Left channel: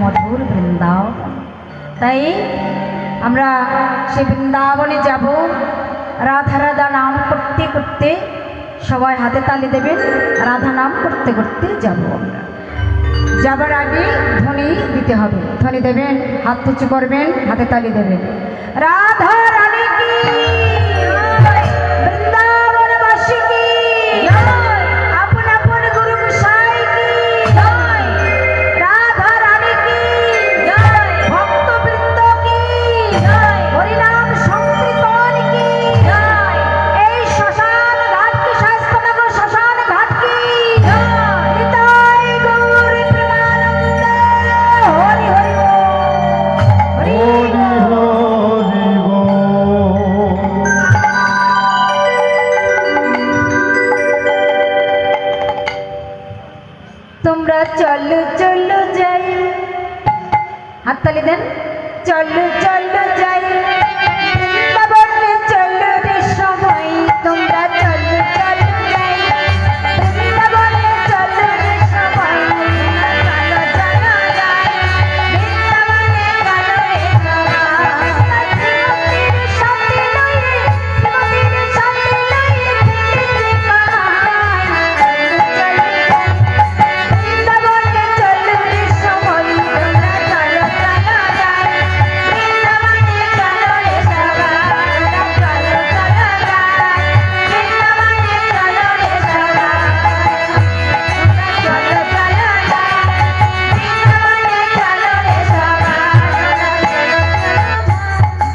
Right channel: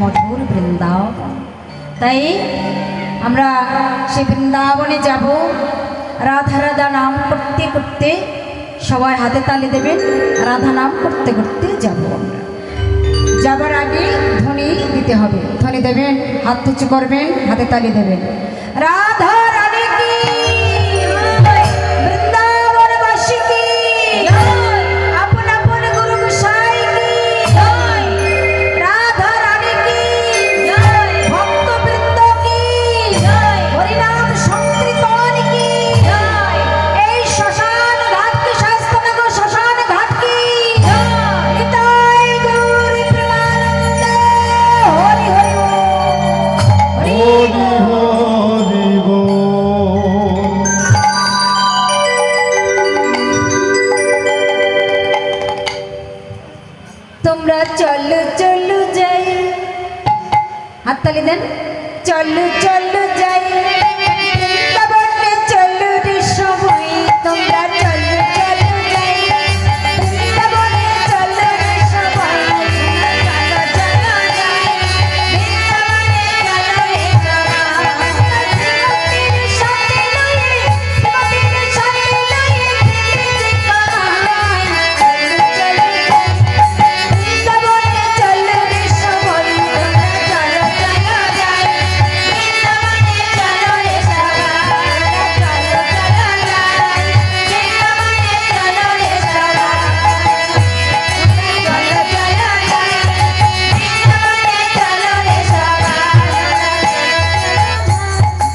মধুর বৃন্দাবন। তাই আমরা সেই বৃন্দাবনে যাব। রাধা রাধা নাম করতে করতে সবাই হাতে তালি দেবেন। রাধা নাম করতে করতে যাব। আমরা যাবার আগে ধ্বনি দিতে হবে। ধ্বনি দেবেন, হাত উঁচু করবেন, হাতে তালি দেবেন। রাধা রানী কি, বৃন্দাবনবাসী কি, আপন আপন গুরু গোসাই কি, রাধা রানী কি, ভক্তবৃন্দ কি, হরিনাম সংকীর্তন কি, এই শ্মশান ঘাট কি, শাস্ত্রনগর শ্মশান ঘাট কি, নিতাই গৌর প্রেমানন্দে হরি হরি তোমরা চলো চলো যাই, হাততালি দেন। চলো চলো যাই, বৃন্দাবনে চলো রে সবাই, তোমরা চলো চলো যাই, বৃন্দাবনে চলো রে সবাই, চলো চলো যাই, বৃন্দাবনে চলো রে সবাই, শ্রীমতীর সাথে লয়ে, শ্রীমতীর সাথে লয়ে, যে পাহাড়, চলো বৃন্দাবনে চলো রে সবাই, তোমরা চলো চলো যাই, বৃন্দাবনে চলো রে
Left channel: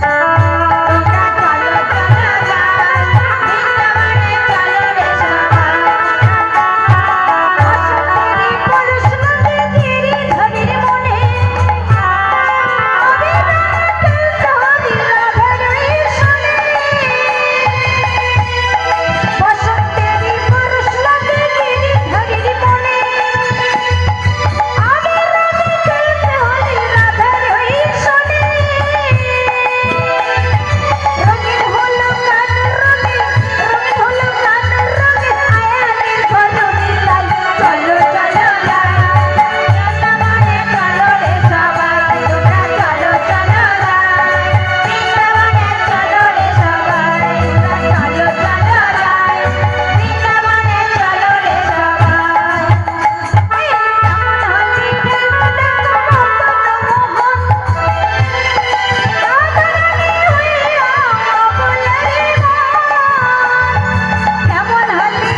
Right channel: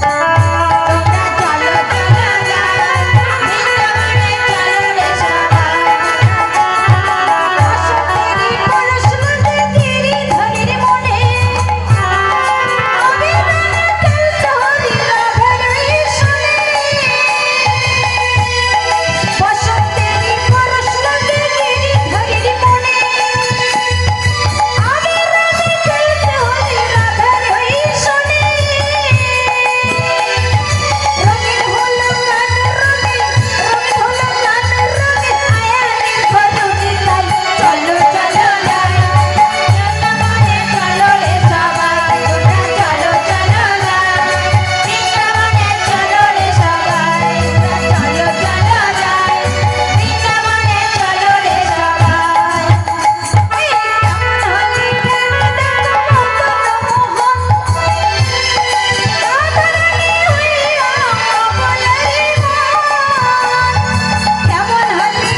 সবাই, চলো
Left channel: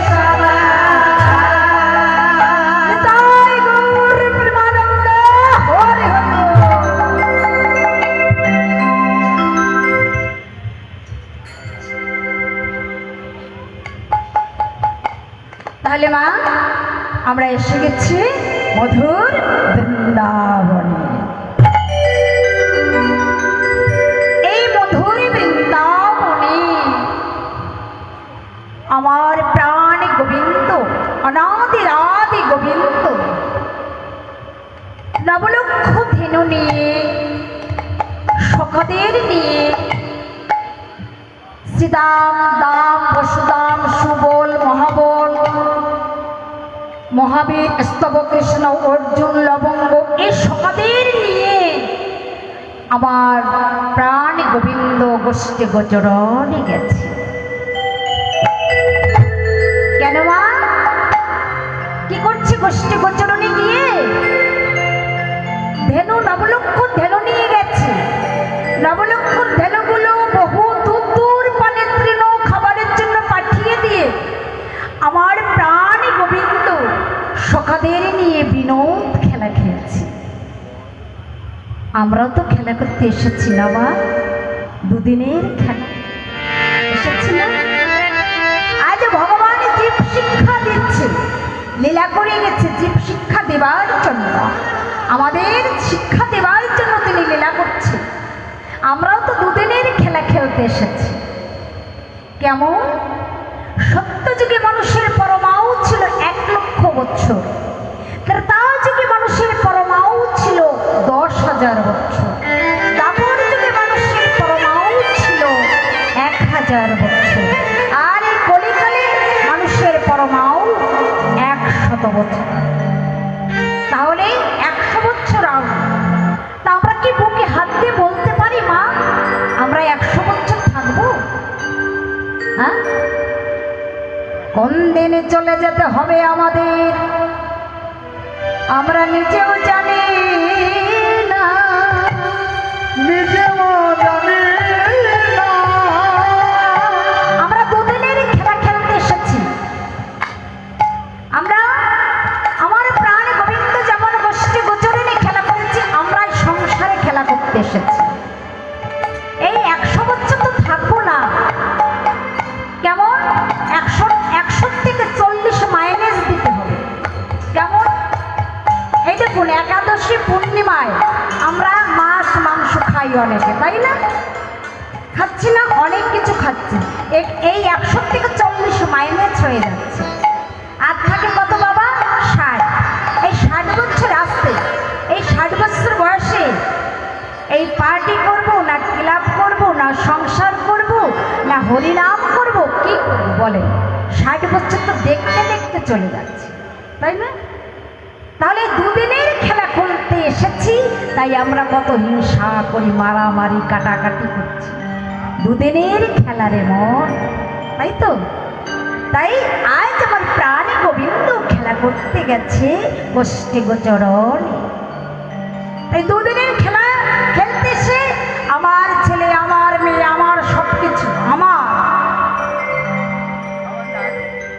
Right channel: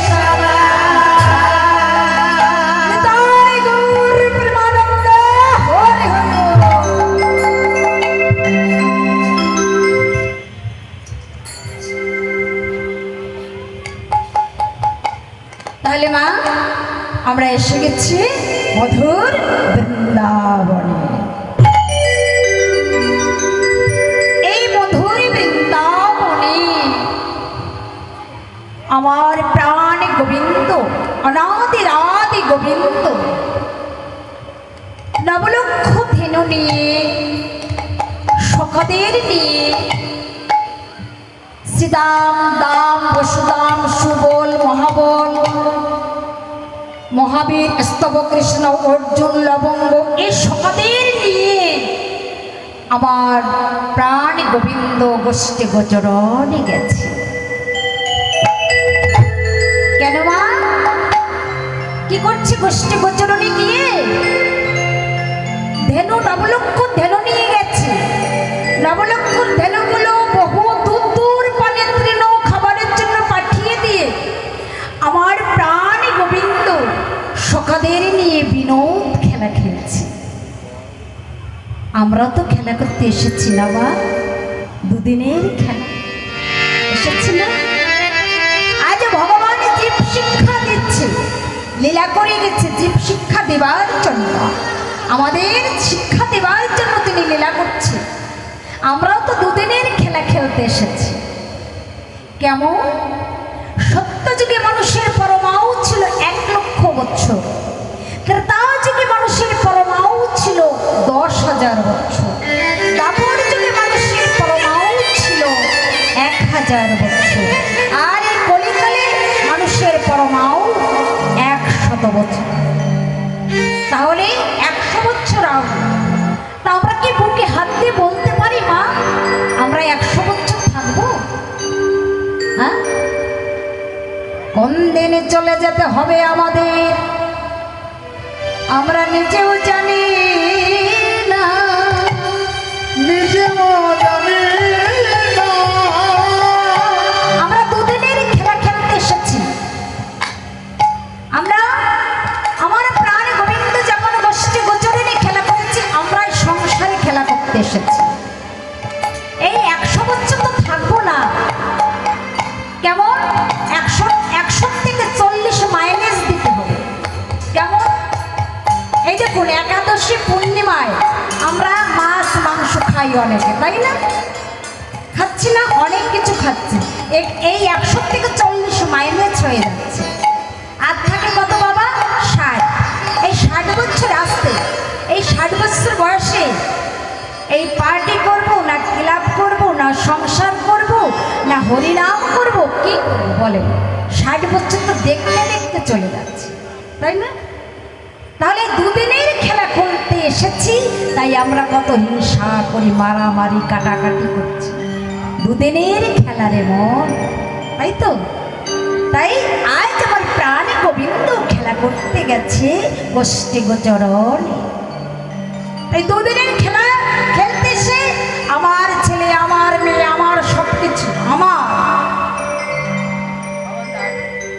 চলো যাই, বৃন্দাবনে চলো রে তাহলে মা আমরা এসে গেছি মধুর বৃন্দাবনে। এই মধুর বৃন্দাবনে আমার প্রাণ গোবিন্দ, অনাদির আদি গোবিন্দ নবলক্ষ ধেনু নিয়ে, সখদের নিয়ে, শ্রীদাম দাম বসুদাম সুবল মহাবল মহাবীর স্তব কৃষ্ণ অর্জুন লবঙ্গ এই সখদের নিয়ে আমার প্রাণ গোবিন্দ গোষ্ঠী গোচরণে গেছে। কেন মা কি করছে গোষ্ঠী গোচরণে গিয়ে? আমরাও তো খেলা করতে এসেছি না মা, দুদিনের খেলা এসেছি না। আজ ভগবান জীব শিক্ষা দিচ্ছে, লীলা করে গেছে জীব শিক্ষা দেবার জন্য, আমাদের শিক্ষা দেবার জন্য তিনি লীলা করছে। আমরাও তো দুদিনের খেলা খেলতে এসেছি। কেমন? সত্যযুগে মানুষের পরমায়ু ছিল 1,00,000 বছর, ত্রেতা যুগে মানুষের পরমায়ু ছিল 10,000 বছর, দ্বাপর যুগে মানুষের পরমায়ু ছিল 1,000 বছর, আর এই কলিকালে মানুষের পরমায়ু 100 বছর। তাহলে 100 বছর আগে তা আমরা কি বুকে হাত দিয়ে বলতে পারি মা আমরা 100 বছর থাকবো? হ্যাঁ, কোন দিনে চলে যেতে হবে আমাদের আমরা নিজেও জানি না, নিজেও জানি না। আমরা দুদিনের খেলা খেলতে এসেছি। আমরা আমার প্রাণ গোবিন্দ যেমন গোষ্ঠী গোচরণে খেলা করছি, আমরা এই সংসারে খেলা করতে এসেছি। এই 100 বছর তো থাকবো না। কেমন? 100 থেকে 40 মাইনাস দিতে হবে। কেমন? এই দেখুন, একাদশী পূর্ণিমায় আমরা মাছ মাংস খাই অনেকে, তাই না? খাচ্ছি না, অনেক কিছু খাচ্ছি। এই 100 থেকে 40 মাইনাস হয়ে যাচ্ছে। আর থাকে কত বাবা? 60। এই 60 বছর আসতে, এই 60 বছর বয়সে এই পার্টি করব না ক্লাব করব না সংসার করব না হরিনাম করব, কি করব বলেন? 60 বছর তো দেখতে দেখতে চলে যাচ্ছে, তাই না? তাহলে দুদিনের খেলা খেলতে এসেছি, তাই আমরা কত হিংসা করি, মারামারি কাটাকাটি করছি। দুদিনের খেলারে মন, তাই তো? তাই আজ আমার প্রাণ গোবিন্দ খেলা করতে গেছে গোষ্ঠী গোচরণ। এই দুদিনের খেলা খেলতে এসে আমার ছেলে, আমার মেয়ে, আমার সবকিছু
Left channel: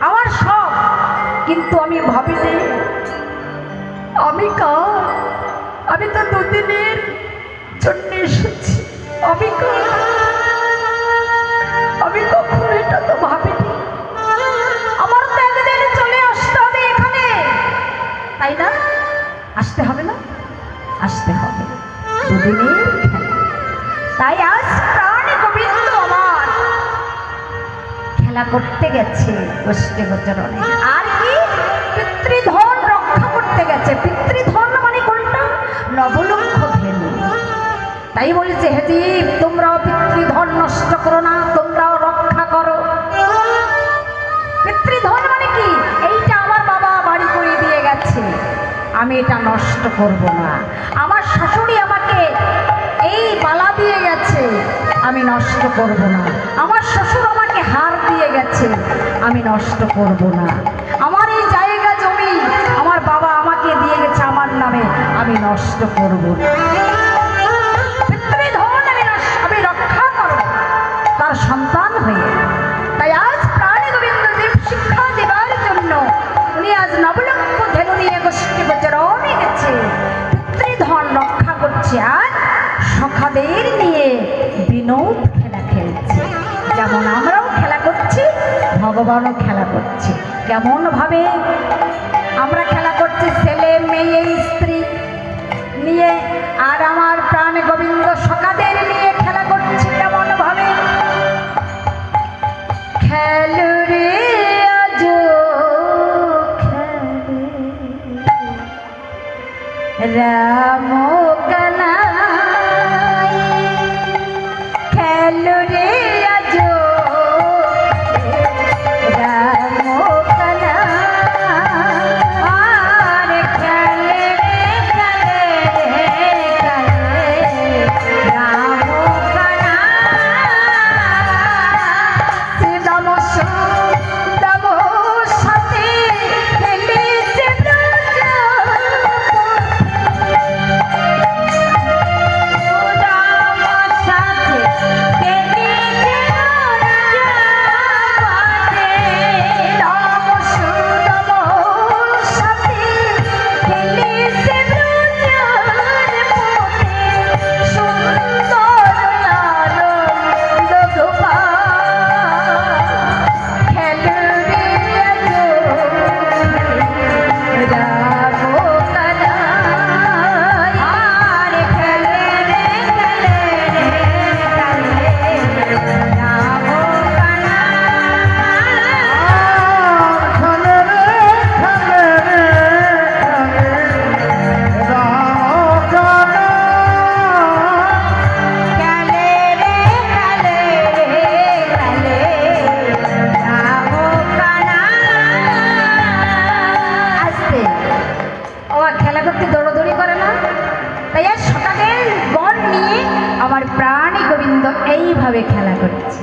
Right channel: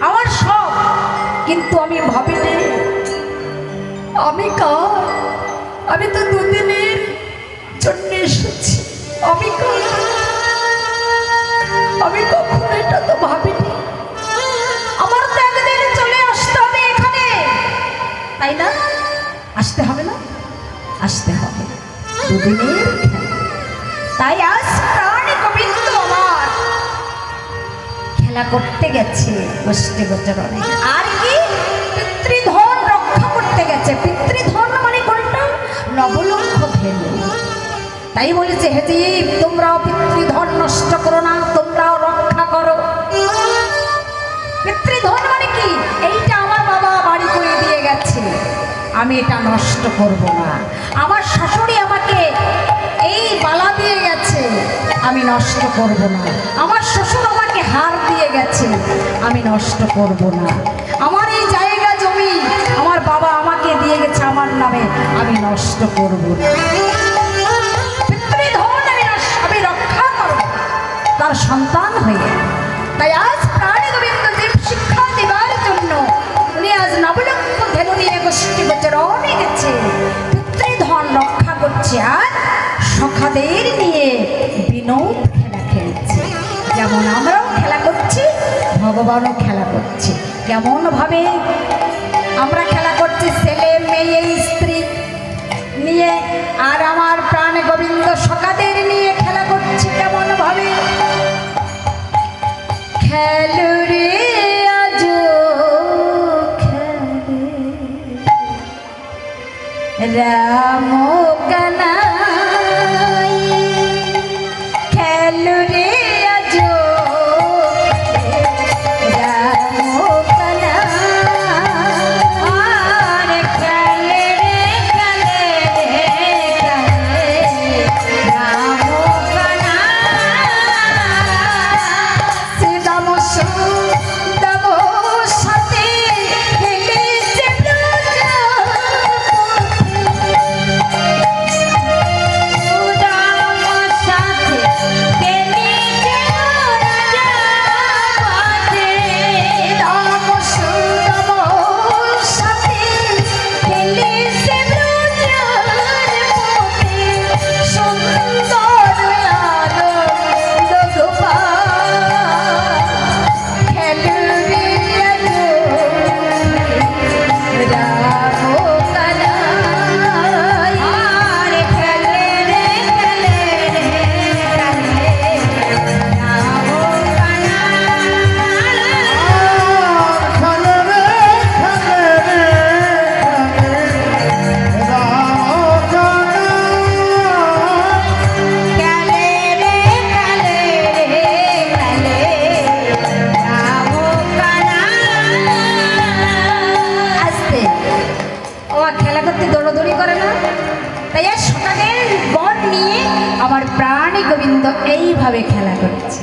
আমার সব, কিন্তু আমি ভাবিনি আমি কার? আমি তো দুদিনের জন্য এসেছি। আমি কার? আমি কখনো এটা তো ভাবিনি। আমার তো একদিন চলে আসতে হবে এখানে, তাই না? আসতে হবে না? আসতে হবে। দুদিনের খেলা। তাই আজ প্রাণ গোবিন্দ আমার খেলা করতে গেছে গোষ্ঠী গোচরণে। আর কি? পিতৃধন রক্ষা করতে গেছে। পিতৃধন মানে কোনটা? নবলক্ষ ধেনু। তাই বলেছে, হে জীব, তোমরাও পিতৃধন নষ্ট করো না, তোমরাও রক্ষা করো। পিতৃধন মানে কি? এইটা আমার বাবা বাড়ি করে দিয়ে গেছে, আমি এটা নষ্ট করব না। আমার শাশুড়ি আমাকে এই বালা দিয়ে গেছে, আমি নষ্ট করব না। আমার শ্বশুর আমাকে হার দিয়ে গেছে, আমি নষ্ট করব না। আমার এই জায়গা জমি আমার বাবা আমাকে দিয়ে গেছে আমার নামে, আমি নষ্ট করব না। পিতৃধন আমি রক্ষা করব তার সন্তান হয়ে। তাই আজ প্রাণ গোবিন্দ জীব শিক্ষা দেবার জন্য উনি আজ নবলক্ষ ধেনু নিয়ে গোষ্ঠী গোচরণে গেছে, পিতৃধন রক্ষা করছে, আর সখাদের নিয়ে বিনোদ খেলা খেলছে। যেমন আমরাও খেলা করছি, ভগবানও খেলা করছে। কেমন ভাবে আমরা খেলা করছি? ছেলে মেয়ে স্ত্রী নিয়ে, আর আমার প্রাণ গোবিন্দ সখাদের নিয়ে খেলা করছি। কেমন ভাবে? খেলো রে আজ খেলে রাম কানাই, খেলো রে আজ রাম কানাই, খেলে রে খেলে রাম কানাই। শ্রীরাম সুদাম সাথে খেলেছে ব্রজ করতে দৌড়দৌড়ি করে না? তাই আর সকালের বন নিয়ে আমার প্রাণী গোবিন্দ এইভাবে খেলা করছে।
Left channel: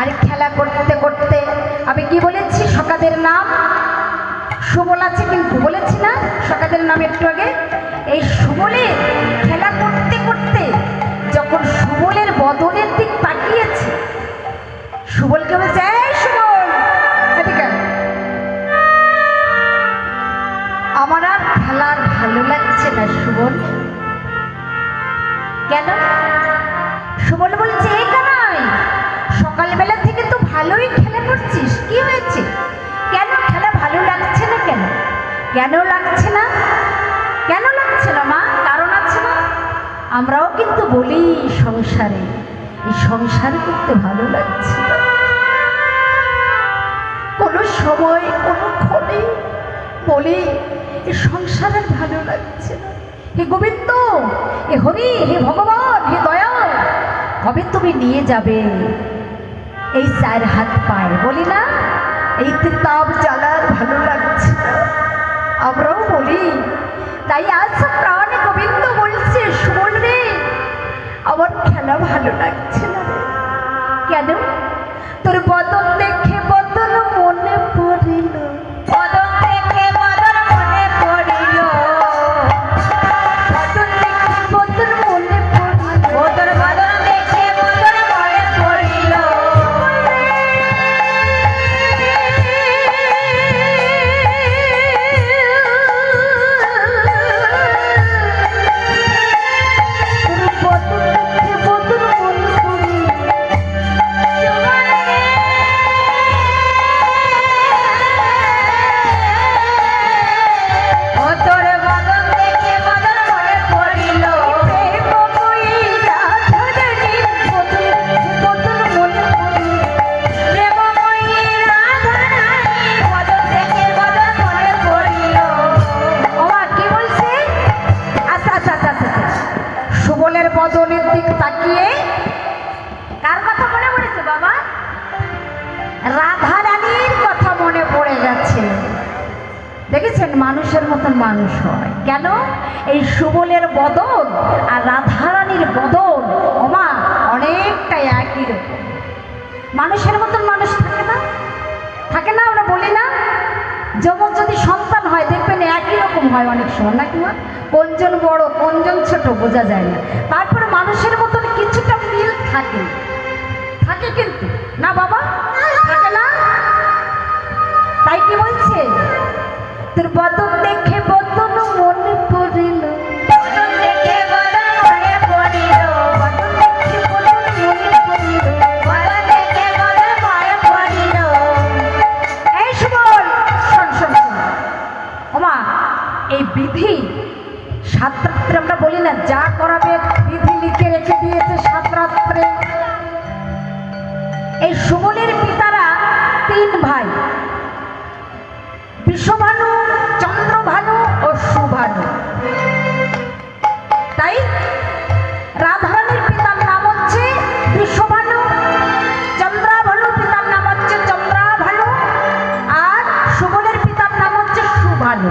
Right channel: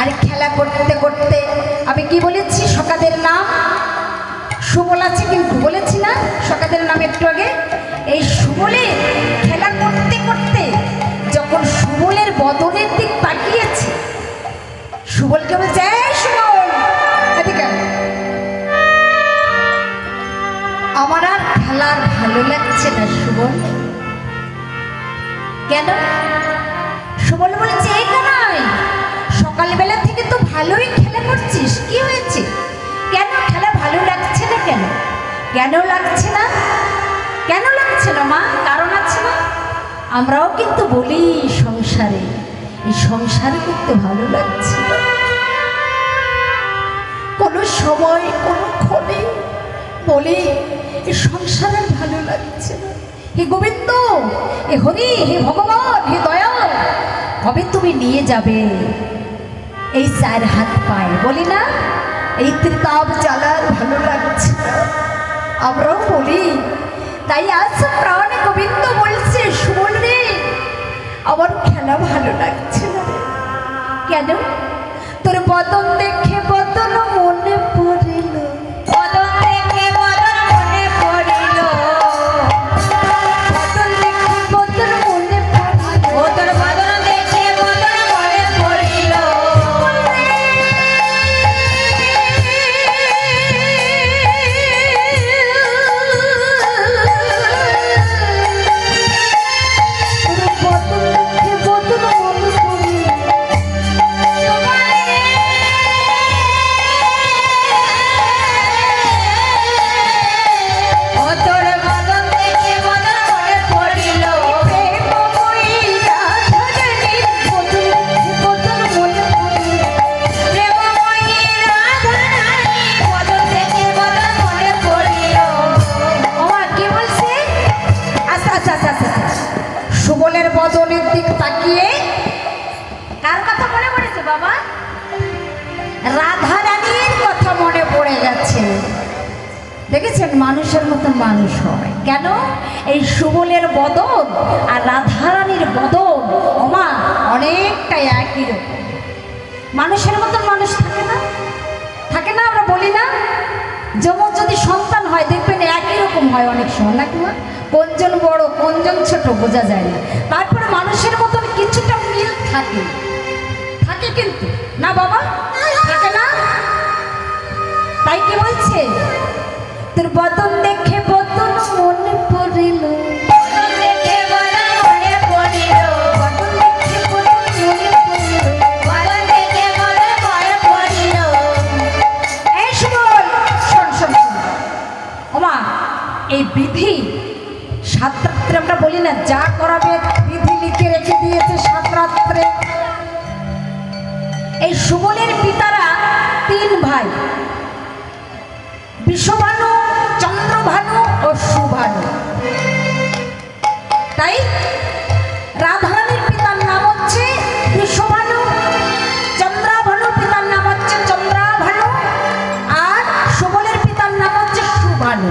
আর খেলা করতে করতে আমি কি বলেছি? সকালের নাম সুবল আছে, কিন্তু বলেছি না সকালের নাম একটু আগে? এই সুবলে খেলা করতে করতে যখন সুবলের বদনের দিক তাকিয়েছে, সুবলকে বলছে, এই সুবল, এদিকে আয়। আমার আর খেলার ভালো লাগছে না সুবল। কেন? সুবল বলছে, এই কানাই, সকালবেলা থেকে তো ভালোই খেলা করছিস, কি হয়েছে? কেন খেলা ভালো লাগছে না? কেন কেন লাগছে না? কেন লাগছে না মা? কারণ আছে না? আমরাও কিন্তু বলি সংসারে, এই সংসারে করতে ভালো লাগছে না। কোনো সময় কোনো ক্ষণে বলি এই সংসারে ভালো লাগছে না। হে গোবিন্দ, হে হরি, হে ভগবান, হে দয়াল, কবে তুমি নিয়ে যাবে এই চার হাত পায়ে? বলি না এই ত্রিতাপ জ্বালার ভালো লাগছে না, আমরাও বলি। তাই আজ প্রাণী গোবিন্দ বলছে, সুবল রে, আমার খেলা ভালো লাগছে না রে। কেন? তোর বদন দেখে বদন মনে পড়িল, বদন দেখে বদন মনে পড়িল, বদন দেখে বদন মনে পড়িল, তোর বদন দেখে বদন মনে পড়িল। সুবলের বদনের দিক তাকিয়ে কার কথা মনে পড়েছে বাবা? রাধা রানীর কথা মনে পড়ে গেছে। দেখেছেন মানুষের মতন মানুষ হয় কেন? এই সুবলের বদন আর রাধা রানীর বদন ওমা অনেকটা একই রকম। মানুষের মতন মানুষ থাকে না? থাকে না? আমরা বলি না, যেমন যদি সন্তান হয় দেখবেন একই রকম হয় অনেক সময়, নাকি মা? কোনজন বড় কোনজন ছোট বোঝা যায় না। তারপরে মানুষের মতন কিছুটা মিল থাকে, থাকে কিন্তু না বাবা? থাকে না? তাই কি বলছে? তোর বদন দেখে বদন মনে পড়িল, এই বিধি সাত রাত্রে আমরা বলি না, যা করাবে বিধি লিখে রেখে দিয়েছে সাত রাত্রে। এই সুবলের পিতারা তিন ভাই, বিশ্বভানু, চন্দ্রভানু ও সুভানু। তাই রাধারানীর পিতার নাম হচ্ছে বিশ্বভানু, চন্দ্রাভানুর পিতার নাম হচ্ছে চন্দ্রাভানু, আর সুবলের পিতার নাম হচ্ছে সুভানু।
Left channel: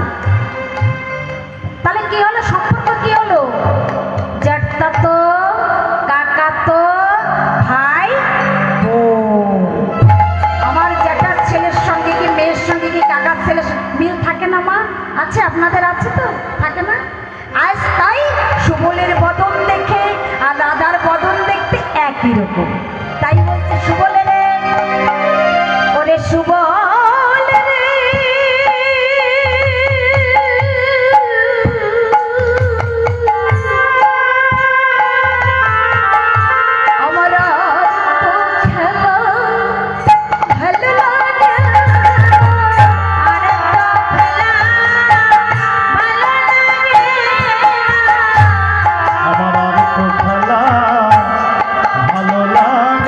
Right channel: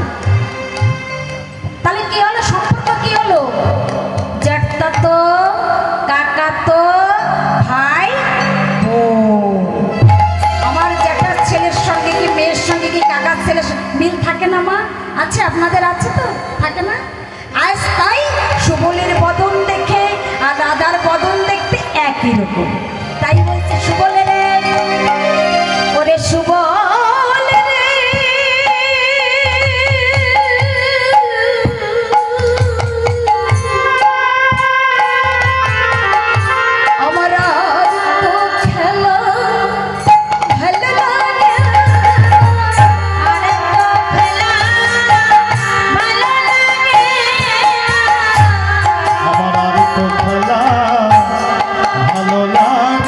তাহলে কি হলো? সম্পর্ক কি হলো? জ্যাঠাতো, কাকাতো, ভাই, বোন। আমার জ্যাঠার ছেলের সঙ্গে কি মেয়ের সঙ্গে কি কাকার ছেলের মিল থাকে না মা? আছে, আপনাদের আছে তো? থাকে না? আজ তাই সুবলের বদন দেখে আর রাধার বদন দেখতে একই রকম। তাই বলছে সুবলের, ওরে সুবল রে, আমার আজ তো খেলা ভালো লাগে, আর তো খেলা ভালো লাগে, আমার আর তো খেলা ভালো লাগে।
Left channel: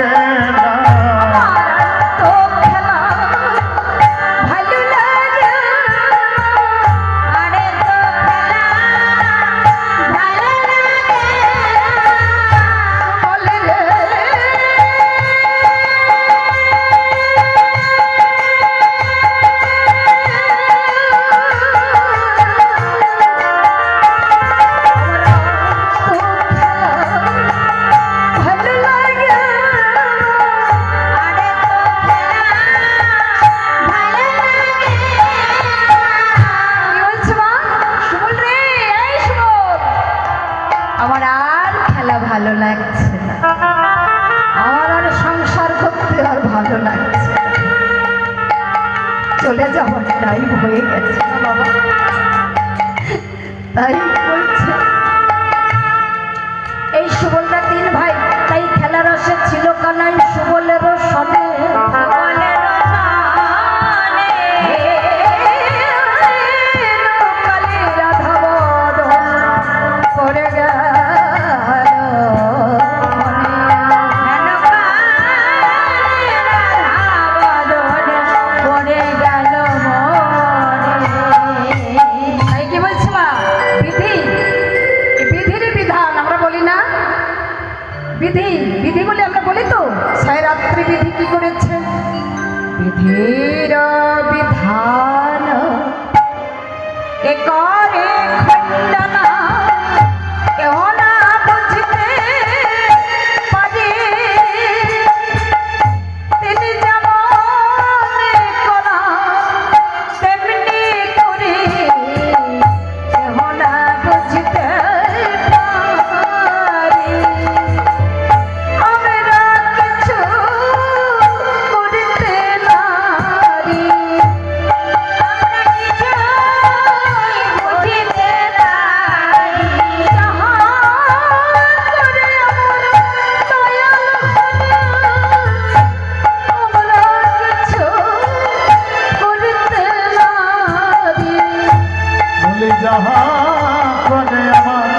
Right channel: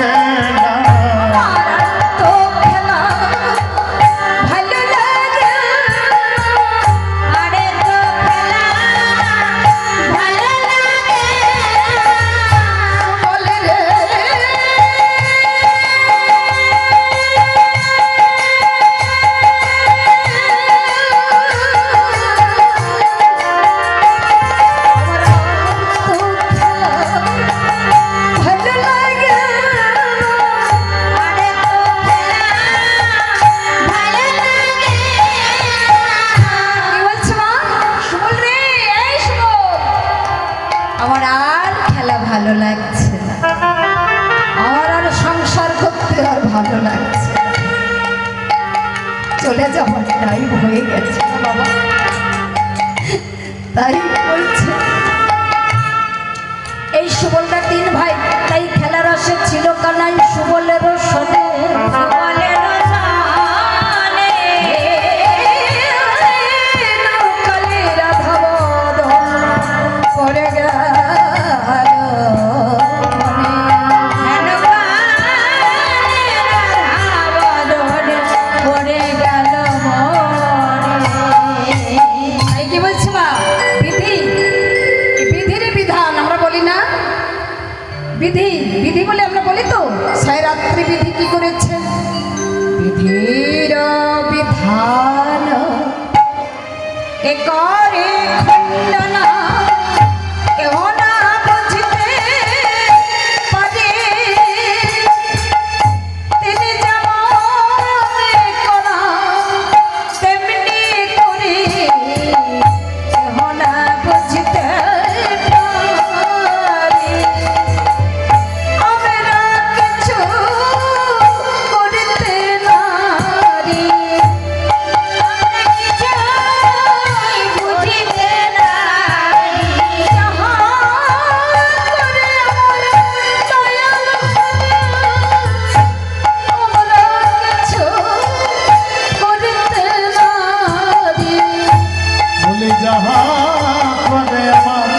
গায়েব হয়ে গেছে না বাবা। তাই বলছে এই সুবলরা তিন ভাই, তাই খেলার রসে ছিল কানাই সুবলেরও সনে, সুবলেরও সনে কালে রাধা বদন করে গেল মনে। হেন কালে রাধা বদন করে গেল মনে। তাই কি বলছি মা, বিধি বিধির বিধান আমরা বলি না, বিধি বিধি বলে আমরা বলি তো। সায়রাত্রি বিধি কি করেছে, বিধির বিধান কে করে খণ্ডন, কেহ না বুঝিতে পারে। তিনি যেমন করা তেমনি করে, কেহ না বুঝিতে পারে। আমরা কিছু করিতে নারি, আমরা কিছু বুঝিতে নারি। যাহা করে আমরা দয়াল আমরা কিছু করিতে নারি। বলে যাহা করে আমার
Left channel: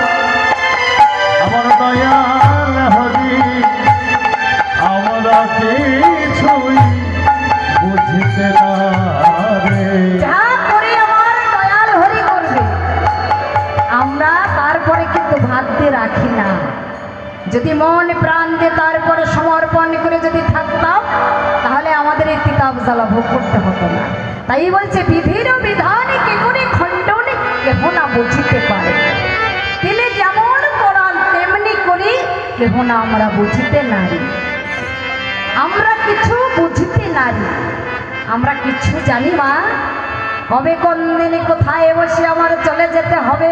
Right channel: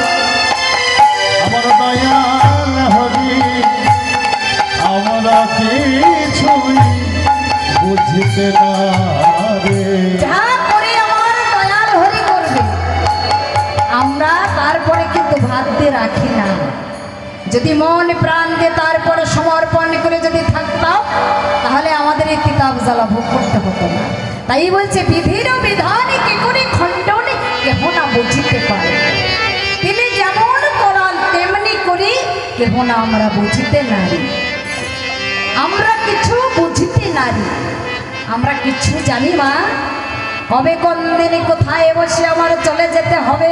দয়াল হরি, আমরা কিছুই বুঝিতে না রে। যা করে আমার দয়াল হরি করবে, আমরা তারপরে কিন্তু ভাবতে রাখি না। যদি মন প্রাণ দিয়ে তারপরে সমর্পণ করে যদি থাকতাম, তাহলে আমাদের এই কিতাব জ্বালা ভোগ করতে হতো না। তাই বলছে বিধির বিধান কি করে খণ্ডন কেহ না বুঝিতে পারে। তিনি যেমন করান তেমনি করি, কেহ না আমরা বুঝিতে নারি। আমরা কিছু বুঝিতে নারি, আমরা কিছু জানি মা। কবে কোন দিনে কোথায় বসে আমার চলে যেতে হবে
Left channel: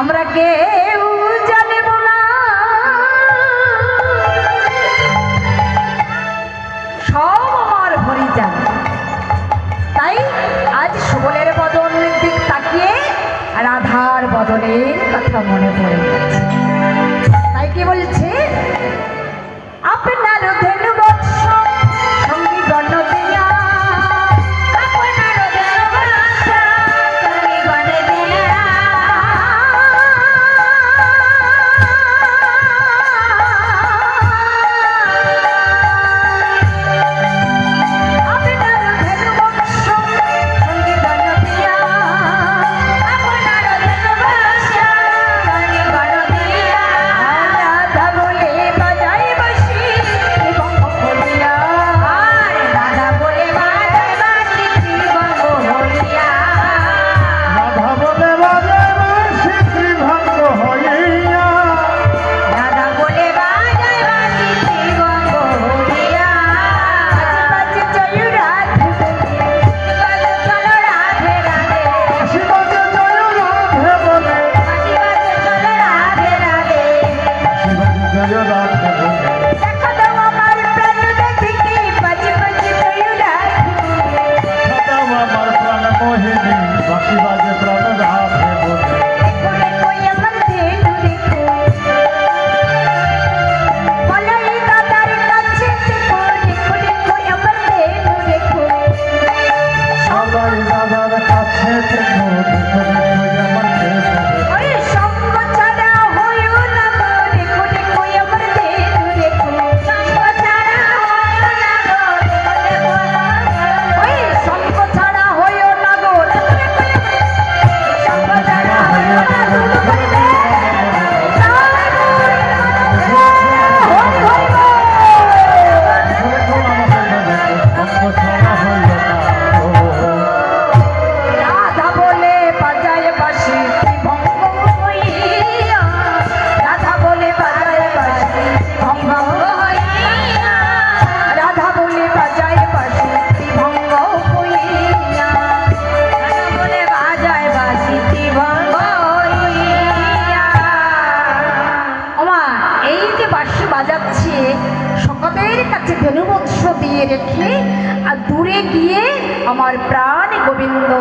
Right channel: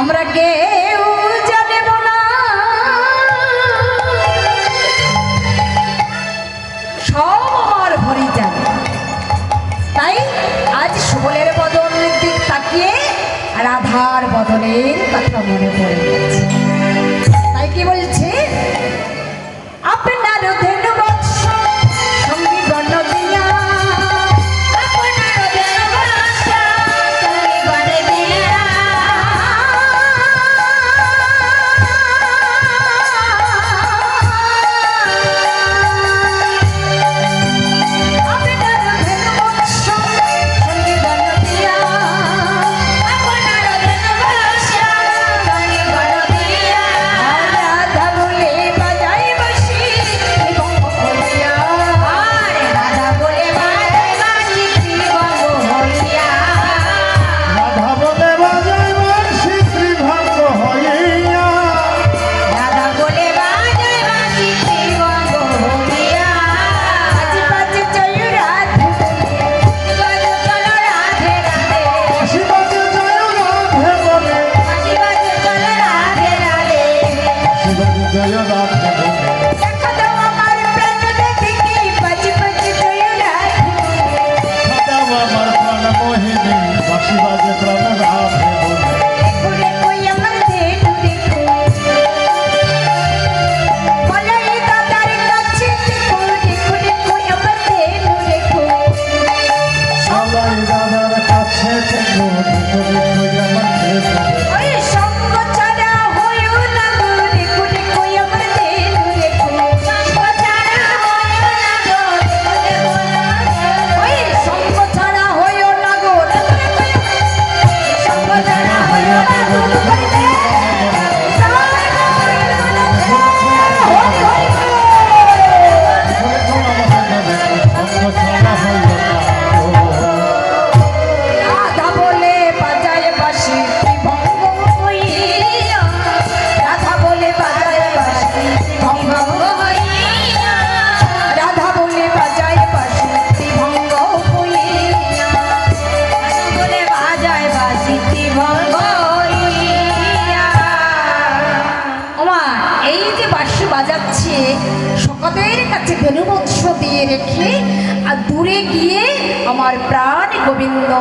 আমরা কেউ জানিব না। সব আমার হরি জানে। তাই আজ সুবলের বদনের দিক তাকিয়ে রাধার বদনের কথা মনে পড়ে গেছে। তাই কি বলছে, আপনার ধেনু বৎস সঙ্গী গণ দিয়া, আপনার ধেনু বৎস সঙ্গী গণ দিয়া, গোবিন্দ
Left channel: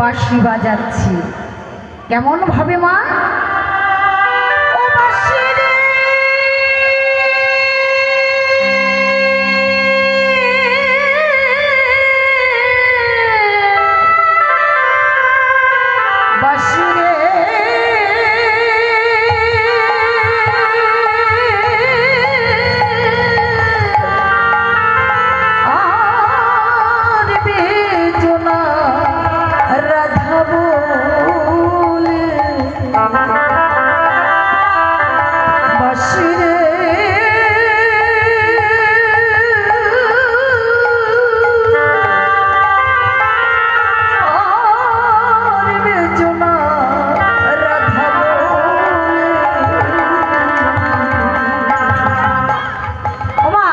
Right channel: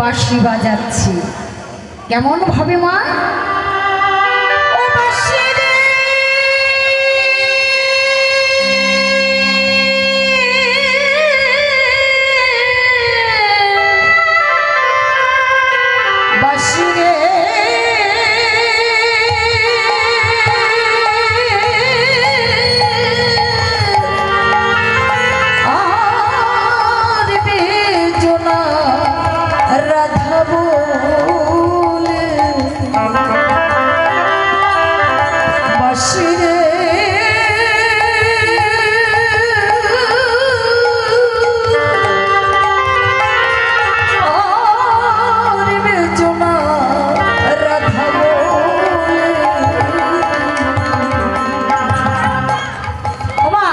বাঁশি বাজাচ্ছি। কেমন ভাবে মা? ও বাঁশি রে, বাঁশি রে, আর বেজনা রাধা বলে বাঁশি রে, আর বেজনা রাধা বলে। ওমা,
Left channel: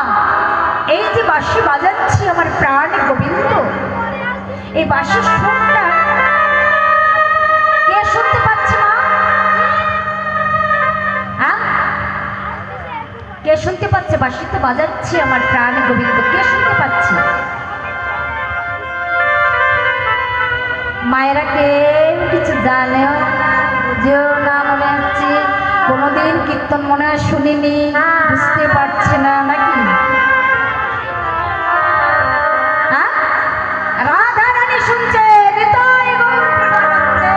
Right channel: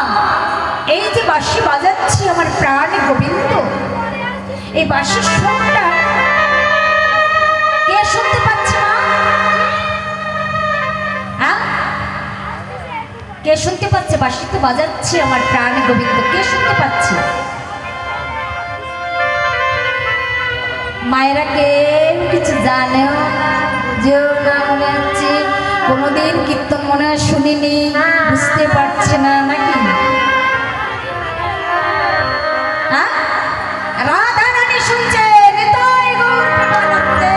এই যে বাঁশি বাজাচ্ছি আমার প্রাণ গোবিন্দ, এই বাঁশির সুরটা কে শুনতে পাচ্ছে মা? হ্যাঁ, কে শুনতে পাচ্ছে? বাঁশি তো বাজাচ্ছি আমার প্রাণ গোবিন্দ, কে শুনতে পাচ্ছে? মায়েরা কেউ কিছু জানেও বুঝেও না, মনে হচ্ছে কোনোদিন কীর্তন মনে হয় শুনিনি, বুঝতে পারছে না নাকি? হ্যাঁ, রাধা রানী শুনছে, নিতাই গৌর প্রেমানন্দে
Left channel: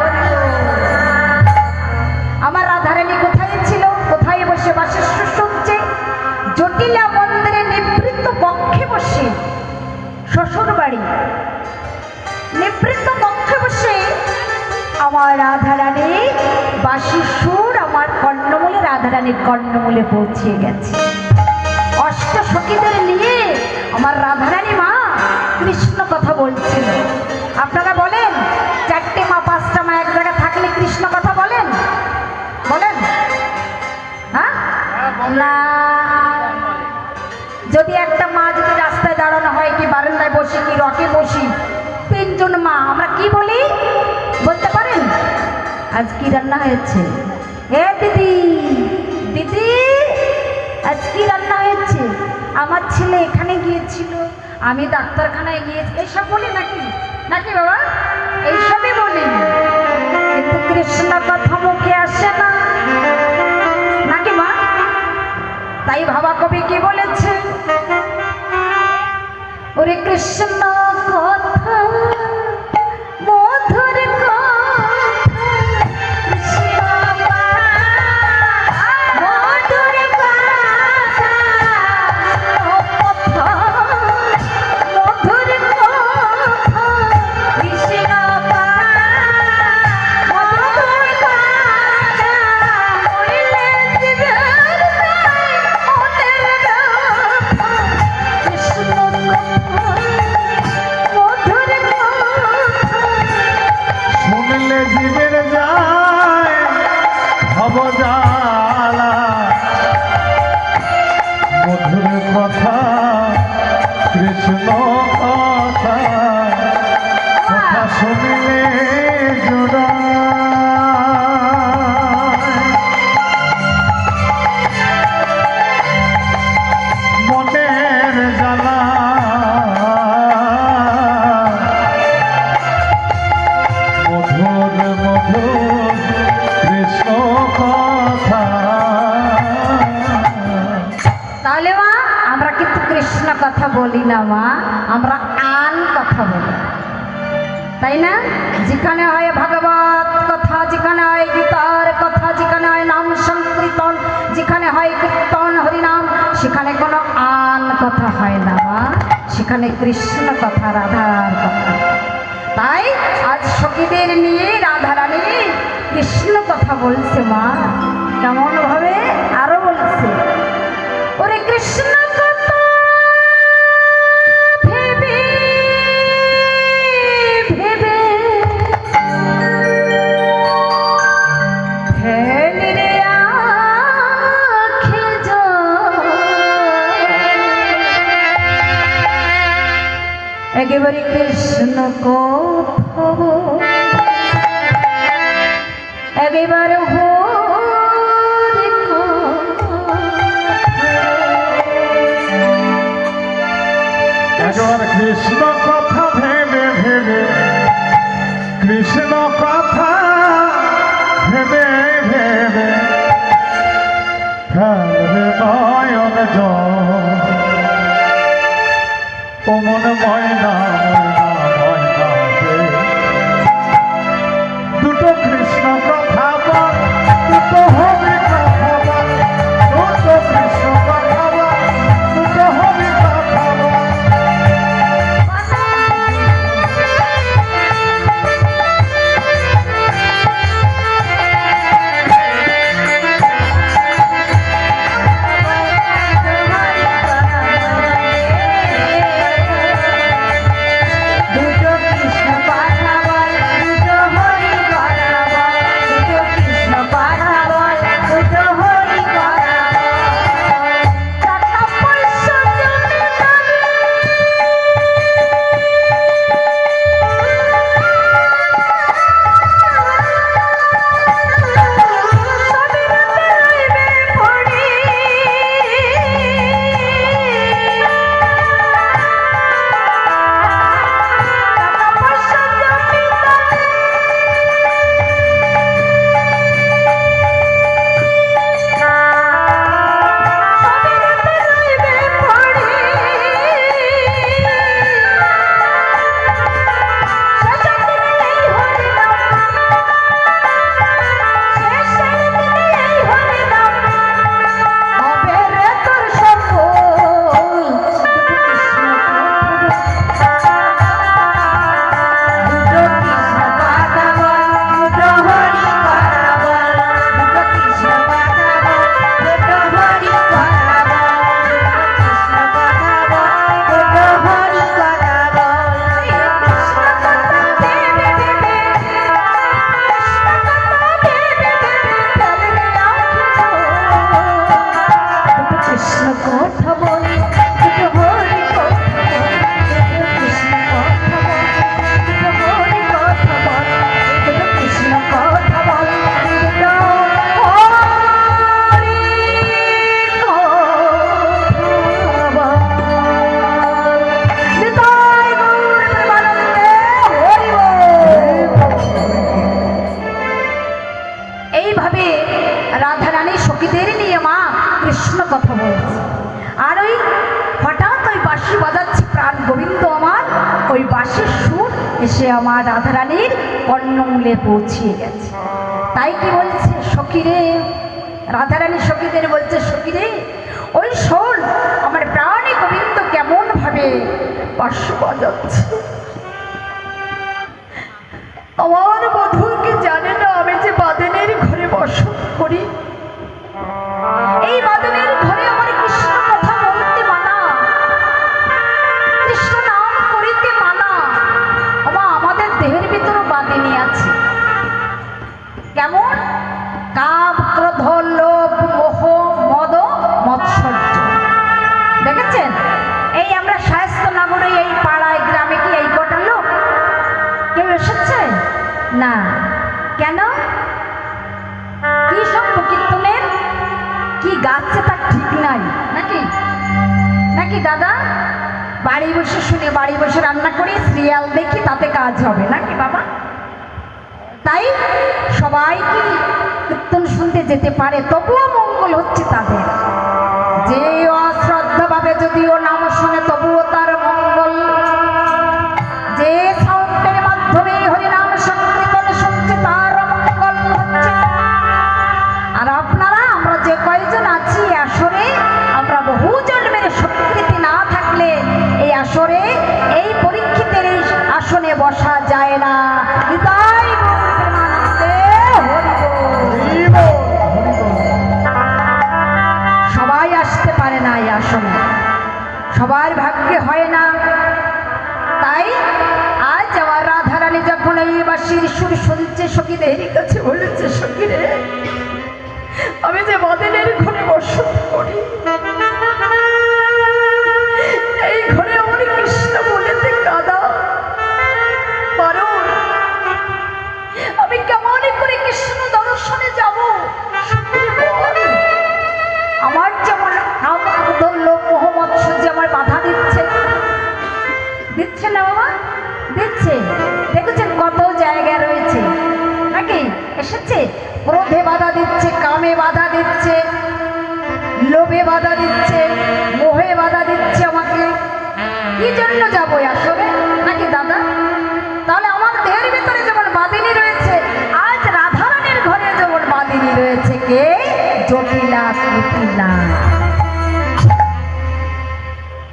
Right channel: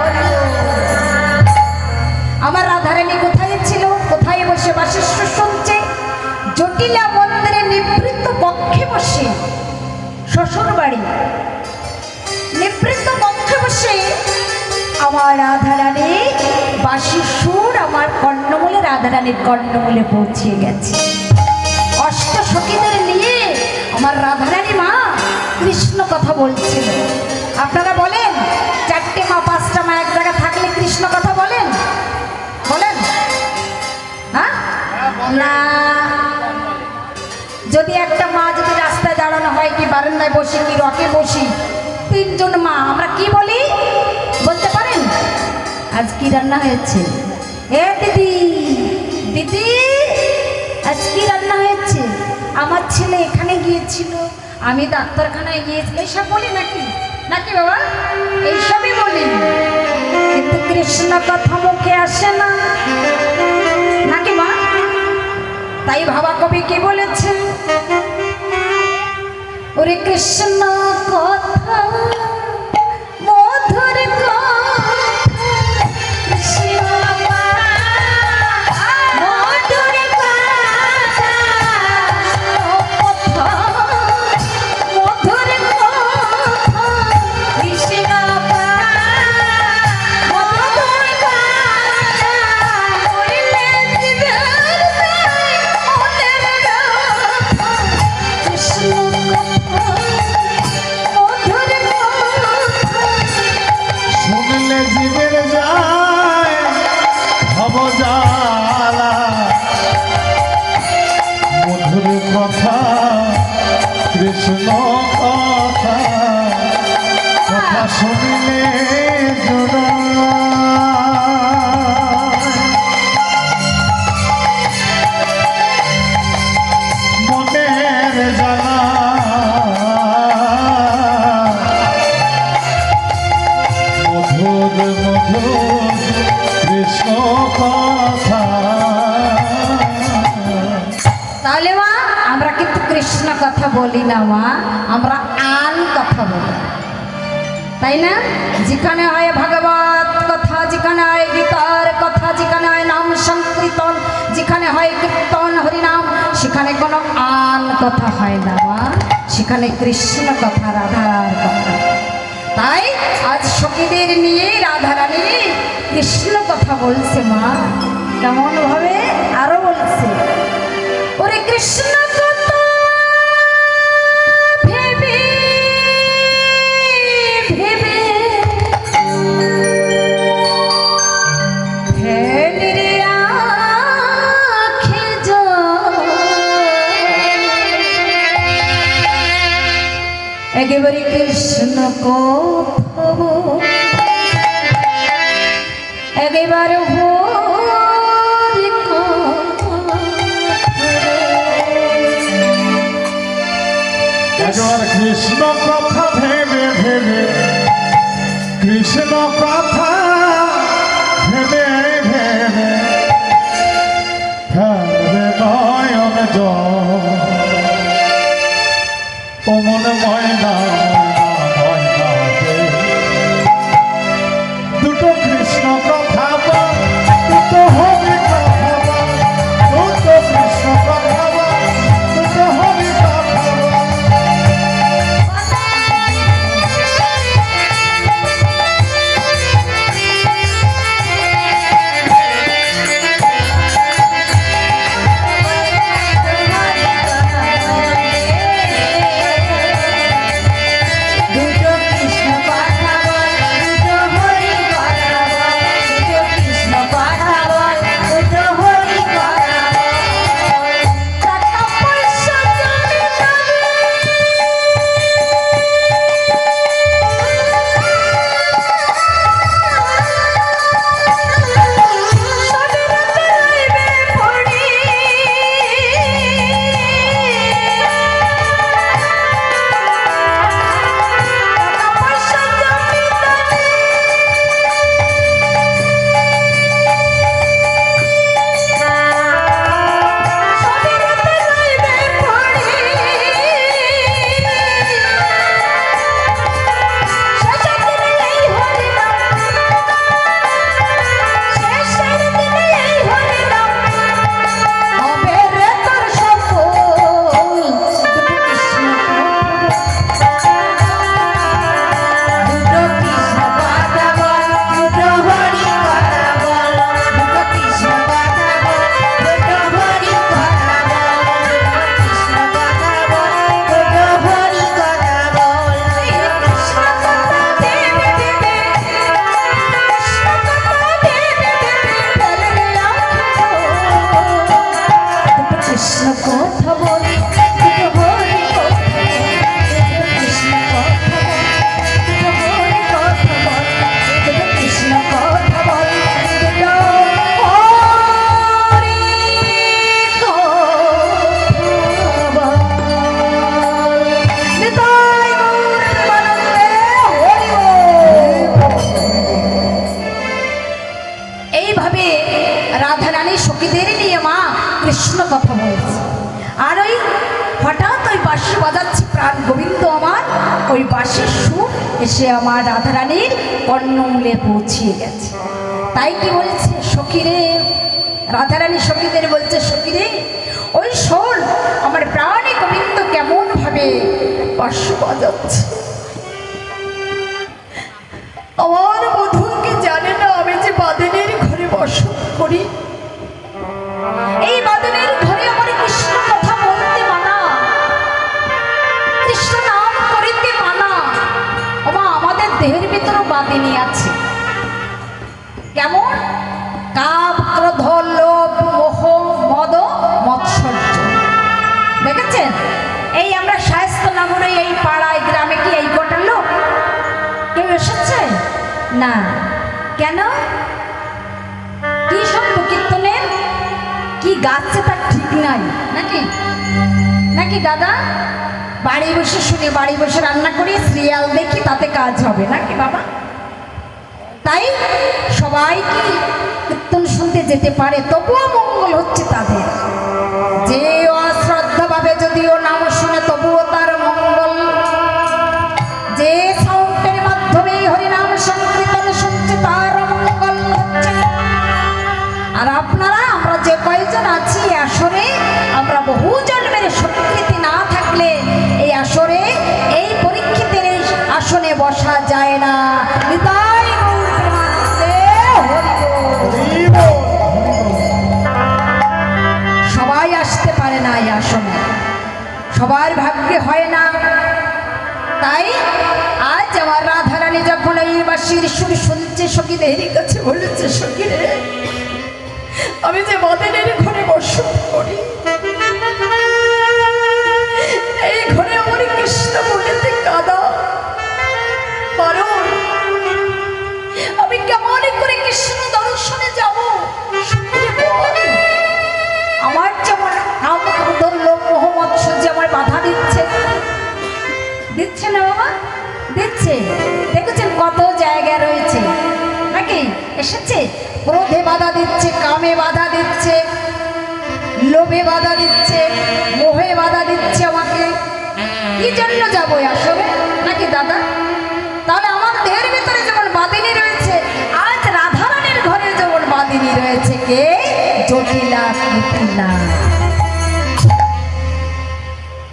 হরি বল। আমার রাধা রানী কোথায় ছিল? কোথায় বসে বাঁশির সুর শুনছে? জটিলা মন্দিরে নিবৃত্ত কক্ষে বসে, শ্বশুর বাড়ি নিবৃত্ত কক্ষে বসে আমার রাধা রানী বাঁশির সুর আমার কর্ণমূলে, রাধা রানীর কর্ণমূলে পৌঁছে গেছে। অষ্ট সখীদের নিয়ে আমার রাধা রানী মা কৃষ্ণ কথা বলছিল। আপনারা বলেন, চারটে মা পাঁচটা মা এক জায়গায় থাকলে কৃষ্ণ কথা বলেন? বলেন? হ্যাঁ না, যদি একটা মা যদি রাস্তায় দাঁড়ানো হয়, কি বারান্দায় বসি, কি রকে বসি, তিনজন মা আমরা কি বলি বলতে পারেন? আজ কি রান্না হয়েছে? এ দিদি, দিদি আজ কি রান্না হয়েছে? আমার ছেলে এখানে গিয়েছিল, আমি ডাক্তারখানায় গিয়েছি, এইসব বলি নাকি? নাকি বাবা? এইসবই বলি, কিন্তু কৃষ্ণ কথা মুখে আসে না, নাকি মা? তাই ভাবা কবি কি বলেছে? ওরে কৃষ্ণ কথা মধুর কথা, কৃষ্ণ মধুর কথা, মধুর কথা, কৃষ্ণ মধুর কথা, কৃষ্ণ শুনলে জীবের যায় ভবজালা, মধুর কথা কৃষ্ণ কথা, কথা শুনিলে জোড়ায়। মনের জ্বালা মধুর মধুর কৃষ্ণ কথা। তাহলে মা আমরা কিন্তু কৃষ্ণ কথা বলি না মা, আমরা আন কথা বলি, তাই না? যেখানে হয় ভাগবত কথা, যেখানে হয় গীতার কথা, যেখানে হয় নাম সংকীর্তন, যেখানে হয় কীর্তন হরিনাম, সেখানে কোনো আন কথা হয় না মা, সেখানে কৃষ্ণ কথা, রাধার কথা। তাই আজ সখীদের নিয়ে রাধা রানী কৃষ্ণ কথা বলছে মা। কেমন ভাবে আরো বলছে, ওরে কৃষ্ণ কথা ভেবে ভেবে ফেলে রে আঁখে জল, একেবারে কৃষ্ণ কথা একেবারে হরি একবার কৃষ্ণ কথা ভেবে ভেবে কৃষ্ণ কথা ভেবে ভেবে ফেলবে নয়ন জল ও মন ময়না ময়না ময়না দুটো কৃষ্ণ কথা বল দুটো হবে কথা বল দুটো কৃষ্ণ কথা বল দুটো হবে কথা বল দুটো কৃষ্ণ কথা বল দুটো হরি কথা বল দুটো কৃষ্ণ কথা বল দুটো হরি কথা বল টাকা পয়সা জমি সবই রাতে রইবে পড়ি পয়সা জমি সবই রাতে রইবে পড়ি শেষের দিনে এই হরি নাম শেষের দিনে এই হরি নাম হবে রে তোর সফল দুটো কৃষ্ণ দুটো কৃষ্ণ কথা বল দুটো হরি কথা বল দুটো কৃষ্ণ কথা বল দুটো হরি কথা বল দুটো কৃষ্ণ কথা বল দুটো হরি কথা বল এই কৃষ্ণ কথা দেবে দেবে কৃষ্ণ কথা দেবে দেবে ফেলে দুটো কৃষ্ণ কথা বল দুটো হরি কথা বল দুটো কৃষ্ণ কথা বল দুটো হরি কথা বল দুটো কৃষ্ণ কথা বল দুটো হরি কথা বল নিতাই গৌর প্রেমানন্দে হরি বল। এইভাবে রাধারানী সখীদের নিয়ে মা কৃষ্ণ কথা বলছে আর ওই হঠাৎ ওই বাঁশি বাজাচ্ছে প্রাণ গোবিন্দ আমার ওই বাঁশির সুর এসে আমার রাধারানীর কর্ণমূলে পৌঁছিয়ে গেছে তাই কি বলছে সখীরে রাধারানী সখীদের বলছে সখীরে ওই শোন আমার প্রাণে গোবিন্দ কেমন ভাবে বাঁশি বাজাচ্ছে আমার বধূকে জানে না আমি যে বাদেনের ঘরে বসত করি এই বাদেনের ঘরে আমার কৃষ্ণ কথা বলতে মানা কৃষ্ণ নাম করিতে মানা ওমা আমাদের দেহের ভিতরে বাদিনী আছে কেমন কাম ক্রোধ লোভ মোহ মদ মৎসর্য দেখেছেন এই আমরা শায়স্ত নগরে এই পাড়ায় গ্রামে কি এই কটার লোক কেউ এসেছে না কেন কি সব কীর্তনের কি গাচ্ছে তার ঠিক নাই নাকি নাকি দাদা বাড়ি বসে শুনে বাড়ি বসে রান্না করি সিরিয়াল দেখি তাতে কাজ হবে নাকি বাবা তাই সবাই কি কীর্তন শুনতে যেতে পারে তবুও মঙ্গল হচ্ছে তাদের যে অশ্রদ্ধাভাবে যদিও নাম শুনে তবুও তার মঙ্গল যে সাউন্ডের মাধ্যমে হরিনাম সংকীর্তন শুনছে তার মঙ্গল হচ্ছে আর আপনারা আমরা যে কয়েকজন আছি এই আসরে আমরা বহু জন্মের স্বীকৃতি না থাকলে এই আসরে এই পরীক্ষিতের এই আসনে বসা যায় না নিতাই গৌর প্রেমানন্দে হরি বল। ক্রোধে বাধা দিচ্ছে, কামে বাধা দিচ্ছে, লোভে বাধা দিচ্ছে, মোহে বাধা দিচ্ছে আমাকে। কি জন্য যাবো আসলে নাকি দাদা? তাহলে আমার দেহের ভিতরে যেমন বাদিনী রয়েছে, আজ রাধারানীর ঘরে যেমন বাদিনী রয়েছে কে? জটিলা কুটিলা।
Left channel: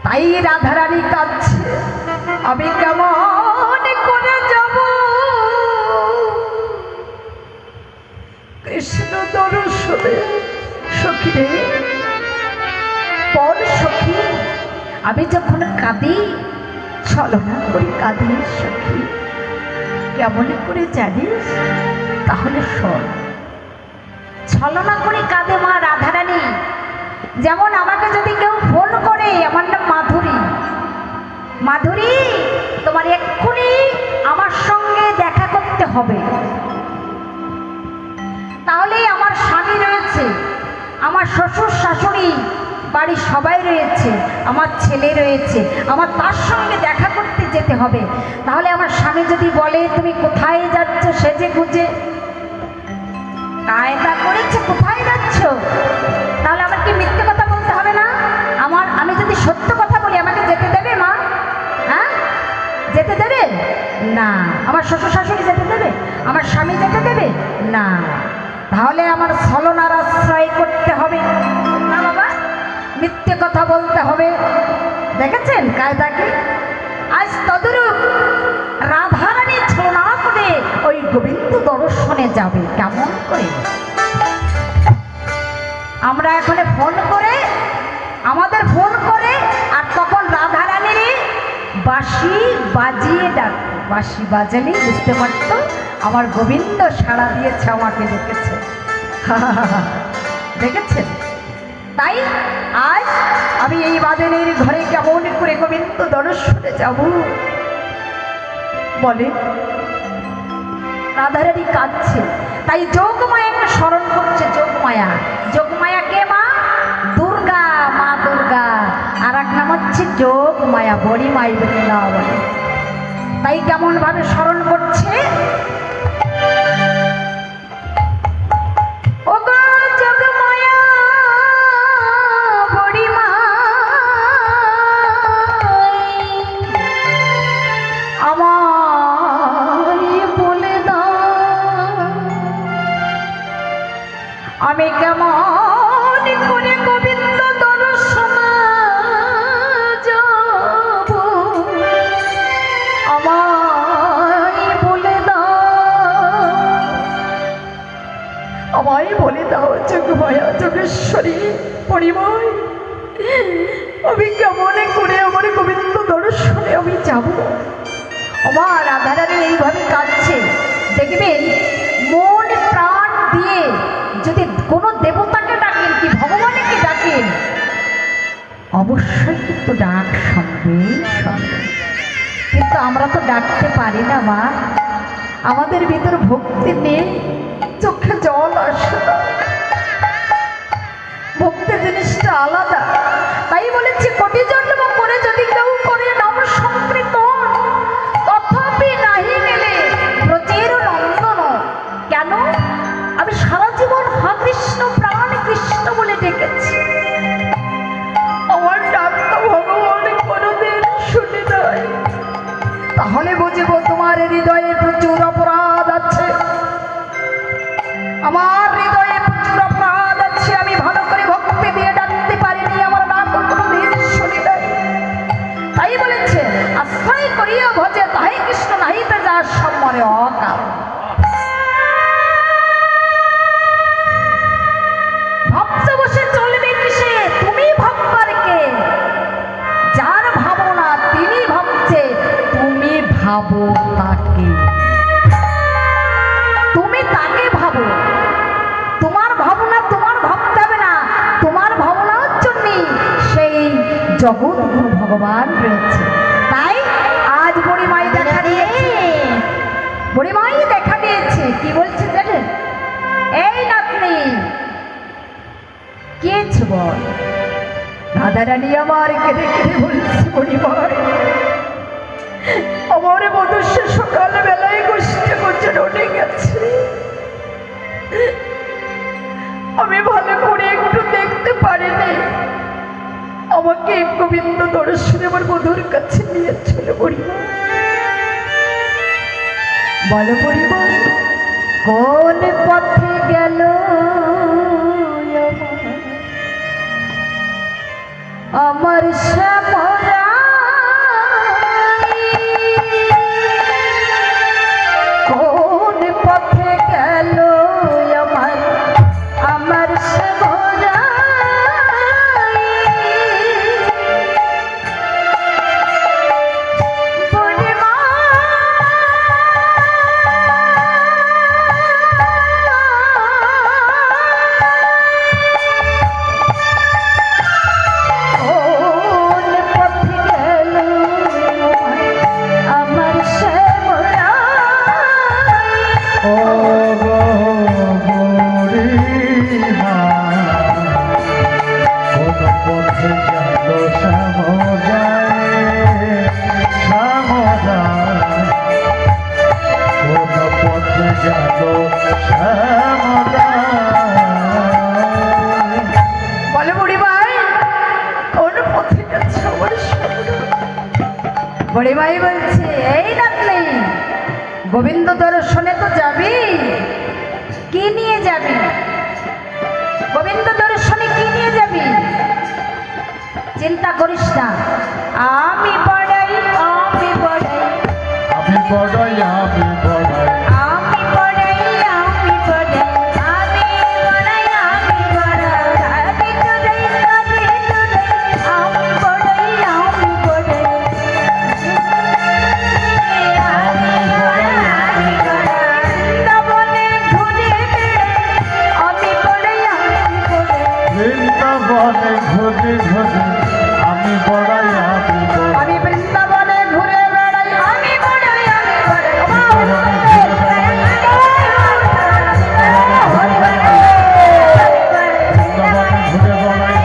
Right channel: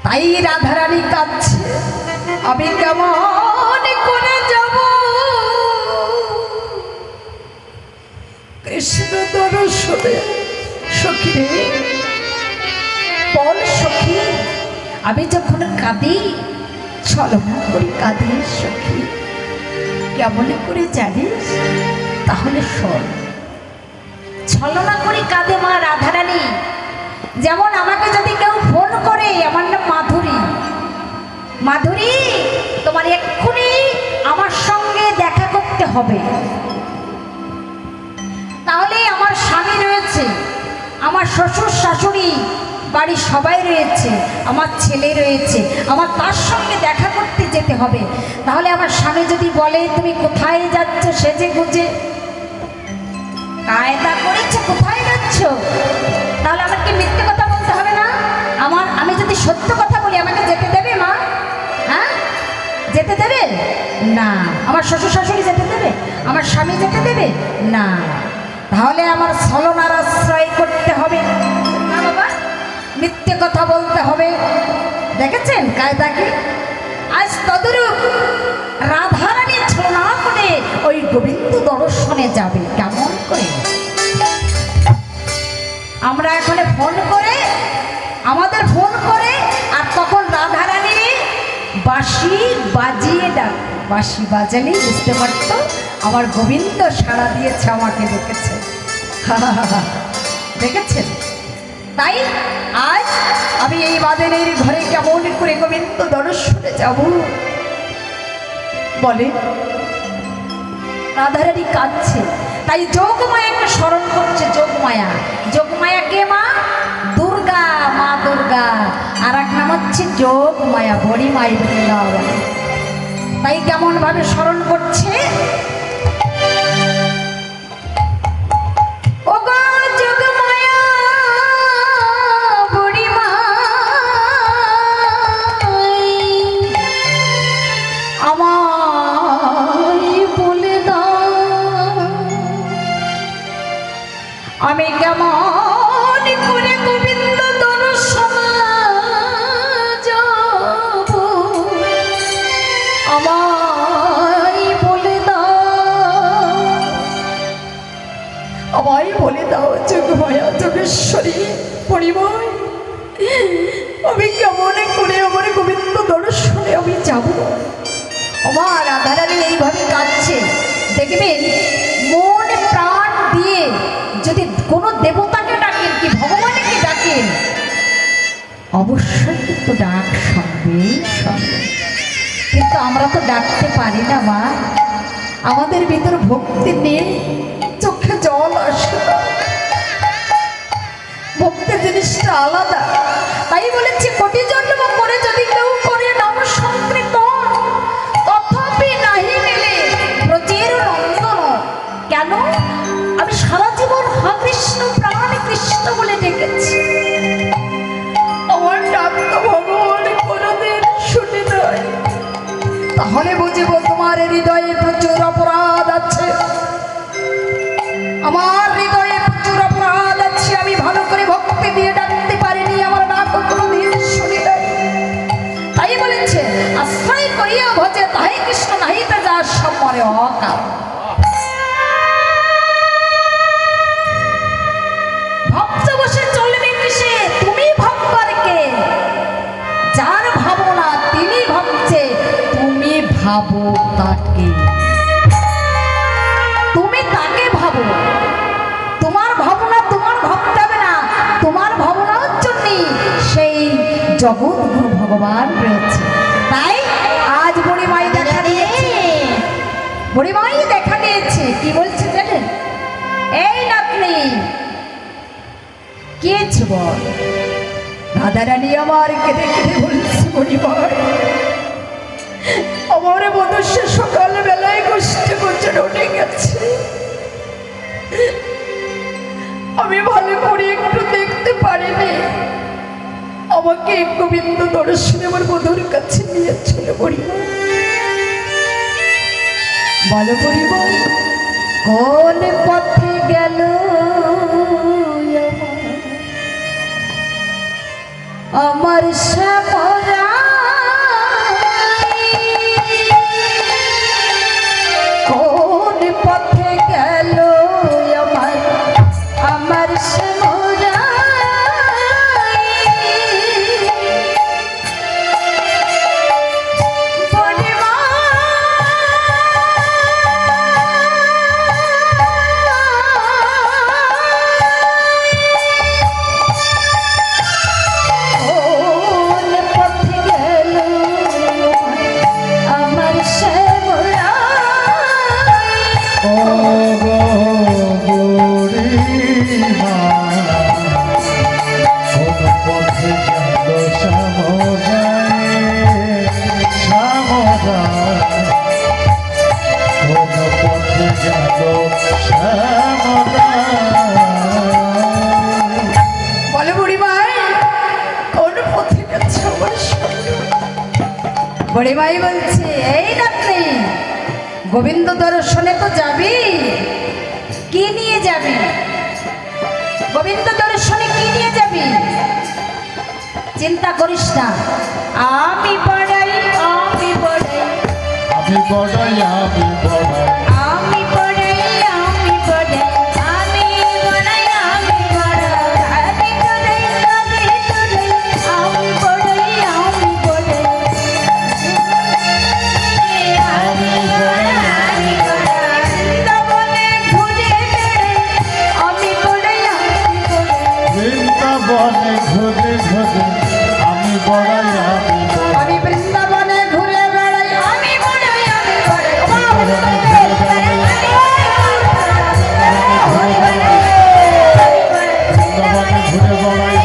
তাই রাধারানী কাঁদছে, আমি কেমন করে যাব কৃষ্ণ দর্শনে। সখী রে বল সখী, আমি যখন কাঁদি ছলনা করে কাঁদি সখী, কেমন করে জানিস? তাহলে শোন। ছলনা করে কাঁদে মা রাধারানী। যেমন আমাকে যদি কেউ ফোন করে, আমার নাম মাধুরী, মাধুরী তোমার এক্ষুনি আমার সঙ্গে দেখা করতে হবে। তাহলে আমার স্বামী রয়েছে, আমার শ্বশুর শাশুড়ি, বাড়ির সবাই রয়েছে, আমার ছেলে রয়েছে, আমার তার সঙ্গে দেখা করতে যেতে হবে। তাহলে আমার স্বামী যদি বলে তুমি কোথায় যাচ্ছ সেজে গুজে, কায়দা করেছে কোথায় যাচ্ছ, তাহলে আমার কি মিথ্যে কথা বলতে হবে না? আমি যদি সত্য কথা বলি আমাকে যেতে দেবে মা? হ্যাঁ, যেতে দেবে না? আমার শ্বশুর শাশুড়ি যেতে দেবে? আমার স্বামী যেতে দেবে না? তাহলে আমার ছলনার আশ্রয় করতে হবে না বাবা, মিথ্যে কথা বলতে হবে। দেখেছেন কায়দা কি? আজ তদরূপ রাধারানী ছলনা করে ওই গোবিন্দ দর্শনে যাবে। কেমন করে? আমরা এখানে ফোন করে, আমাদের ফোন করে, আর তখন রাধারানীর বাঁশি বাজিয়ে ডাক। বাঁশি বাজালেই বুঝতে পারত আমার গোবিন্দ সাড়া দিয়েছে, আমাকে দেখেছে। দেখেছেন? তাই আজ আমি এই বাদেনের ঘরে কেমন করে গোবিন্দ দর্শনে যাব বলে? রাধারানী কাঁদছে, তাই যোগমায়াকে স্মরণ করছে। যোগমায়া, যোগমায়া কে মা? দুর্গা, মা দুর্গা। আর এক নাম হচ্ছে যোগমায়া, বড়ি মাই বৃন্দাবন। তাই কেমন ভাবে স্মরণ করছে? আমি কেমন করে গোবিন্দ দর্শনে যাব, আমায় বলে দাও, আমায় বলে দাও যোগমায়া, যোগেশ্বরী, পরিময়, আমি কেমন করে আমার গোবিন্দ দর্শনে আমি যাব। আমার রাধারানী এইভাবে কাঁদছে। দেখবেন মন প্রাণ দিয়ে যদি কোনো দেবতাকে ডাকেন কি ভগবানকে ডাকেন, অবশ্যই কিন্তু ডাক সঙ্গে সঙ্গে। কিন্তু আমরা তো ডাকতে পারি না মা, আমাদের ভিতর ভক্তি নেই, চোখে জল আসে না। ভক্তি জিনিসটা আলাদা। তাই বলেছি কোটি জন্ম করে যদি কেউ করে নাম সংকীর্তন, তথাপি নাহি মেলে ব্রজের নন্দন। কেন? আমি সারা জীবন হা কৃষ্ণ, প্রাণ কৃষ্ণ বলে ডেকেছি, আমার ডাক তো ভগবান কোনোদিন শুনে নাই। তাহলে বুঝবো তোমার হৃদয়ে প্রচুর অপরাধ আছে, আমার হৃদয়ে প্রচুর অপরাধ আছে। আমি ভালো করে ভক্তি দিয়ে ডাকতে পারিনি, আমার ডাক কোনোদিন শুনি নাই। তাই বলেছে আশ্রয় করিয়া ভজে তাই কৃষ্ণ নাহিতে যা সম্মরে অকাল। ভক্ত বসে চলবে কিসে? তুমি ভাববার কে? যার ভাবনা তিনি ভাবছে, তুমি ভাবো তাকে, তুমি তাকে ভাবো। তোমার ভাবনা তোমার ভাবতে হবে না, তোমার ভাবনার জন্য সেই জগৎগুরু ভগবান রয়েছে। তাই আজ বুড়িমাই দেখা দিয়েছে, বুড়িমাই দেখা দিয়েছে। কি বলছে জানেন? এই নাতনি কি হয়েছে বল? রাধারানী আমার কেঁদে কেঁদে বলছে, বুড়িমাই আমার মনুষ্য সকাল বেলায় গোষ্ঠী গোচরে উঠে গেছে, আমি ভালো করে একটু দেখতে পারিনি, আমাকে গোবিন্দ দর্শনে আমার বধুর কাছে নিয়ে চলে পড়িব। বলো পরিবার কোন পথে গেল আমার শ্যামরা, কোন পথে গেল আমার আমার শ্যামরা, ও গো বুড়িমা, কোন পথে গেল শ্যামরায়, শ্যামরায়, কোন পথে গেল শ্যামরায়। বলে বুড়ি ভাই কোন পথে গেছে আমার শ্যামরা? বুড়ি ভাই বলছে এই নাতনি, গোবিন্দ দর্শনে তো যাবি, কি নিয়ে যাবি? গোবিন্দ দর্শনে কি নিয়ে যাবি? চিন্তা করিস না, আমি বড়াই, আমি বড়াই, আমি বড়াই, আমি বড়াই, আমি বড়াই, আমি বড়াই, আমি বড়াই, আমি বড়াই, আমি তোরাই, আমি তোরাই, আমি বড়াই, আমি বড়াই, আমি বড়াই, আমি বড়াই, বৃন্দাবনে ঘুরে বেড়াই, আমি বড়াই, আমি বড়াই, বৃন্দাবনে ঘুরে ঘুরে আমি বড়াই, আমি বড়াই, আমি বৃন্দাবনে ঘুরে বেড়াই, আমি বড়াই, আমি বড়াই, বৃন্দাবনে ঘুরে বড়াই,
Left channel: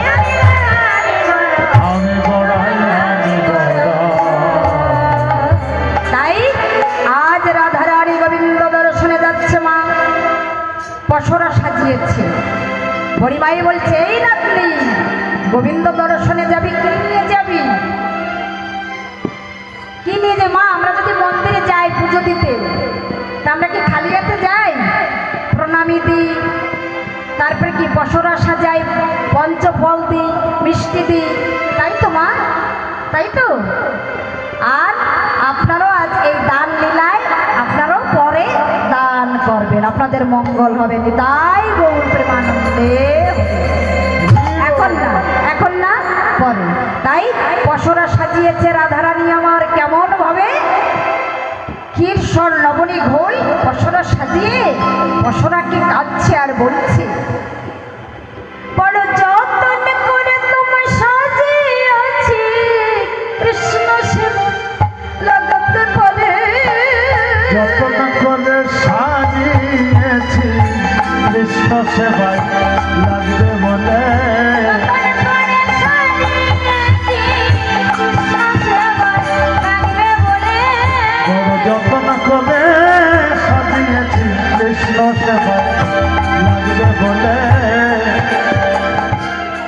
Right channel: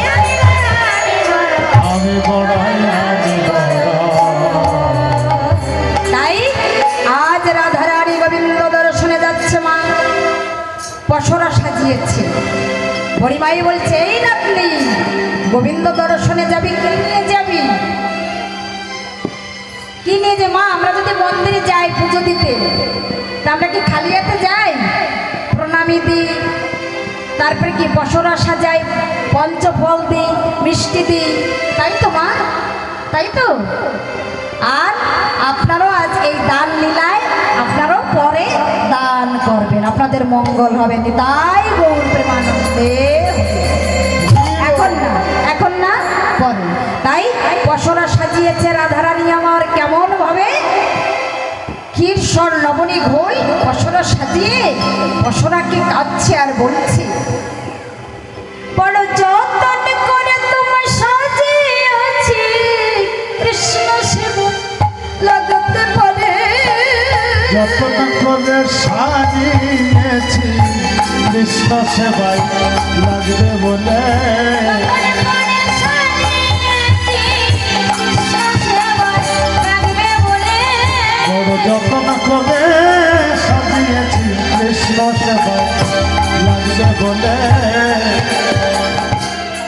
আমি বড়াই, আমি বড়াই। তাই আজ রাধারানী গোবিন্দ দর্শনে যাচ্ছে মা, পশরা সাজিয়েছে। হরিমাই বলছে এই নাতনি, গোবিন্দ দর্শনে যাবি, কি নিয়ে যাবি? কি নিয়ে যে মা, আমরা যদি মন্দিরে যাই পুজো দিতে, তা আমরা কি খালি হাতে যাই? প্রণামী দিই, তারপরে কি পশরা সাজাই, পঞ্চফল দিই, মিষ্টি দিই, তাই তো মা, তাই তো? আর আপনারাও আজ এই দান লীলায় আপনারাও পরে দান করবেন, আপনাদের মঙ্গল হবে। তাই গৌর প্রেমানন্দে এখন না, এখন না, পরে। তাই পশরা সাজিয়েছে রাধারানী আমার কেমন ভাবে, ক্ষীরসর লবণী ঘই পশরা সাজিয়ে পশরাকে কাঁদছে আর বলছে, বড় যতন করে তোমার সাজিয়েছি, কৃষ্ণ সেবক লাগাতে পারে, যতন করে সাজিয়েছি কৃষ্ণ সেবায় লাগবে বলে, বড় যতন করে সাজিয়েছি কৃষ্ণ সেবায় লাগবে বলে।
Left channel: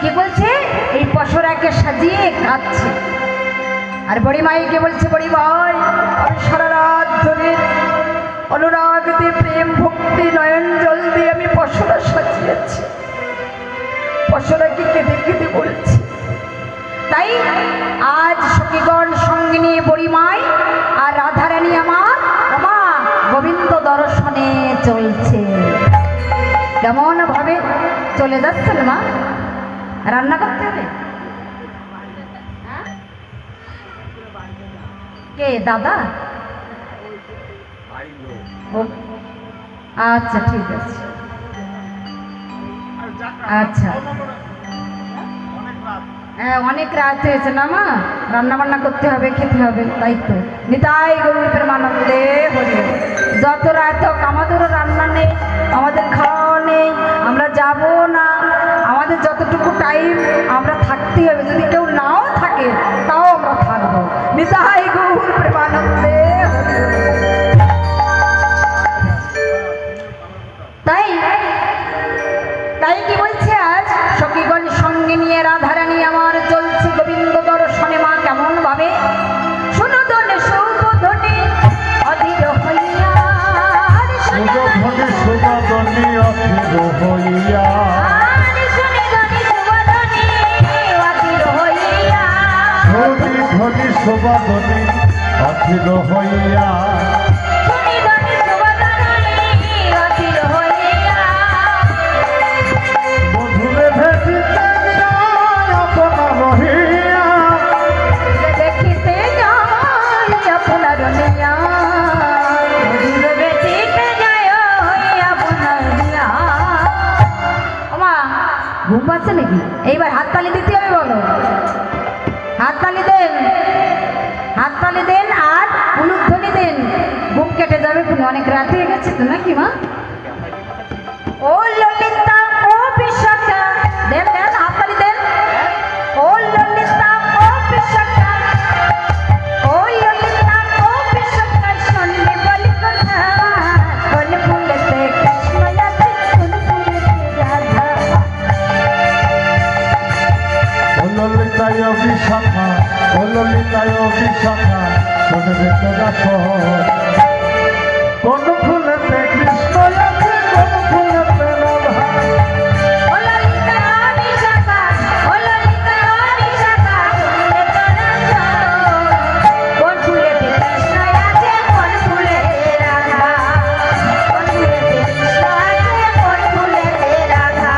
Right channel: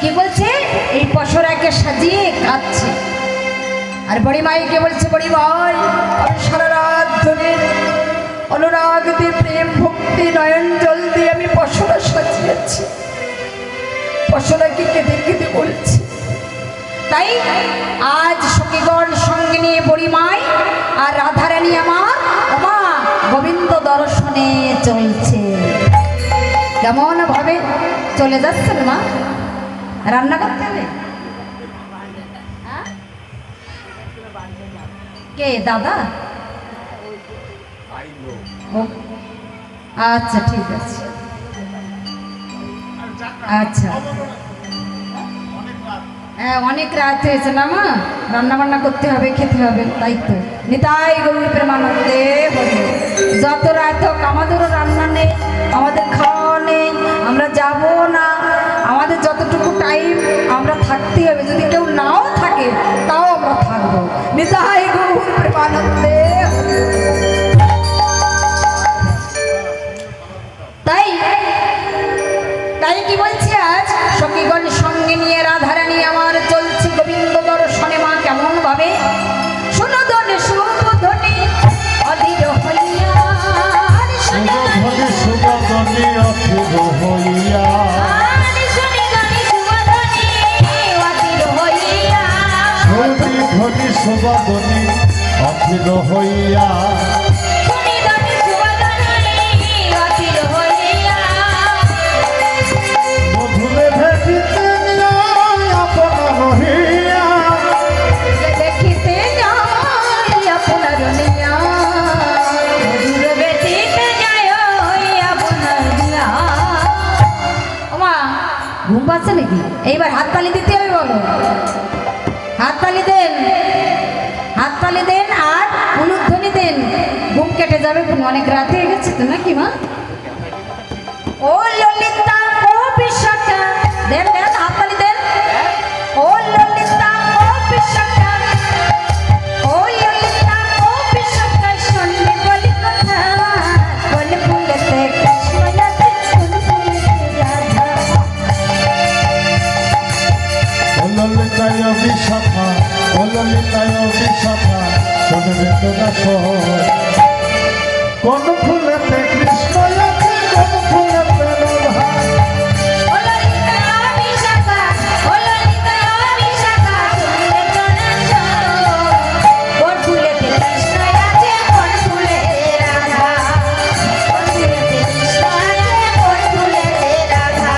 কি বলছে? এই পশরাকে সাজিয়ে কাঁদছে আর বড়ি মাইকে বলছে, বড়ি ভাই আমি সারা রাত ধরে অনুরাগ দিয়ে প্রেম ভক্তি নয়ন জল দিয়ে আমি পশরা সাজিয়েছি, পশরাকে কেঁদে কেঁদে বলছি। তাই আজ সখীগণ সঙ্গে নিয়ে বড়ি মাই আর রাধারানী আমার মা গোবিন্দ দর্শনে চলছে। কেমন ভাবে চলে যাচ্ছেন মা? রান্না করতে হবে? হ্যাঁ? কে দাদা? আচ্ছা ঠিক আছে, আচ্ছা হ্যাঁ অনেক রাত হয়েছে না মা, রান্না বান্না করতে হবে, খেতে হবে, তাই তো। নিতাই গৌর প্রেমানন্দে বলি, যত রাত হোক আমাদেরও রান্না নেই, আমাদের খাওয়া নেই, আমরা যাব না, আমাদের যতটুকু টাইম আমরা থাকতেই হবে, যদি কেউ নাও থাকে তাও আমরা থাকবো। নিতাই গৌর প্রেমানন্দে। তাই শোভাদনে অখিল হইয়া মধুরে ভেটিতে আপনা রহিয়া দেখিতে যাই আপনার নিয়া মধুর বেটিতে যায় আপনার নিয়া। ওমা ঘুম পাচ্ছে নাকি? এইবার হাততালি দিতে হবে, বলো হাততালি দেন, হাততালি দেন আর উলুধ্বনি দেন। ঘুম কেটে যাবে, অনেক রাত হয়ে গেছে তো নাকি মা? ও ললিতা ও বিশাখা, দেন দেন হাততালি দেন। ও ললিতা ও বিশাখা, ও ললিতা ও বিশাখা, শুনলে বলি কথা, বলে ফুলেতে কৃষ্ণ আছে, ফুল ফুলেতে রাধা। ও ললিতায় বিশাখা, ও ললিতায় বিশাখা, শোনে বেদদাস কোন ফুলেতে কৃষ্ণ আছে, কোন ফুলেতে রাধা। ও ললিতা বিশাখা, ও ললিতা বিশাখা, শুনলে কানাচো, কোন ফুলেতে কৃষ্ণ আছে, কোন ফুলে রাধা, কোন ফুলেতে কৃষ্ণ আছে, কোন ফুলে রাধা।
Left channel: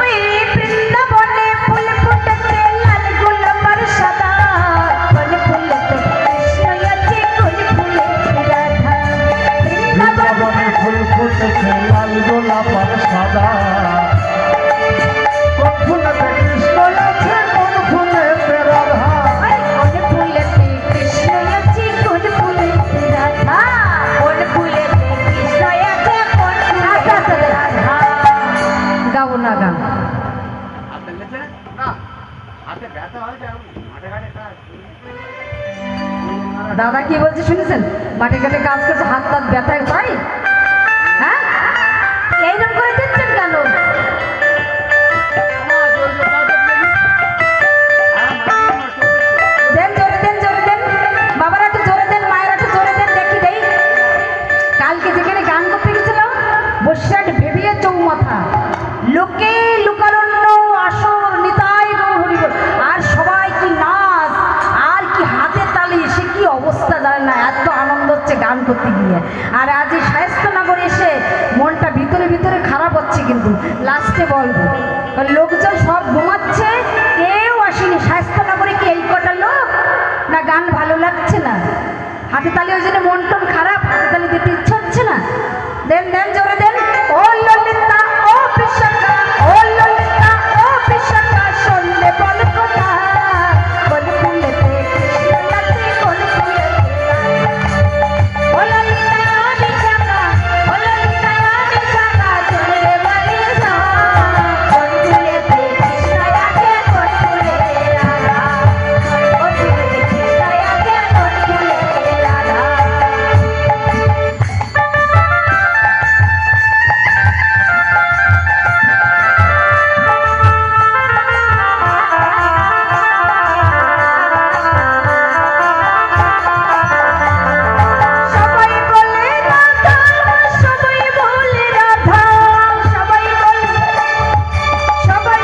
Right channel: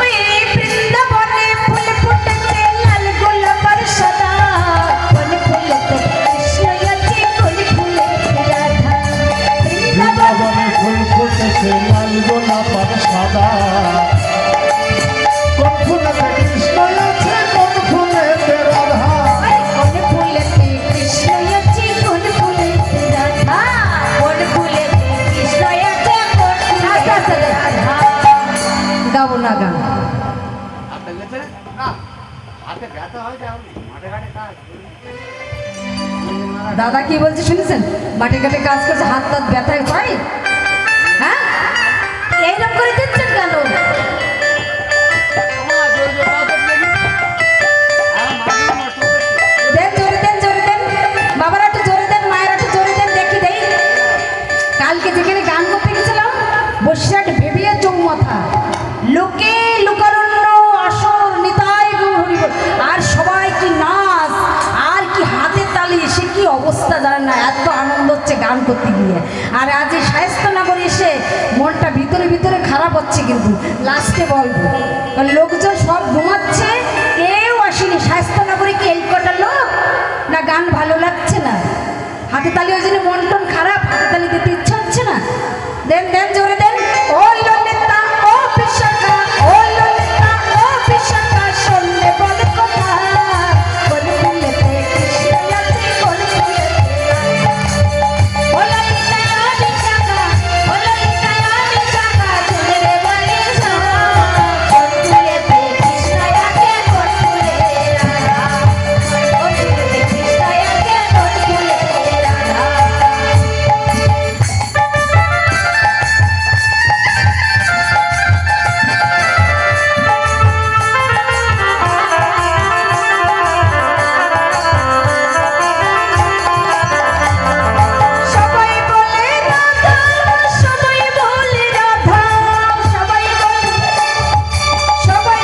ওই বৃন্দাবনে ফুল ফুটেছে লাল গোলাপের সাদা, কোন ফুলেতে কৃষ্ণ আছে, কোন ফুলে রাধা। বৃন্দাবনে ফুল ফুটেছে লাল গোলাপ আর সাদা, কোন ফুলেতে কৃষ্ণ আছে, কোন ফুলেতে রাধা। কোন ফুলেতে কৃষ্ণ আছে, কোন ফুলেতে রাধা, কোন ফুলেতে কৃষ্ণ আছে, কোন ফুলেতে রাধা। গাবো না গান। হাতে ব্যথা হয় যে মাঠে ঘাটে কাজ দাদা কি বলছে শুনেছেন? মাঠে ঘাটে কাজ করছে, হাত টাত ব্যথায় পাই। হ্যাঁ এইরকম করে দিচ্ছেন কেন? দেন জোরে দেন, জোরে দেন, বাবার একটু জোরে দেন, মায়ের একটু জোরে দেন, দেখি দেই। কালকে যেখানে গান করতে গেছিলাম, বৈশাখ ভেবিয়ে চৌমাথা, লোকে লোকারণ্য আসর নিতাই গৌর হরিবল, আর সবাই কি নাচ আর কি হাতে তালি, সে কি অবস্থা জানেন না, এত আনন্দ হচ্ছে গান করতে গিয়ে। আর আজ এই শায়েস্তানগরে এসে মনটা ভিতরে ভিতরে খারাপ হচ্ছে, কিন্তু লাস্টে বলবো কারণ লোকজন সব ঘুমাচ্ছে, কেউ আসেনি। শায়েস্তানগরে কি এই কটা লোক না? গান ভালো লাগছে না, হাতে তালি, ওই জন্য মন টন খারাপ, হাতে তালি দিতে ইচ্ছা হচ্ছে না। দেন দেন জোরে দেন। ও ললিতা ও বিশাখা, ও ললিতা ও বিশাখা, শুনলে বলে কথা, বলে ফুলেতে কৃষ্ণ আছে, বলে ফুলেতে রাধা। ও ললিতা বিশাখা, ও ললিতা বিশাখা, শুনলে বলে কথা, কোন ফুলেতে কৃষ্ণ আছে, কোন ফুলে রাধা, কোন ফুলেতে কৃষ্ণ আছে, কোন ফুলে রাধা। সবাই বলে রাধা, সবাই বলে রাধা, সবাই বলে, সবাই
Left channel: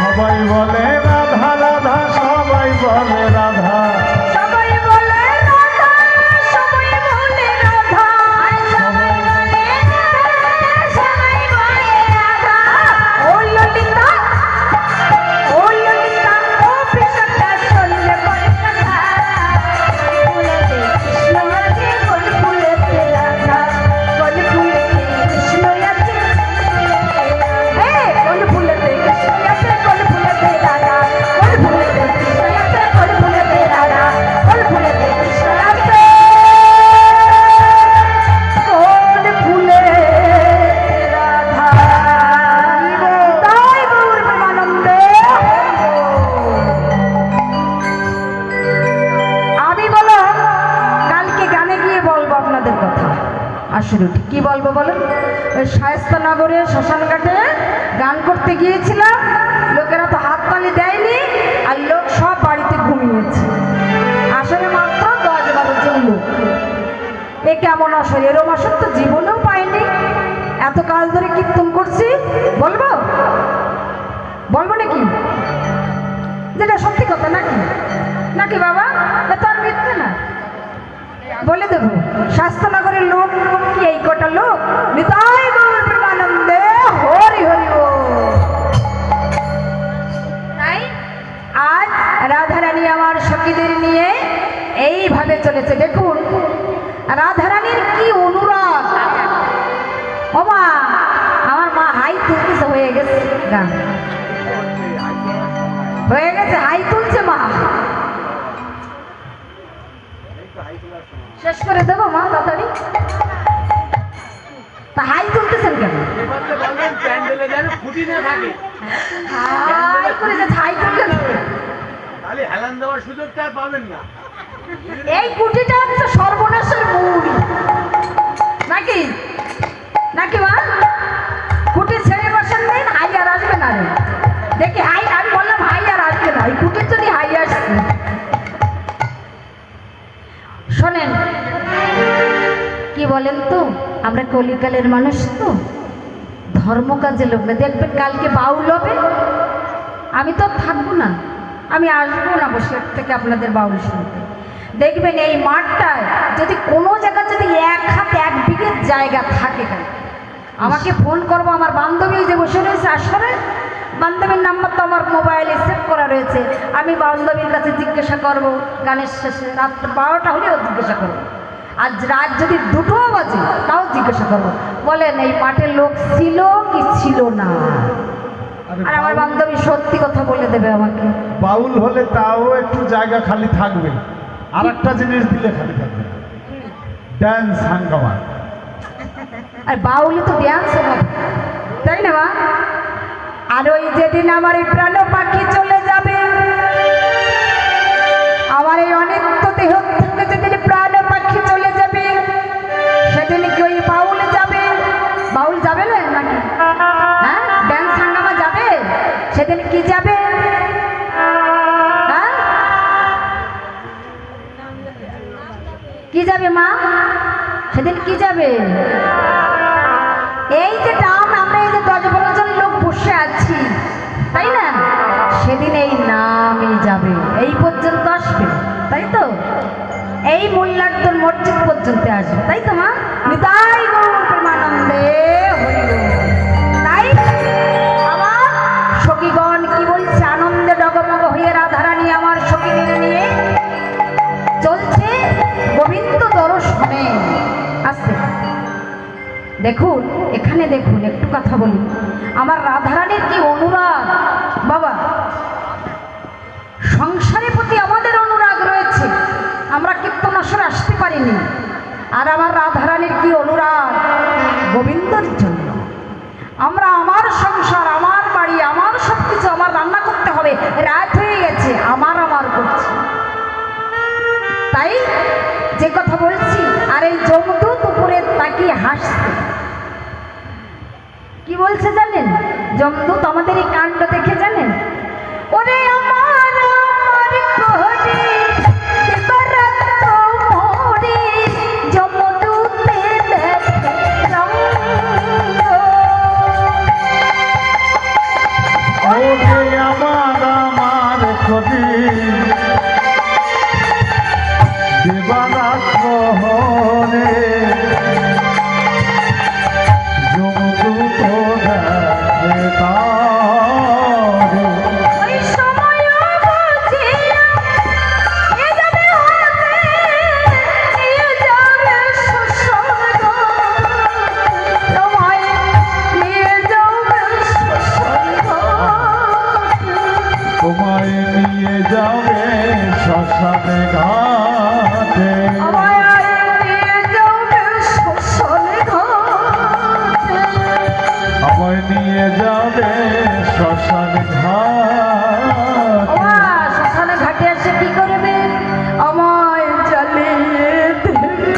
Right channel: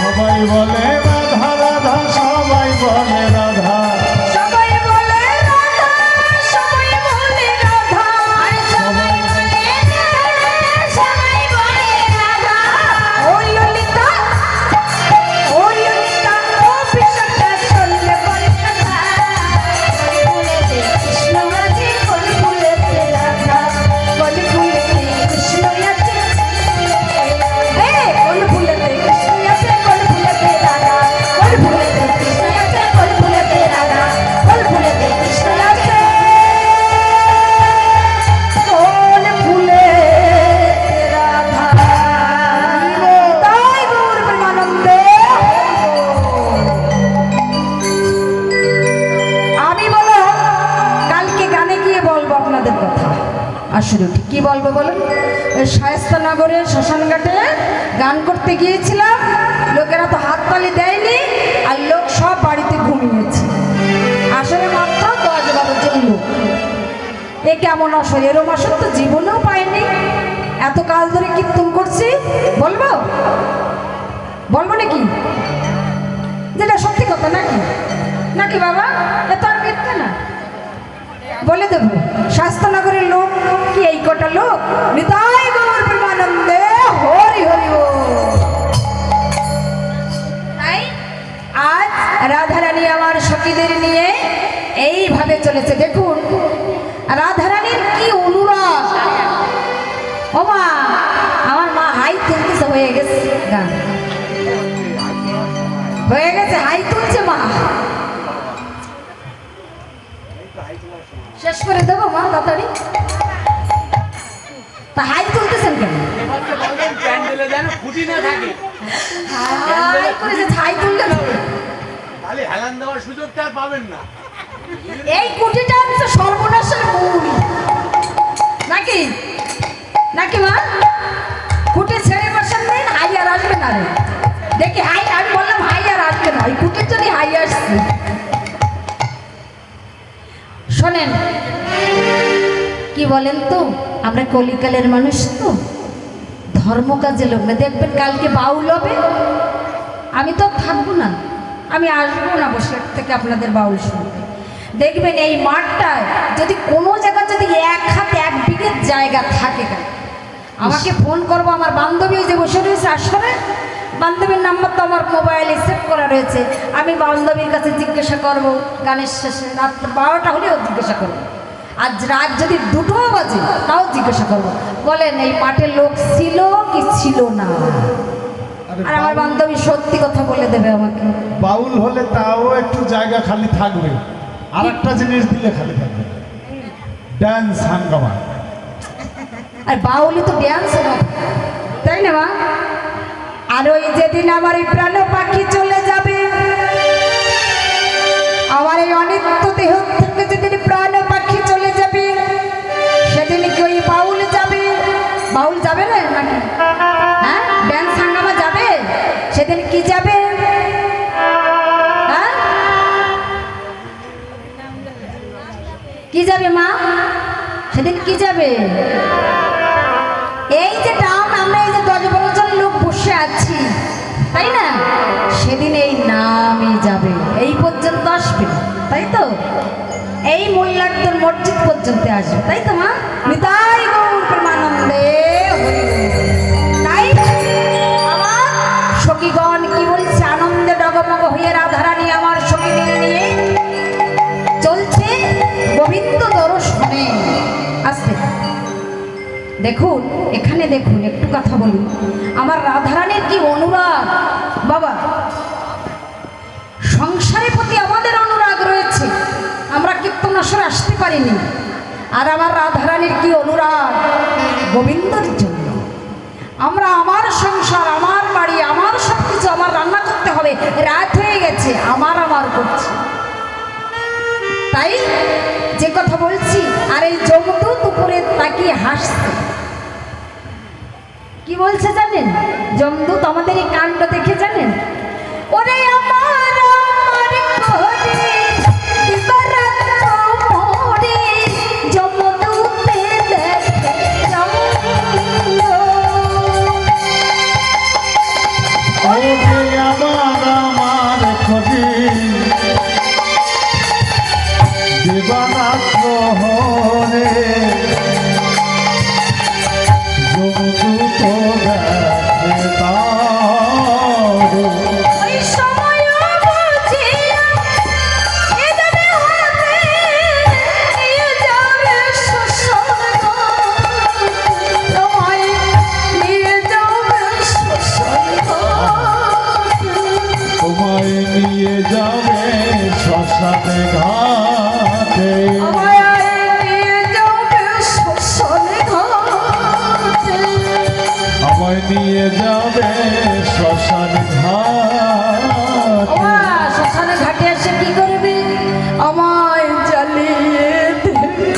সবাই বলে রাধা রাধা, সবাই বলে রাধা। সবাই বলে রাধা, সবাই বলে রাধা, আর সবাই বলে রাধা, সবাই বলে রাধা। ও ললিতা, ও ললিতা ও বিশাখা, শুনলে বলে কথা, ফুলেতে কৃষ্ণ আছে, কোন ফুলেতে রাধা, কোন ফুলেতে কৃষ্ণ আছে, কোন ফুলেতে কৃষ্ণ আছে, কোন ফুলেতে রাধা, কোন ফুলেতে কৃষ্ণ আছে, কোন ফুলেতে রাধা, কোন ফুলেতে কৃষ্ণ আছে, কোন ফুলে রাধা। তাই গৌর প্রেমানন্দে আমি বলো কালকে গানে গিয়ে বলবো আপনাদের কথা। আসলে ঠিক কি বলবো বলেন? ওই শায়েস্তানগরের শ্মশানঘাটে গান করতে গিয়েছিলাম, লোকেরা তো হাততালি দেয়নি, আর লোক সব বাড়িতে ঘুমিয়েছে। আসলে মাত্র 10-12 জন লোক। এ কেমন আসলে? এরম আসর তো জীবনেও পাইনি। এত কাল ধরে কীর্তন করছি, বলবো বলবো নাকি? যেটা সত্যি কথা নাকি? নাকি বাবা? বলে দেবো শাস্ত্রনগরের লোক কি এই কটা লোক নিতাই গৌর প্রেমানন্দে হরি হরি বল। তাই আজ রাধারানী আমার সখীদের নিয়ে এইভাবে চলেছে। দেখুন রাধারানীর কি অনুরাগ। ও মা, আমার মা হাই তুলতেছে, হয়ে গেছে গান হয়ে গেছে, হাই তুলছে মা। শেষ করে দেবো মা তাড়াতাড়ি। তা হাই তুলতেছেন কেন? প্যান্ডেলে যেন খুঁটি না থাকে, হাই করে যে হাই তুলতে হবে। তাহলে হেলান দেওয়ার সুযোগটা আর পাবেন না। এই কুটিটা হচ্ছে সর্বনাশের মূল নাকি নাকি মা? কুটি ছেড়ে বসান দিন, হাই আর আসবে না রে। দেখি হাই, আমি বললাম হাই আর আসবে না, এই কুটির জন্য হাই আসছে। শোনেন কি বলেন তো, আমরা কলিকালের মানুষ তো, ধর্ম কাজে লোক না। দেখবেন কালকে বাউল হবে, আমি তো থাকবো না, আমি আসবো না বসে থেকে আপনাদের বাউল শুনতে। দেখবেন এই মাঠটায় যদি কোনো জায়গা যদি এক হাত এক বিঘে জায়গা থাকে, কেন আমাকে ফোন করবো। আমার বান্ধবী যে বসে রয়েছে আসলে, বান্ধবীর নাম্বার তো আমার মোবাইলে সেভ করা রয়েছে। আমি বান্ধবীর কাছে জিজ্ঞাসা করব, গানের শেষে রাত 12টা হলেও জিজ্ঞাসা করবো, আজ রাত যদি 2টো বাজে তাও জিজ্ঞাসা করবো, বলেন এই মাঠের লোক ছিল কি ছিল না। আর আমার বান্ধবী সত্যি কথা বলে দেবে আমাকে। বাউল হলে তাও একটু জায়গা খালি থাকবে, আর একটা জিনিস দিলে খালি থাকবে, ড্যান্স হাঙ্গামা। আর বাউলি তো ড্যান্স হবে, তাই না মা? আর ওই যেদিন আমার এই প্রাণ পাখি চলে যাবে, আমার এই অনিত্য দেহ থেকে যেদিন প্রাণ পাখি চলে যাবে, সেদিন কি ওই বাউল যাবে? বাউল যাবে না নাকি? হ্যাঁ, ড্যান্স হাঙ্গামা যাবে সেদিন। কি যাবে? হ্যাঁ, কি যাবে মা সেদিন? কি যাবে? এই যে টাউন, আমরা এই যে 10-12 জন লোক বসে আছি, তাই না? সেদিন এই নামই যাবে, এই পর্যন্ত আসবে, তাই তো? এই মোল্লারদের মসজিদ পর্যন্ত আসবে, তাই তো মা? নিতাই গৌর প্রেমানন্দে হরি বল। তাই আমার সখীগণ কি বলছে, আনন্দে ডগমগ হয়ে রাধারানী আমার সখীদের নিয়ে চলছে গোবিন্দ দর্শনে। আসবে দেখুন, এখানে দেখুন, একটু কথা বলি। আমার রাধারানীর কি অনুরাগ বাবা, সংসারের প্রতি আমাদের অনুরাগ রয়েছে, আমরা কীর্তন আসরে আসতে পারিনি। আর আমার রাধারানীর কি অনুরাগ গোবিন্দর জন্য। আমরা আমার সংসার, আমার বাড়ি, আমার সব কিছু, আমার রান্না করতে হবে, রাত হয়ে গেছে, আমার করছি, তাই যে কথা বলছি। আর এই যমদূত উপরে তাকিয়ে হাসছে, কি বলছে জানেন? যমদূত আমাদের এই কাণ্ড দেখে জানেন, ওরে আমার আমার ঘরে দিবারাত মোরে যমদূতে দেখে ওরে আমার আমার কবি দিবারাত মোরে যমদূত দেখে তোমায় নিয়ে যাবে শ্মশানে ঘাটে, আমায় নিয়ে যাবে শ্মশানে ঘাটে। শ্মশানে ঘাটে এসে কি করবে? আমায় জ্বালিয়ে দেবে,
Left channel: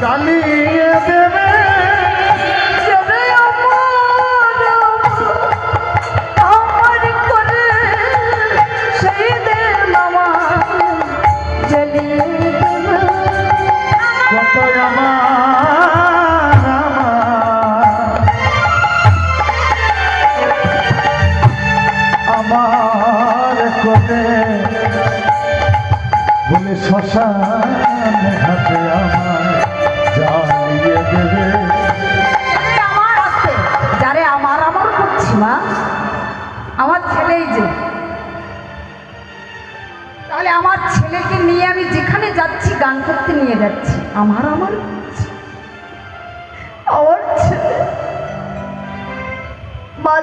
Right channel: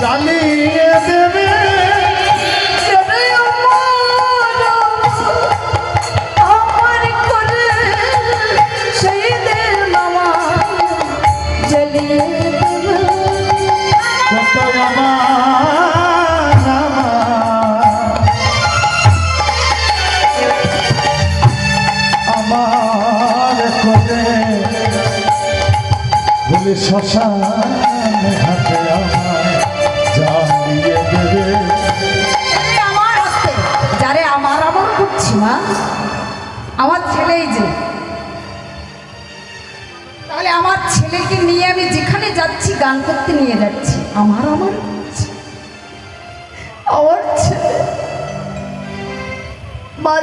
জ্বালিয়ে দেবে, যাবে আমার করে সেই দিন আমায় জ্বালিয়ে দেবে। কত আমার কোনে বলে শ্মশান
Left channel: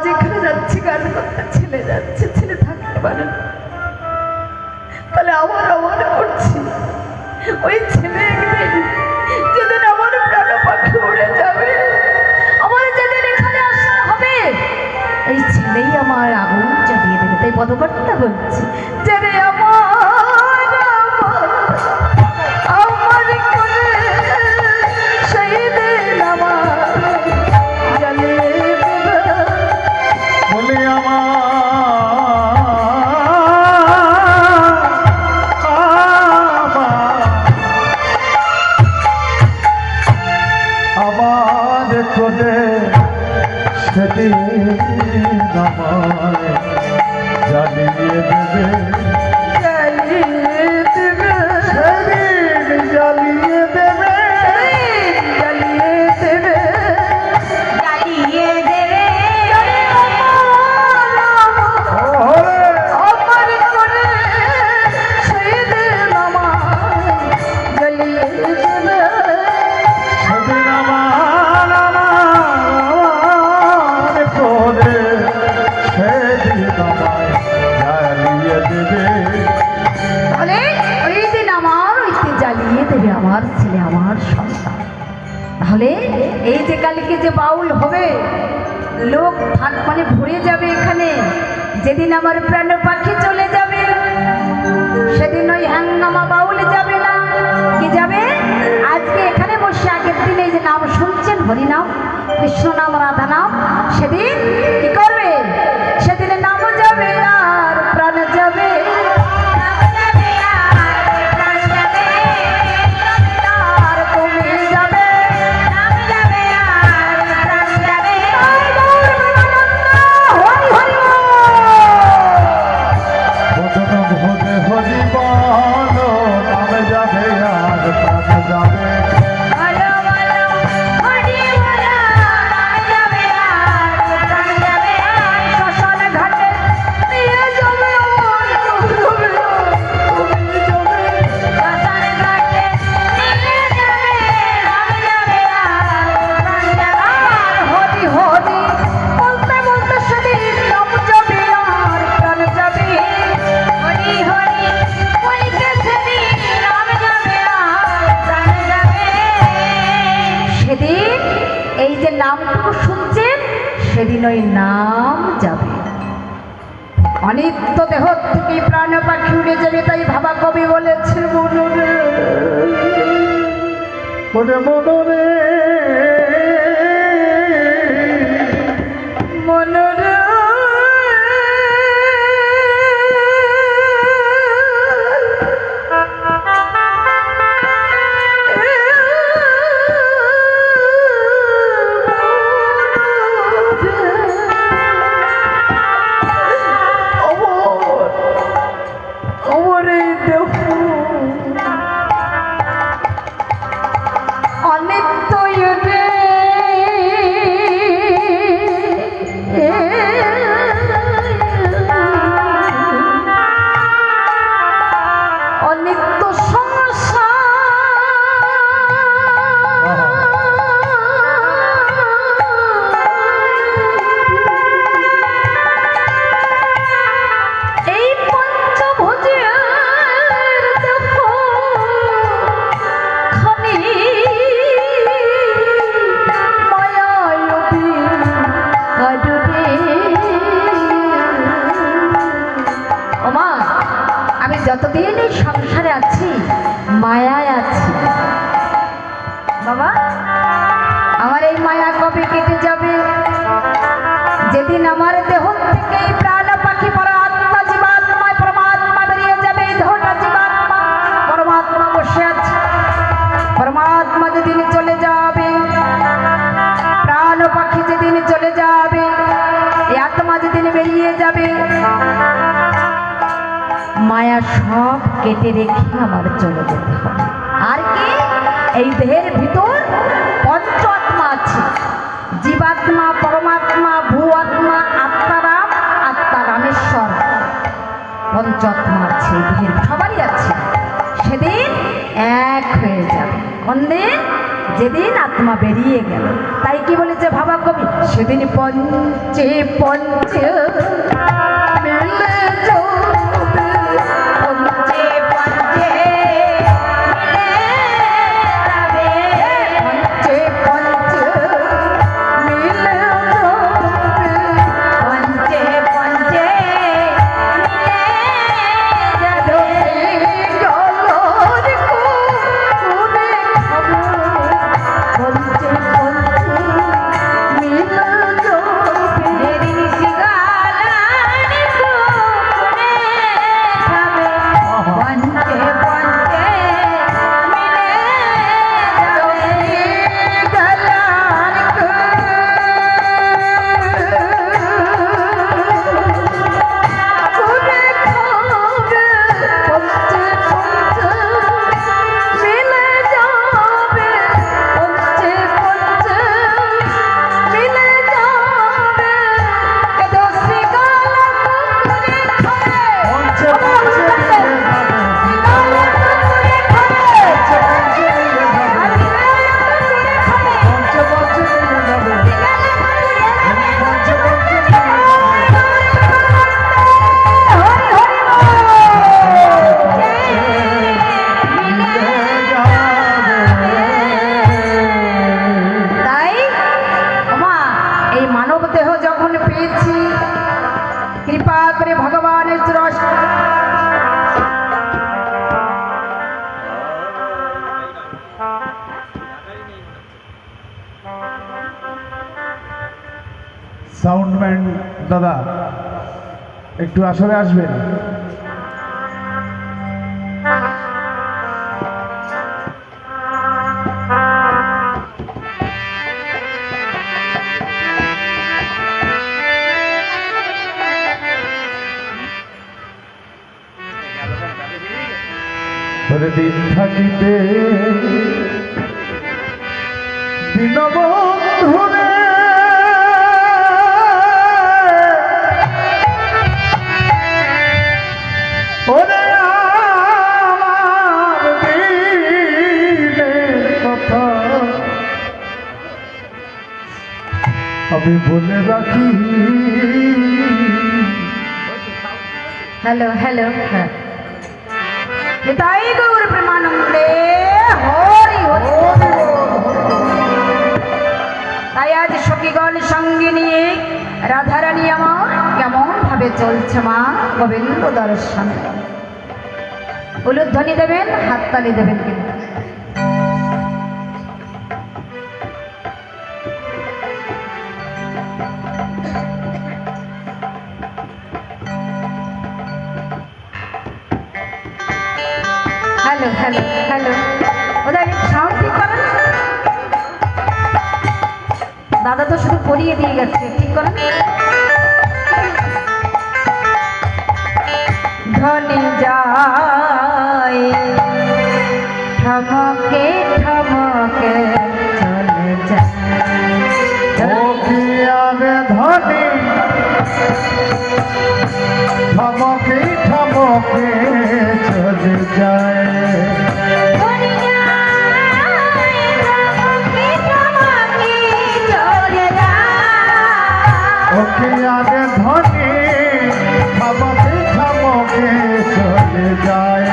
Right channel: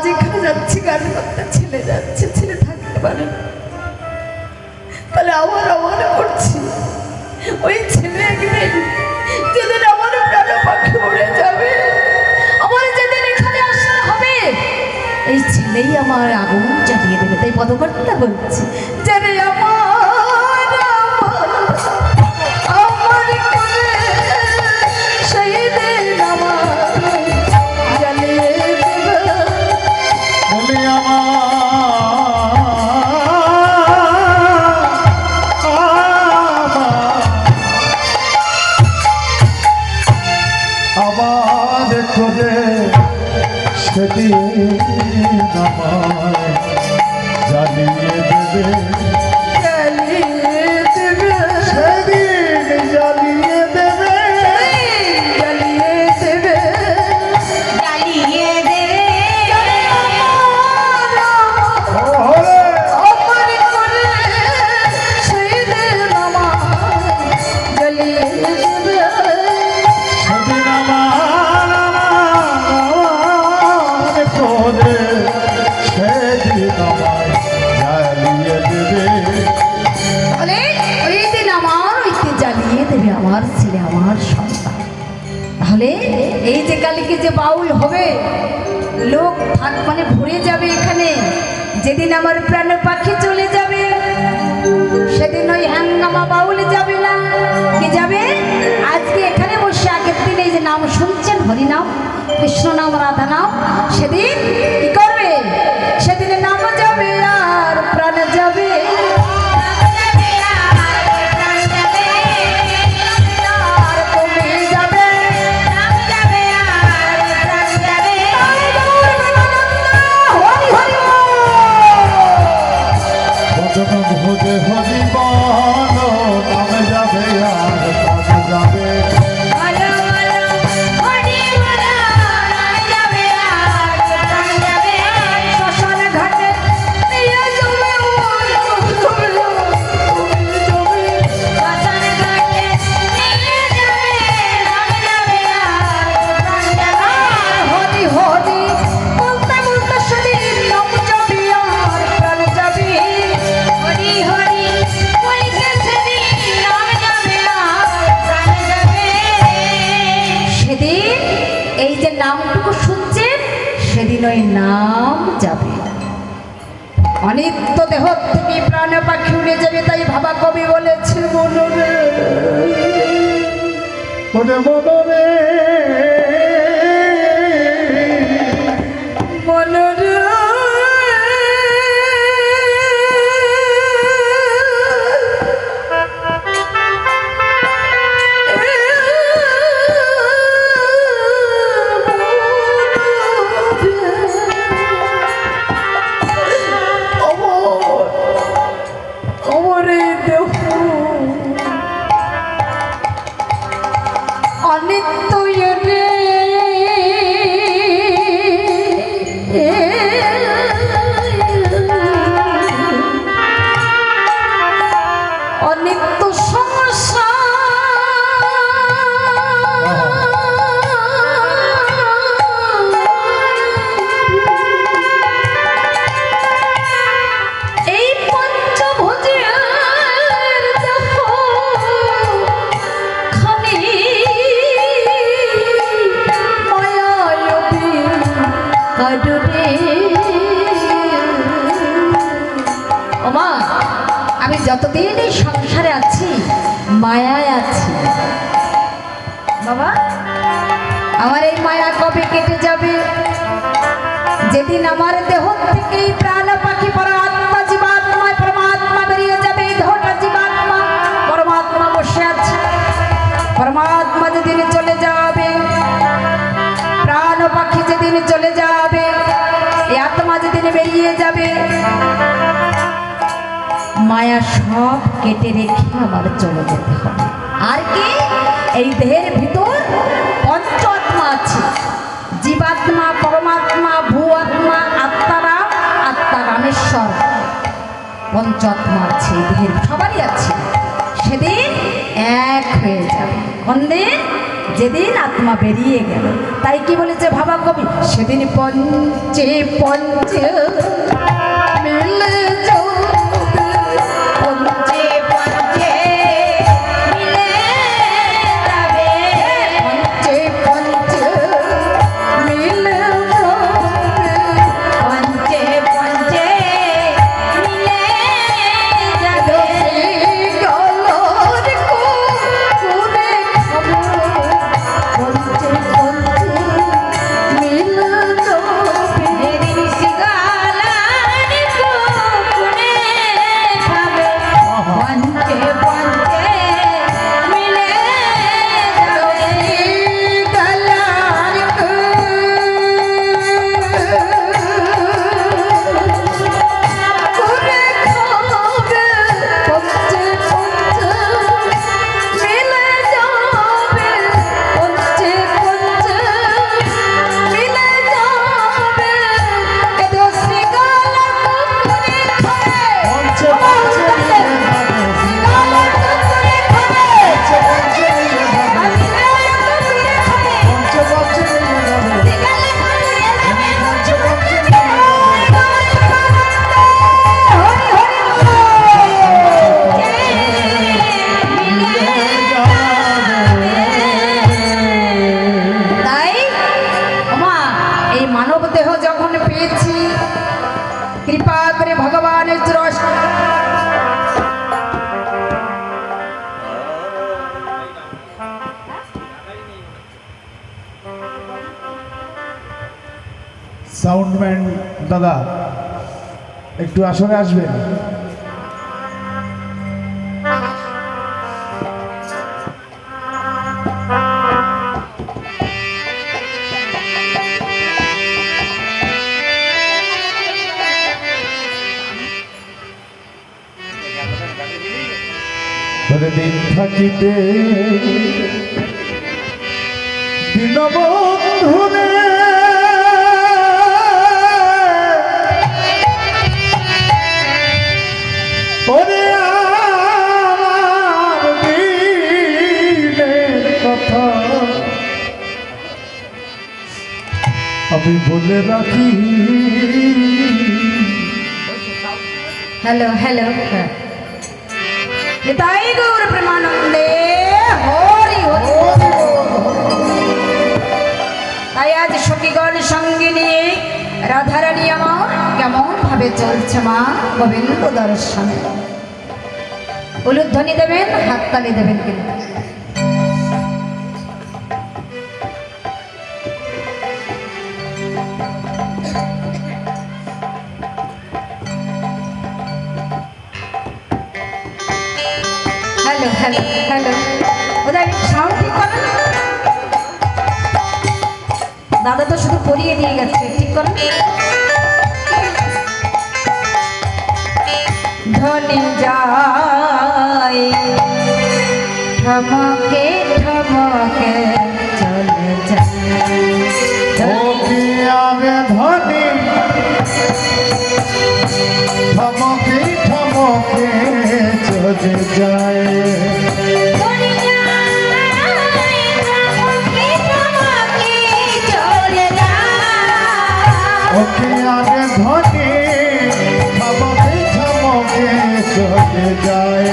যেখানে যাচ্ছি গান করতে ছেলে যাচ্ছে, ছেলে থাকতে পারে না। তাহলে আমার মনে করছি ওই ছেলে একদিন যেদিন আমার প্রাণ পাখি উড়ে যাবে, আমার যেদিন এখানে আসা হবে, এই ছেলেই আমার আগুন জ্বালিয়ে দেবে। তাই পদকর্তা বলছি যে রে আমার আমার করে সেই দিন আমার জ্বালিয়ে দেবে। বলি আমার করে সেদিন আমায় জ্বালিয়ে দেবে, জ্বালিয়ে দেবে, সেদিন জ্বালিয়ে দেবে, জ্বালিয়ে দেবে, জ্বালিয়ে দেবে। ওরে আমার করে সেদিন আমায় জ্বালিয়ে দেবে। সেদিন আমার করে সেদিন আমায় জ্বালিয়ে দেবে। তাহলে ওই দিন আমার ওইতে জ্বালিয়ে দেবে আমার ছেলে, আমার সন্তান। তাহলে এই যে কালকে যে বাউল হবে, লোক থাক মানে ভরে যাবে এখানে। যেদিন আমার প্রাণ পাখি চলে যাবে, সেদিন ওই হাঙ্গামা বাউল যাবে না, কি যাবে? আজকে এখানে বসে আগের দিনে এই যে নাম শুনছেন, হরি নাম, কৃষ্ণ নাম, রাধা নাম, সেদিন কি করবে? সেদিনে নাম যাবে আর প্রাণ যাবে। আর কমে যাবে, হরি হরি বদন ভোজে হরি বল নাম যাবে আর প্রাণ যাবে। শ্মশান ঘাটে নিয়ে যাবে হরি হরি বলতে বলতে সেদিন নাম যাবে আর প্রাণ যাবে। হরি হরি বলতে সেদিন নাম যাবে আর প্রাণ যাবে। সেদিন এই যে নামটুকু শুনছেন, সেদিন ওই নাম যাবে। অনিত্য দেহ থেকে প্রাণ পাখি উড়ে যাবে। তাই ভাবা কবি বলেছে মনরে ওরে মনরে মনরে আমার এই দেহ অনিত্য রে, অনিত্য এই পঞ্চভুজের দেহ খানি মায়াবী কারণে। ওমা, আমি যতদিন এই সংসারে আছি মায়ায় আছি বাবা। আমার এই মায়া কবে কেটে যাবে? যেদিন আমার দেহ থেকে এই প্রাণ পাখি পরমাত্মা জীবাত্মা পরমাত্মা বেরিয়ে যাবে। এই দেহটা জীবাত্মা, পরমাত্মা বসে আছে। পরমাত্মা যেদিন চলে যাবে, প্রাণ পাখি যেদিন চলে যাবে, এই আত্মা যেদিন বেরিয়ে যাবে, মায়া সব কেটে রেখে আমার চলে যেতে হবে। আর কি? এই দেহের ভিতর পঞ্চ আত্মা আছে, জীবাত্মা, পরমাত্মা, ভূ আত্মা, আত্মারাম, আত্মারামেশ্বর। পঞ্চাত্মা আছে এই দেহের, সবারই আছে। সেদিন এক হয়ে যাবে। কোন দিন? যেদিন আত্মা বেরিয়ে গেল। তাই কি বলেছে ভাবা কবি, সেদিন পঞ্চে পঞ্চে মিলে যাবে, পঞ্চে পঞ্চে মিলে যাবে, পঞ্চে পঞ্চে মিলে যাবে, পঞ্চে পঞ্চে মিলে যাবে। গলার কুকুরে খাবো, পঞ্চে পঞ্চে মিলে যাবে। মেরি গালার কুকুরে খাবে, পঞ্চে পঞ্চে মিলে যাবে। গলার কুকুরে খাবে, পঞ্চে পঞ্চে মিলে যাবে, পঞ্চে পঞ্চে মিলে যাবে। দোষী গালা কুকুরে খাবে, পঞ্চে পঞ্চে মিলে যাবে, গালা কুকুরে খাবে, পঞ্চে পঞ্চে মিলে যাবে, পঞ্চে পঞ্চে মিলে যাবে, পঞ্চে পঞ্চে মিলে তাই মা এই মানব দেহ যখন পেয়েছি, কৃপা করে ভগবানের রস সাউন্ডম্যান দাদা একটু আসরে আসবেন। দিন থাকিতে দীনবন্ধুরে ওরে আমার দিনের কথা আমি বলে রাখি। হ্যালো হ্যালো, হ্যাঁ তাই গৌর প্রেমানন্দে হরি হরি। তাই আজ সখীগণ সঙ্গে নিয়ে রাধারানী আমার কেমন ভাবে চলছে মা গোবিন্দ দর্শনে। উলুধ্বনি দেবেন, হাততালি দেবেন কিন্তু। হ্যালো হ্যালো হ্যালো, ওদের সাউন্ড ঠিক করেন। দাদা তো শুধু পরিয়ে দিয়ে গেছে, ঠিক করেন। ধনি যায় ঠমকে ঠমকে চলে যায়, ওকে আগে ধনী ধমকে ধমকে চলে যায়, ধনি যায় ঠমকে ঠমকে চলে যায়। ওকে আগে ধনী ধমকে ধমকে চলে যায়,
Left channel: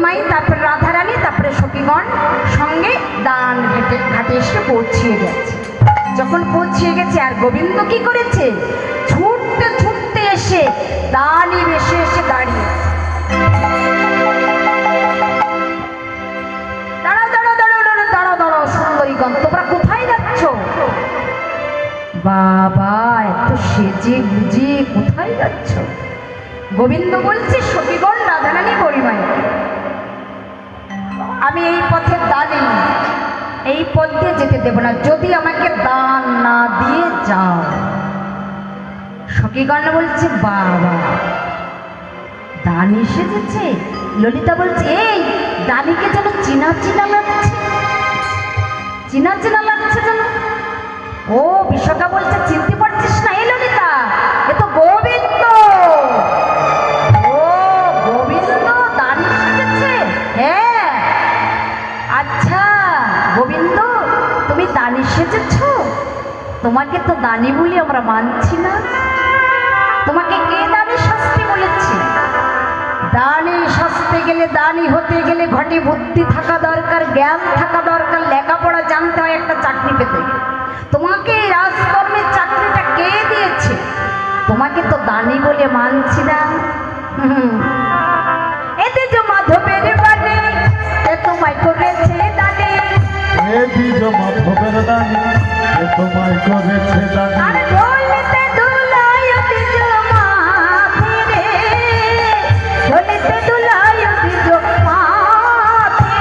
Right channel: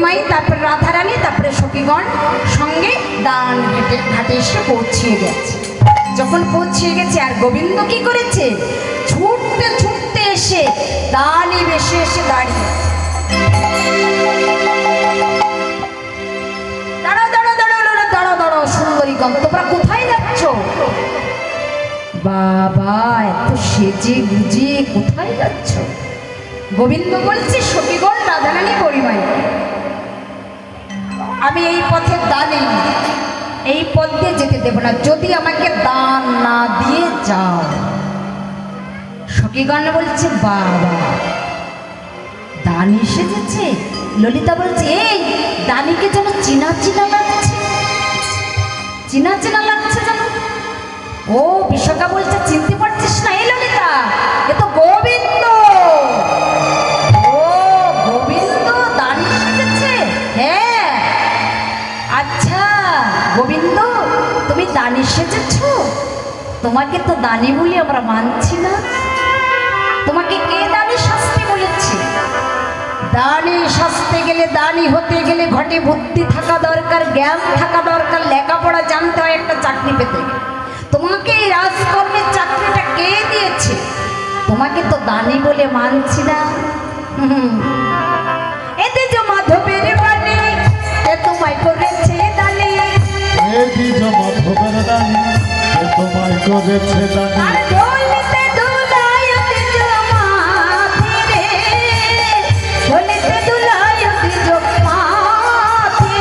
গরিমাই, তারপরে রাধারানী, তারপরে সখীগণ সঙ্গে দান ঘাটে এসে পৌঁছিয়ে গেছে। যখন পৌঁছিয়ে গেছে আর গোবিন্দ কি করেছে, ছুটতে ছুটতে এসে দানই বেশি এসে দাঁড়িয়ে, দাঁড়াও দাঁড়াও দাঁড়াও দাঁড়াও দাঁড়াও দাঁড়াও সুন্দরীগণ, তোমরা কোথায় যাচ্ছ? বাবা এত সেজে গুজে কোথায় যাচ্ছ? গোবিন্দ বলছে, সখীগণ রাধারানী গরিমাই, আমি এই পথে দানি, এই পথ দিয়ে যেতে দেব না যদি আমাকে দান না দিয়ে যাও। সখীগণ বলছে, বাবা দান এসেছে। ললিতা বলছে, এই দানিকে যেন চিনা চিনা লাগছে, চিনা চিনা লাগছে যেন। ও বিশাখা বলছে, চিনতে পারছিস না? এই ললিতা, এ তো গোবিন্দ। ও গোবিন্দ দান এসেছে? হ্যাঁ। আচ্ছা গোবিন্দ, তুমি দানি সেজেছ? তোমাকে তো দানি বলি আমরা মানছি না। তোমাকে কে দানি শাস্তি বলেছে? দানি সাজতে গেলে, দানি হতে গেলে ঘটে বুদ্ধি থাকা দরকার, জ্ঞান থাকা দরকার, লেখাপড়া জানতে হয় একটা চাকরি পেতে গেলে। তোমাকে এই রাজকর্মের চাকরিটা কে দিয়েছে? তোমাকে তো দানি বলে মানছি না। এতে যে মাধবের বাণী, এ তোমায় করেছে দানি। এ দ্বিজ মাধবের দানি, এ তোমায় করেছে দানি। আর ঢোলতে দুলায় দ্বিজ মাধি রে, ঢোলতে দুলায় দ্বিজ মাধি।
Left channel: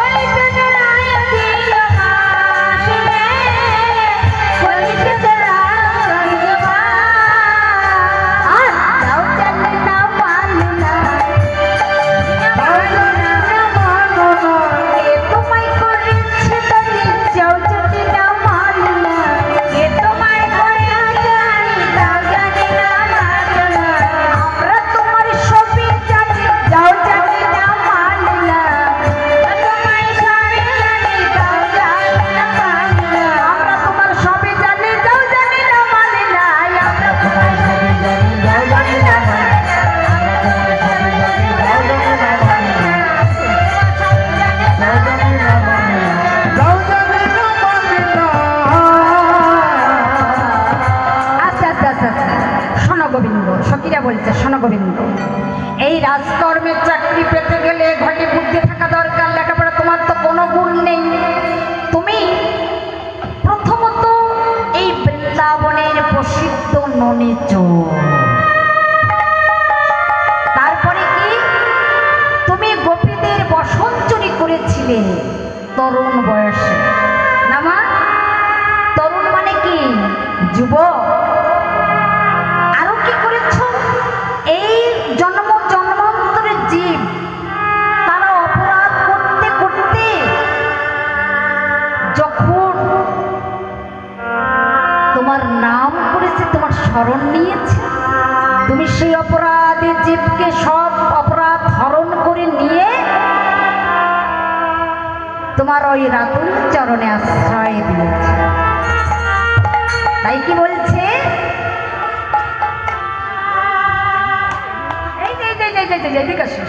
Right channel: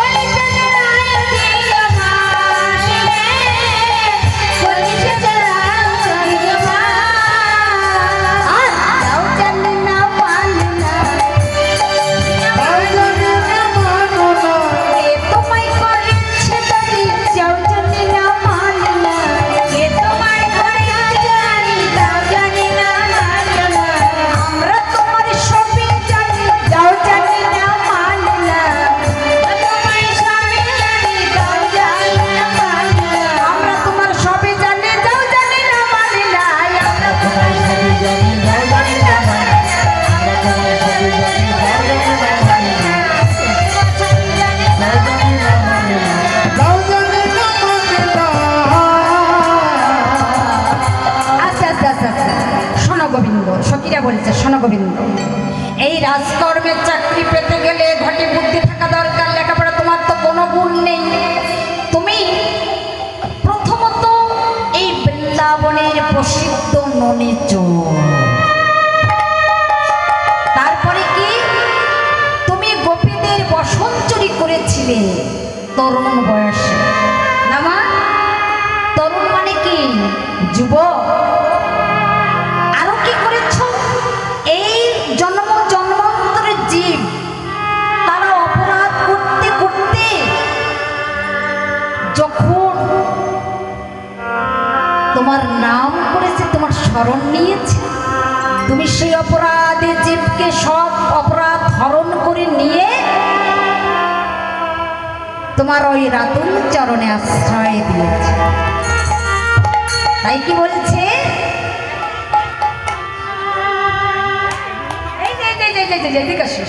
ওই দুলায় দ্বিজ মাধি রে, কলিতে চড়ায় দ্বিজ মাধি। তাও জানি না মানি না, তাও জানি না মানো না, এ তোমায় করেছে দানি। যাও জানি না মানি না, এ তোমায় করেছে দানি। তাও জানি না মানি না, আমরা তোমার সবই জানি। যাও জানি না মানি না, তোমায় সবই জানি। তাও জানি না মানি না, আমরা তোমার সবই জানি। যাও জানি না মানি না, আমরা তোমার সবই জানি। যাও জানি না মানি না, যাও জানি না মানি না। আচ্ছা আচ্ছা আচ্ছা আচ্ছা, শোনো গোবিন্দ, সখীরা বলছে, শোনো গোবিন্দ, এই রাজকর্মের চাকরি পেতে গেলে ঘটে বুদ্ধি থাকা দরকার, লেখাপড়া তোমার তো কোনো গুণ নেই। তুমি প্রথমত এই বৃন্দাবনের প্রসিদ্ধ ননী চোর, তারপরে কি তুমি গোপীদের বসন চুরি করেছিলে তরুণ বয়সে। না মা, তরুণ মানে কি? যুবক। আরো কি করেছ? এই জন্ম জন্মান্তরের জীব, তারা অপরাধ করতে করতে যখন তোমার নাম করেছে, তোমার স্মরণ নিয়েছে, তুমি সেই অপরাধে জীবকে সব অপরাধ হরণ করে নিয়ে তোমার ওই রাতুল চরণে আশ্রয় দিয়েছে। তাই কি বলছে? এই যে এই যে এই যে এই যে এদিকে আসো।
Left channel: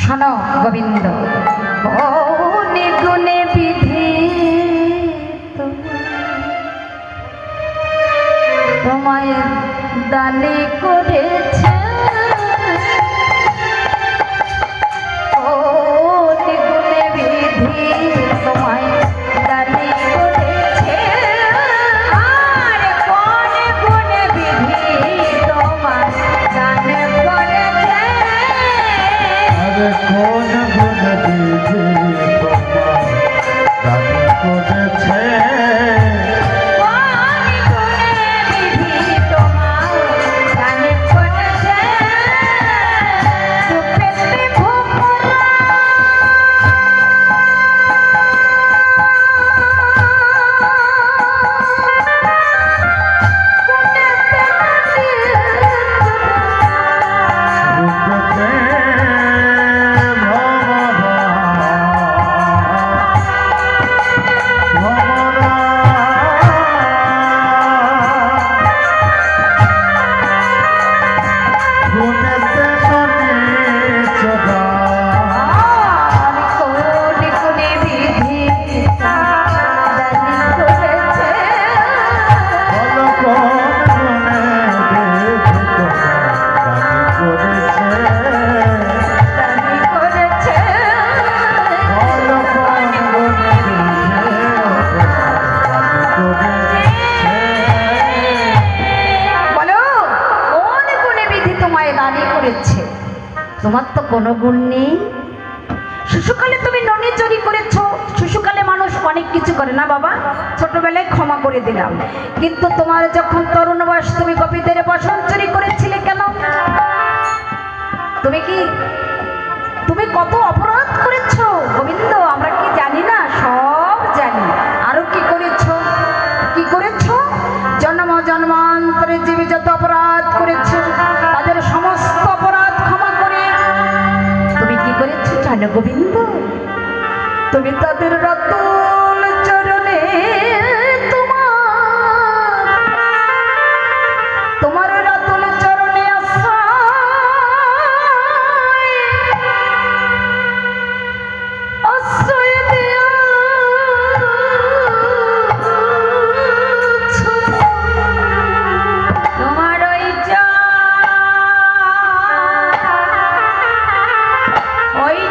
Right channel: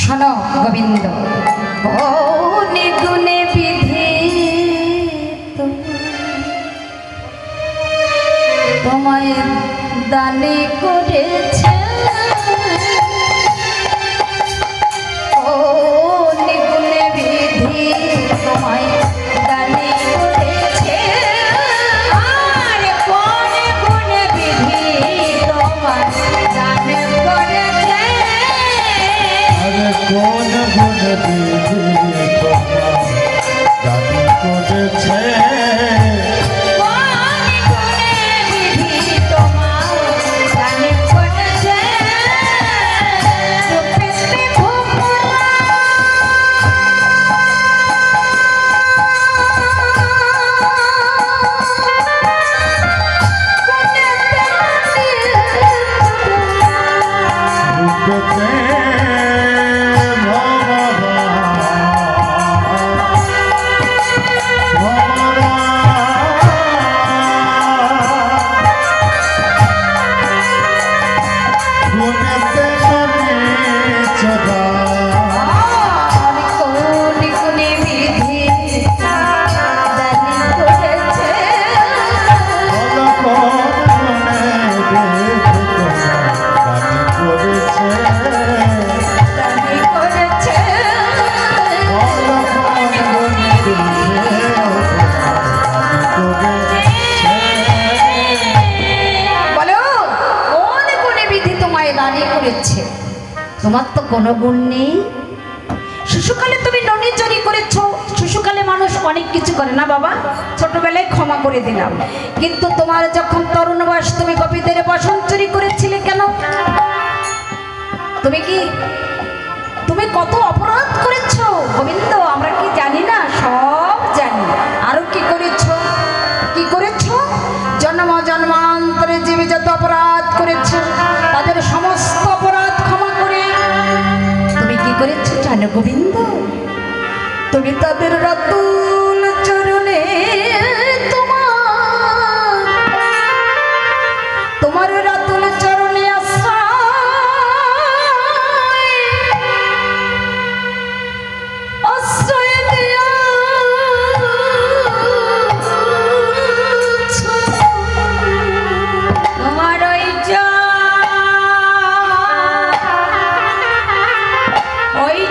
শোনো গোবিন্দ, গুণে গুণে বিধি তোমায় দানি করেছে। গুণে গুণে বিধি তোমায় দানি করেছে। আর গুণে গুণে বিধি তোমায় দানি করেছে। আরে কোন গুণ বিধি তোমায় দানি করেছে। রূপেতে ভূপ গুণ নেই? শিশুকালে তুমি ননি চুরি করেছ, শিশুকালে মানুষ অনেক কিছু করে না বাবা, ছোটবেলায় ক্ষমা করে দিলাম, কিন্তু তোমার যখন তরুণ বয়স তুমি গোপীদের বসন চুরি করেছিলে কেন? তুমি কত অপরাধ করেছ গোবিন্দ, আমরা কি জানি না? সব জানি। আরো কি করেছ? জন্ম জন্মান্তরে জীবে যত অপরাধ করেছে তাদের সমস্ত অপরাধ ক্ষমা করে তুমি কি করেছ জানো গোবিন্দ? তুমি তাদের রাতুল চরণে তোমার রাতুল চরণে আশ্রয় দিয়েছ। তোমার ওই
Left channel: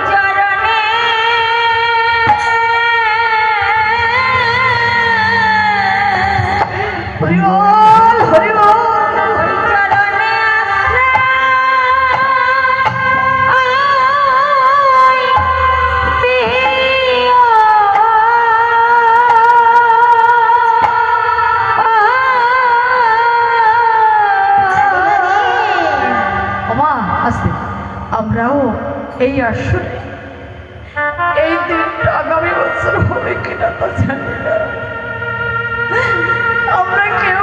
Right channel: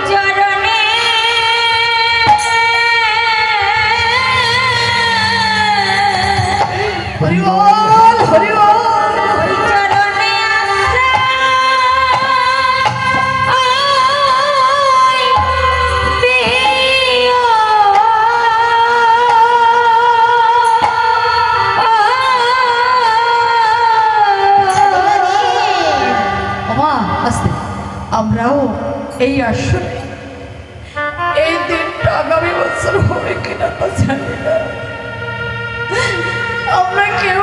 চরণে হরি বল, হরি বল। ওই চরণে আমরাও এই আসলে এই দিনটা আগামী বছর হবে কিনা তা জানি না। আমরা কেউ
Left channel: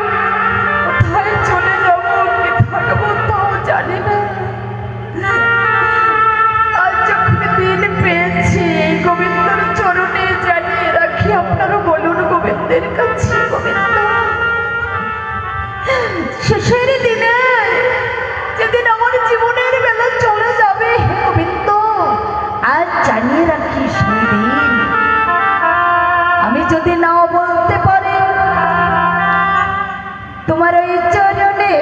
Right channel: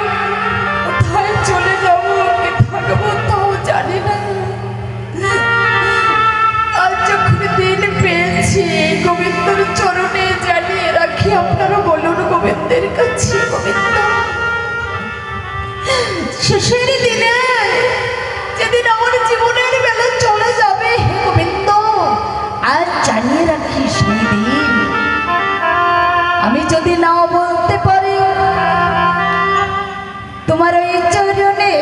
কোথায় চলে যাবো কি থাকবো তাও জানি না। আজ যখন দিন পেয়েছি গোবিন্দর চরণে জানিয়ে রাখি, আপনারা বলুন গোবিন্দের কাছে, গোবিন্দ শেষের দিনে যেদিন আমার জীবনের বেলা চলে যাবে, হে গোবিন্দ আজ জানিয়ে রাখি সেই দিন আমি যদি নাও বলতে পারি তোমার ওই চরণে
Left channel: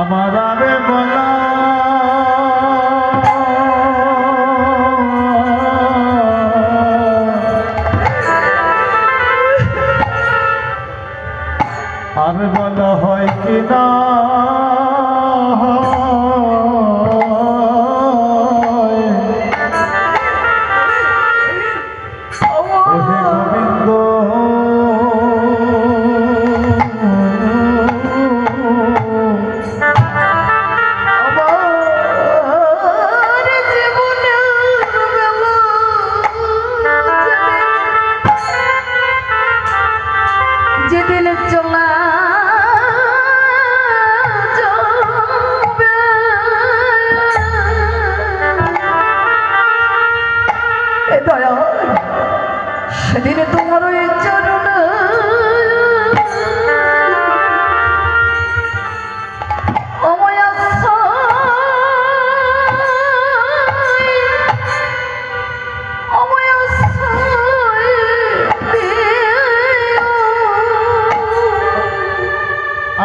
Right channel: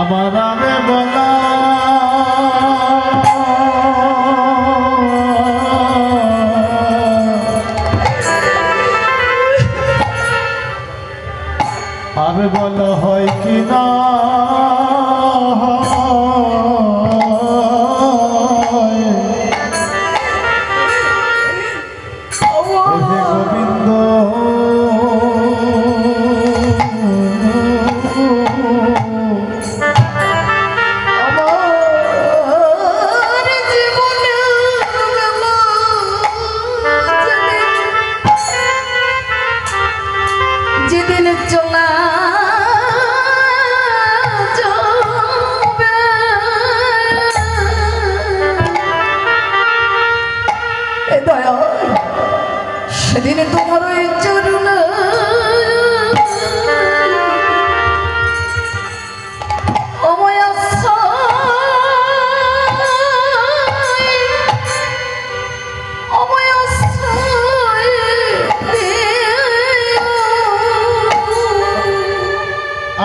আমার আরে বলা আমি বলা হয় কি না হে গোবিন্দ যেদিন চলা যাবে এ দয়া, সেদিন তোমার ওই চরণ আমায়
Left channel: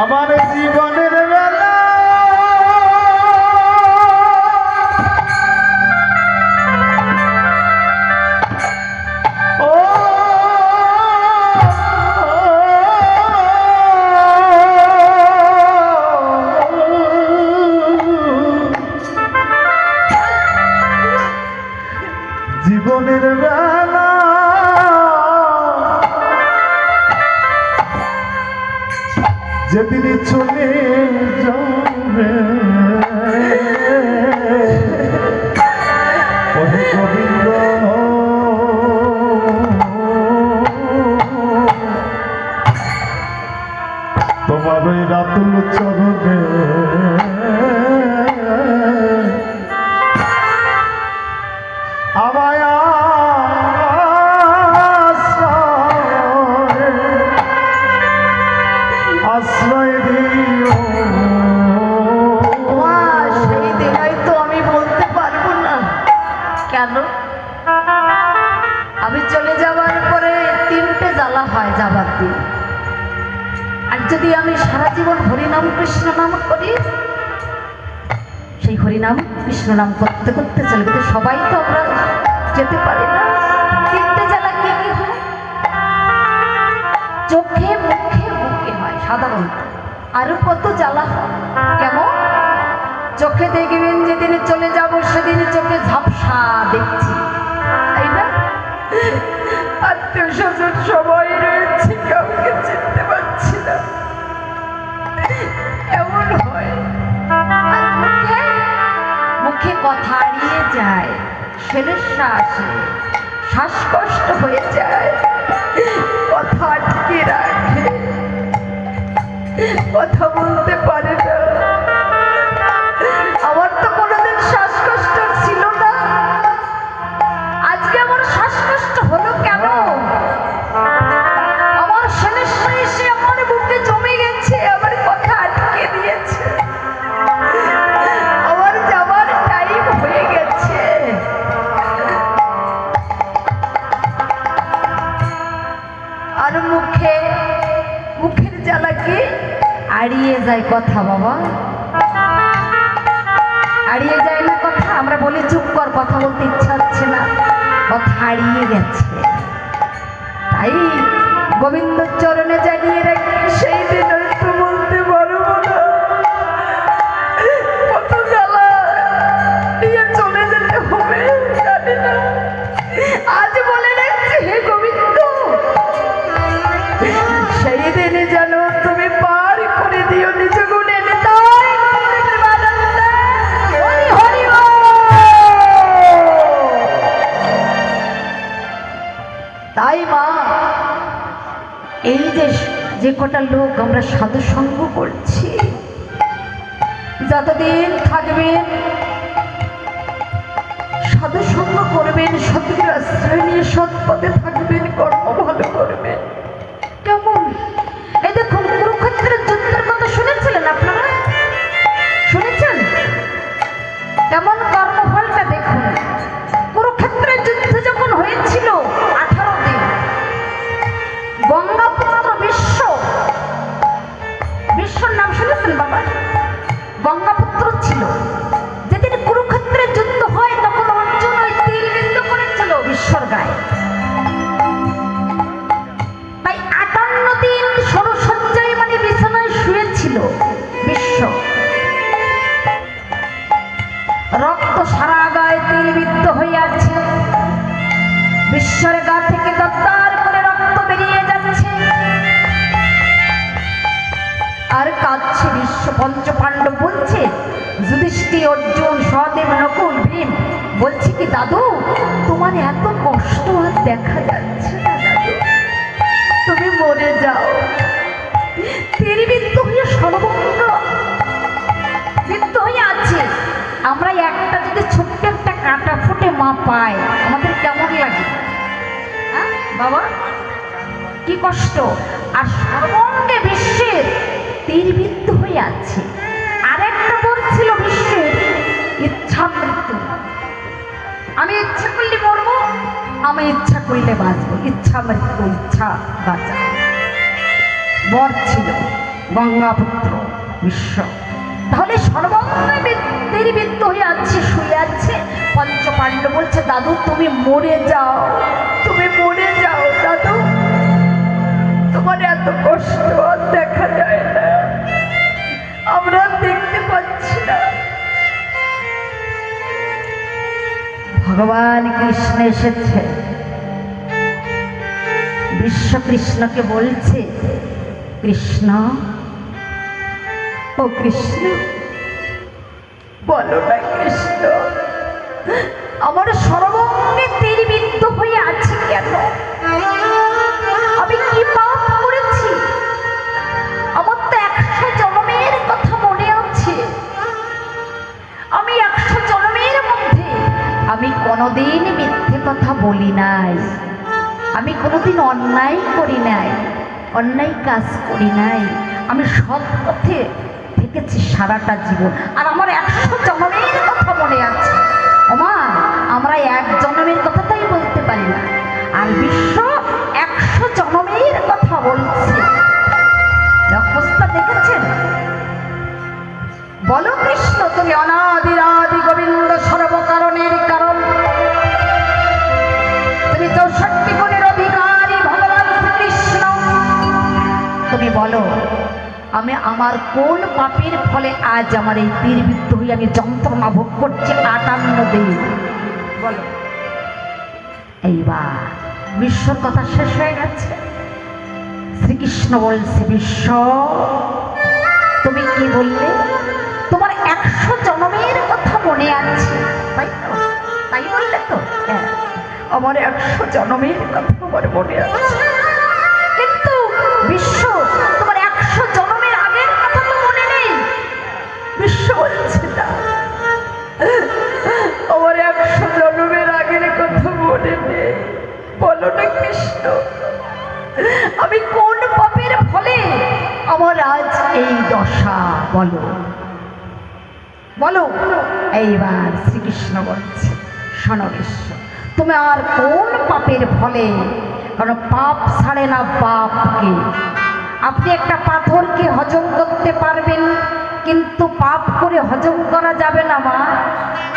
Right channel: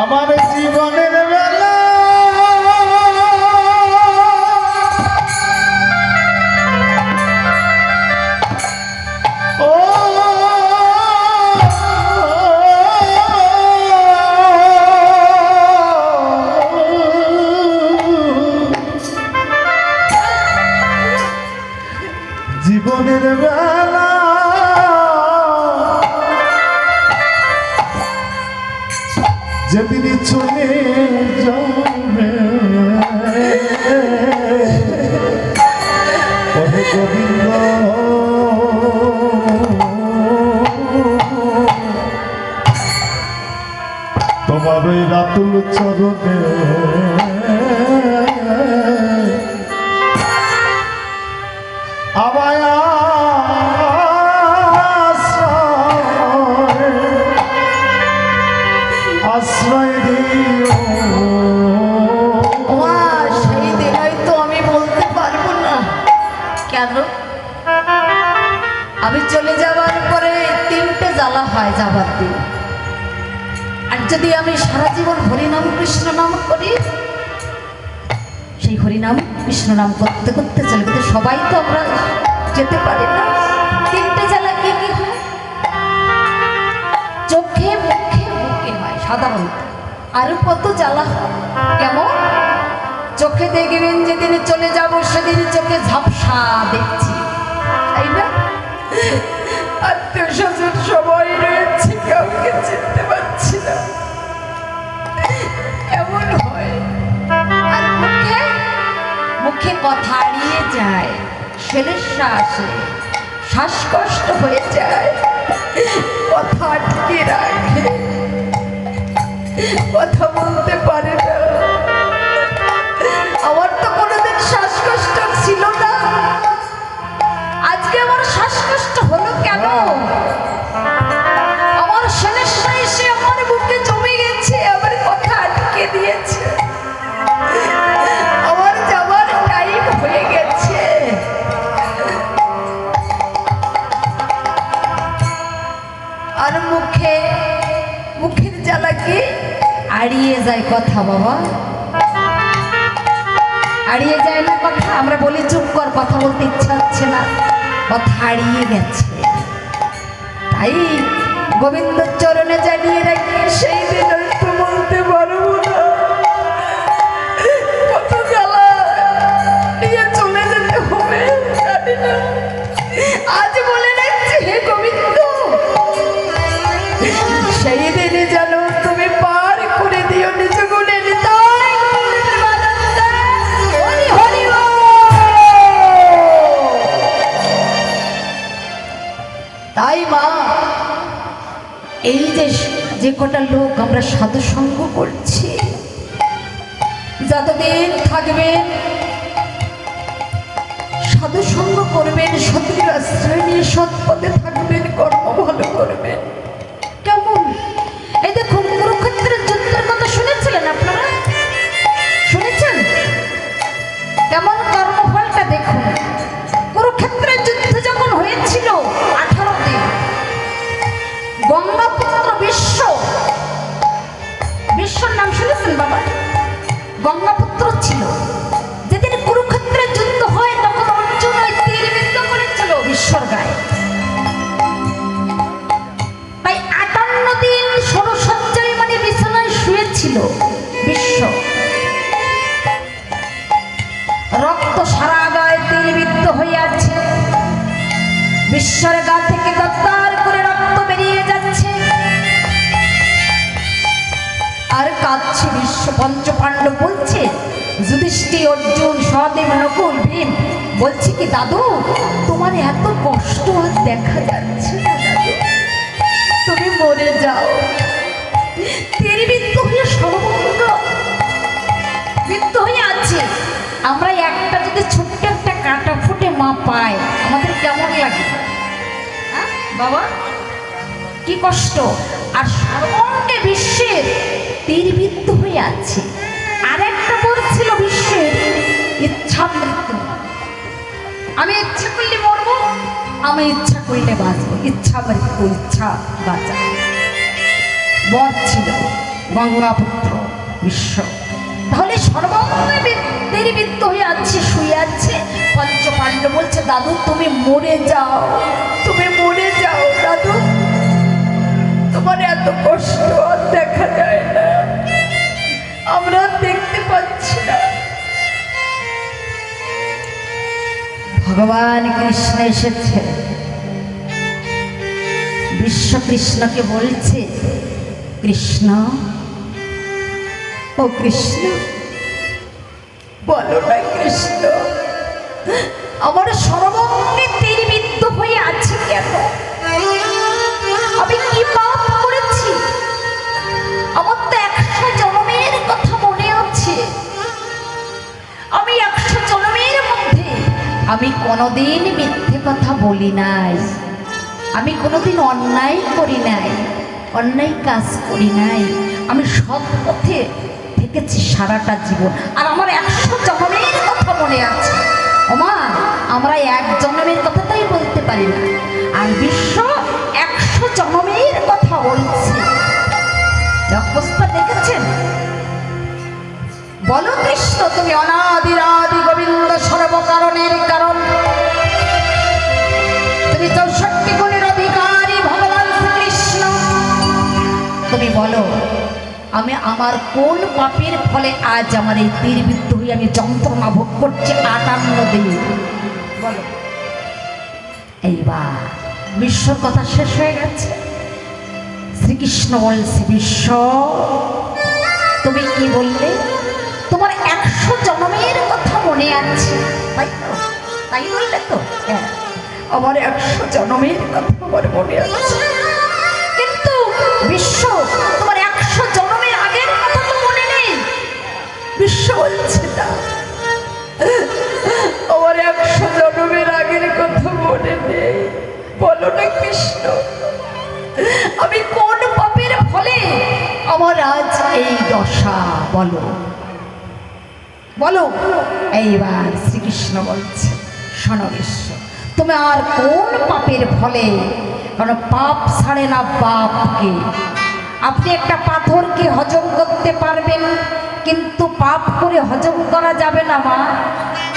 আমার জীবনের বেলা ও জীবনের বেলা যেদিন চলে যাবে ওহে গোবিন্দ তোমার ওই রাতুল চরণে আমায় আশ্রয় দিও। সেই দিন হয়তো আমি বলতে পারবো না। কেন? আমি চলে যাওয়ার পরে তিনটে জ্বালা যাবার দিন। আর যদি আমি সারা জীবন হরিনাম কৃষ্ণ নাম করি, সেই হরিনাম কৃষ্ণ নাম করতে করতে চলে, কিন্তু সবাই তো আমরা যেতে পারি না। তিনটে জ্বালা কি কি হয়? চোখে মুখে বুকে হয় সাধারণত, আরো কত জ্বালা হয়। কেমন? চোখে দেখবেন যেদিনে চলে যাব সেদিন চোখে ঝাপসা দেখছি, তাই না? আত্মীয় স্বজন সবাই রয়েছে, কাউকে চিনতে পারছি না, এমন হয়। আর মুখে মুখে কথা হারিয়ে যায়, সমস্যা আসে, শ্বাসকষ্ট হয়ে যায়, কথা আটকে রাখে, কথা বলতে পারে না। আমার তো কোনোদিন শ্বাসকষ্ট ছিল না, আজকে আমার শ্বাসকষ্ট হলো কেন? আমার সমস্যা এসে আমার বুকে জমে গেছে, আমার কথা আটকে দিয়েছে, আমার যাবার টাইম হয়ে গেছে। আর মুখের জ্বালা কি আড়িয়ে যায় কথা, বাবা হারিয়ে যায় না কথা। আমরা বলি চুপ কর, কথা বলতে ইচ্ছা হচ্ছে না, কথা হারিয়ে গেছে। তাই গোবিন্দ চরণে জানিয়ে রাখি, সেই দিন একটু বলতে পারবো না, কত জ্বালা নিয়ে চলে যেতে হবে জানি না। আজ বলে রাখছি, হে গোবিন্দ, সেই দিনে যেন তুমি পার করে দিও নিজ গুণে। তাই মা, এই যে কটা লোক আমরা সাধু সঙ্গ করছি, যতদিন থাকবেন সাধু সঙ্গ করবেন, সত্যির আশ্রয় নিয়ে সৎ পথে থাকবেন, কর্ম ভালো করবেন। কেমন? এই দেখুন, কুরুক্ষেত্রের যুদ্ধের কথা শুনেছিলেন আপনারা? শুনেছেন? কেমন কর্মফলটা দেখুন। কুরুক্ষেত্রের যুদ্ধ যখন হয়েছিল 18 দিন, গঙ্গাপুত্র বিশ্বর নাম শুনেছেন বাবা? গঙ্গাপুত্র ছিল। যেদিন কুরুক্ষেত্রের যুদ্ধ হয় তখন অর্জুন ওই তীরবিদ্ধ করেছিল বিশ্বর গায়ে। তাই 58 দিন ষড়সজ্জায় মানে বিছানায় শুয়েছিল বিশ্ব। রক্ত সারা গায়ে তীরবিদ্ধ হয়ে আছে, বিশ্বর গা থেকে দত্তার করে রক্ত বেরিয়ে যাচ্ছে, আর কাঁদছে বিশ্ব। পঞ্চপাণ্ডব বলছে, যুধিষ্ঠির, অর্জুন, সহদেব, নকুল, ভীম বলছে কি, দাদু তোমার এত কষ্ট আর দেখা যাচ্ছে না, দাদু তুমি মরে যাও। তীরবিদ্ধ হয়ে সর্বঙ্গ বিদ্ধ হয়ে আছে। আমরা একটা যদি ছোট্ট একটা কাঁটা ফুটে মা পাই, আমাদের কেমন লাগে বাবা? কি কষ্ট। আর সর্বঙ্গে বিশ্বের তীরবিদ্ধ হয়ে আছে। আর একটা বলছিল বিশ্বের ইচ্ছা মৃত্যু, আমি ইচ্ছা করলে মরবো, আমি ইচ্ছা করলে বাঁচবো, ইচ্ছা মৃত্যু, ইচ্ছা বাঁচা। বর ছিল গঙ্গাপুত্র বিশ্ব। তাহলে সর্বঙ্গে তীরবিদ্ধ হয়ে আছে, শুয়ে আছে। পঞ্চপাণ্ডব বলছে, দাদু তুমি মরে যাও, তুমি মরে যাও দাদু, তোমার এত কষ্ট আর দেখা যায় না, আমরা দেখতে পাচ্ছি না। ভগবান কৃষ্ণ এসেছে, বিশ্ব কৃষ্ণকে বলছে, কৃষ্ণ, ও কৃষ্ণ বলো না কৃষ্ণ, আমার সর্বঙ্গে তীরবিদ্ধ হয়ে আছে কেন? আমি কি পাপ করেছি? আমার তো 100 জন্মের কথা মনে আছে। আমি 100 জন্মের মধ্যে আমি কোনোদিন মিথ্যে কথা বলি নাই, আমি কোনোদিন অন্যায় করি নাই, অন্যায় কাজ করি নাই, আমি সৎ পথে থেকেছি সারাটা জীবন। আর আমার 100 জন্মের কথা মনে আছে। ওমা, আমরা 1 জন্মের কথাটাই বলতে পারি না, আর বিশ্ব 100 জন্মের কথা তুমি বলো আমি আমার কোন পাপের ফলে আজ আমার এই তীরবিদ্ধ হয়ে আমি যন্ত্রণা ভোগ করছি 58 দিন বলো। এইবার বিশ্বর কথা শেষ হয়ে গেছে। শ্রীকৃষ্ণ বলছে বিশ্ব তুমি কি বললে তোমার 100 জন্মের কথা মনে আছে তাই তো? তাই বললে তো? হ্যাঁ আমার 100 জন্মের কথা আমার মনে আছে, কিন্তু বিশ্ব তোমার 100 জন্মের আগের কথা তো মনে নেই। বিশ্ব বলছে না আমার 100 জন্মের আগের কথা মনে নেই। বলো না কৃষ্ণ আমি কোন পাপের ফলে আমার আজ এই দশা, বলো বলো। এইবার শ্রীকৃষ্ণ বলছে শোনো বিশ্ব তুমি আর কোন পাপের ফলে, কারণ পাপ ছাড়ে না পাপকে। আপনি একটা পাথরকে হজম করতে পারবেন কিন্তু পাপ করে হজম করা যাবে না মা,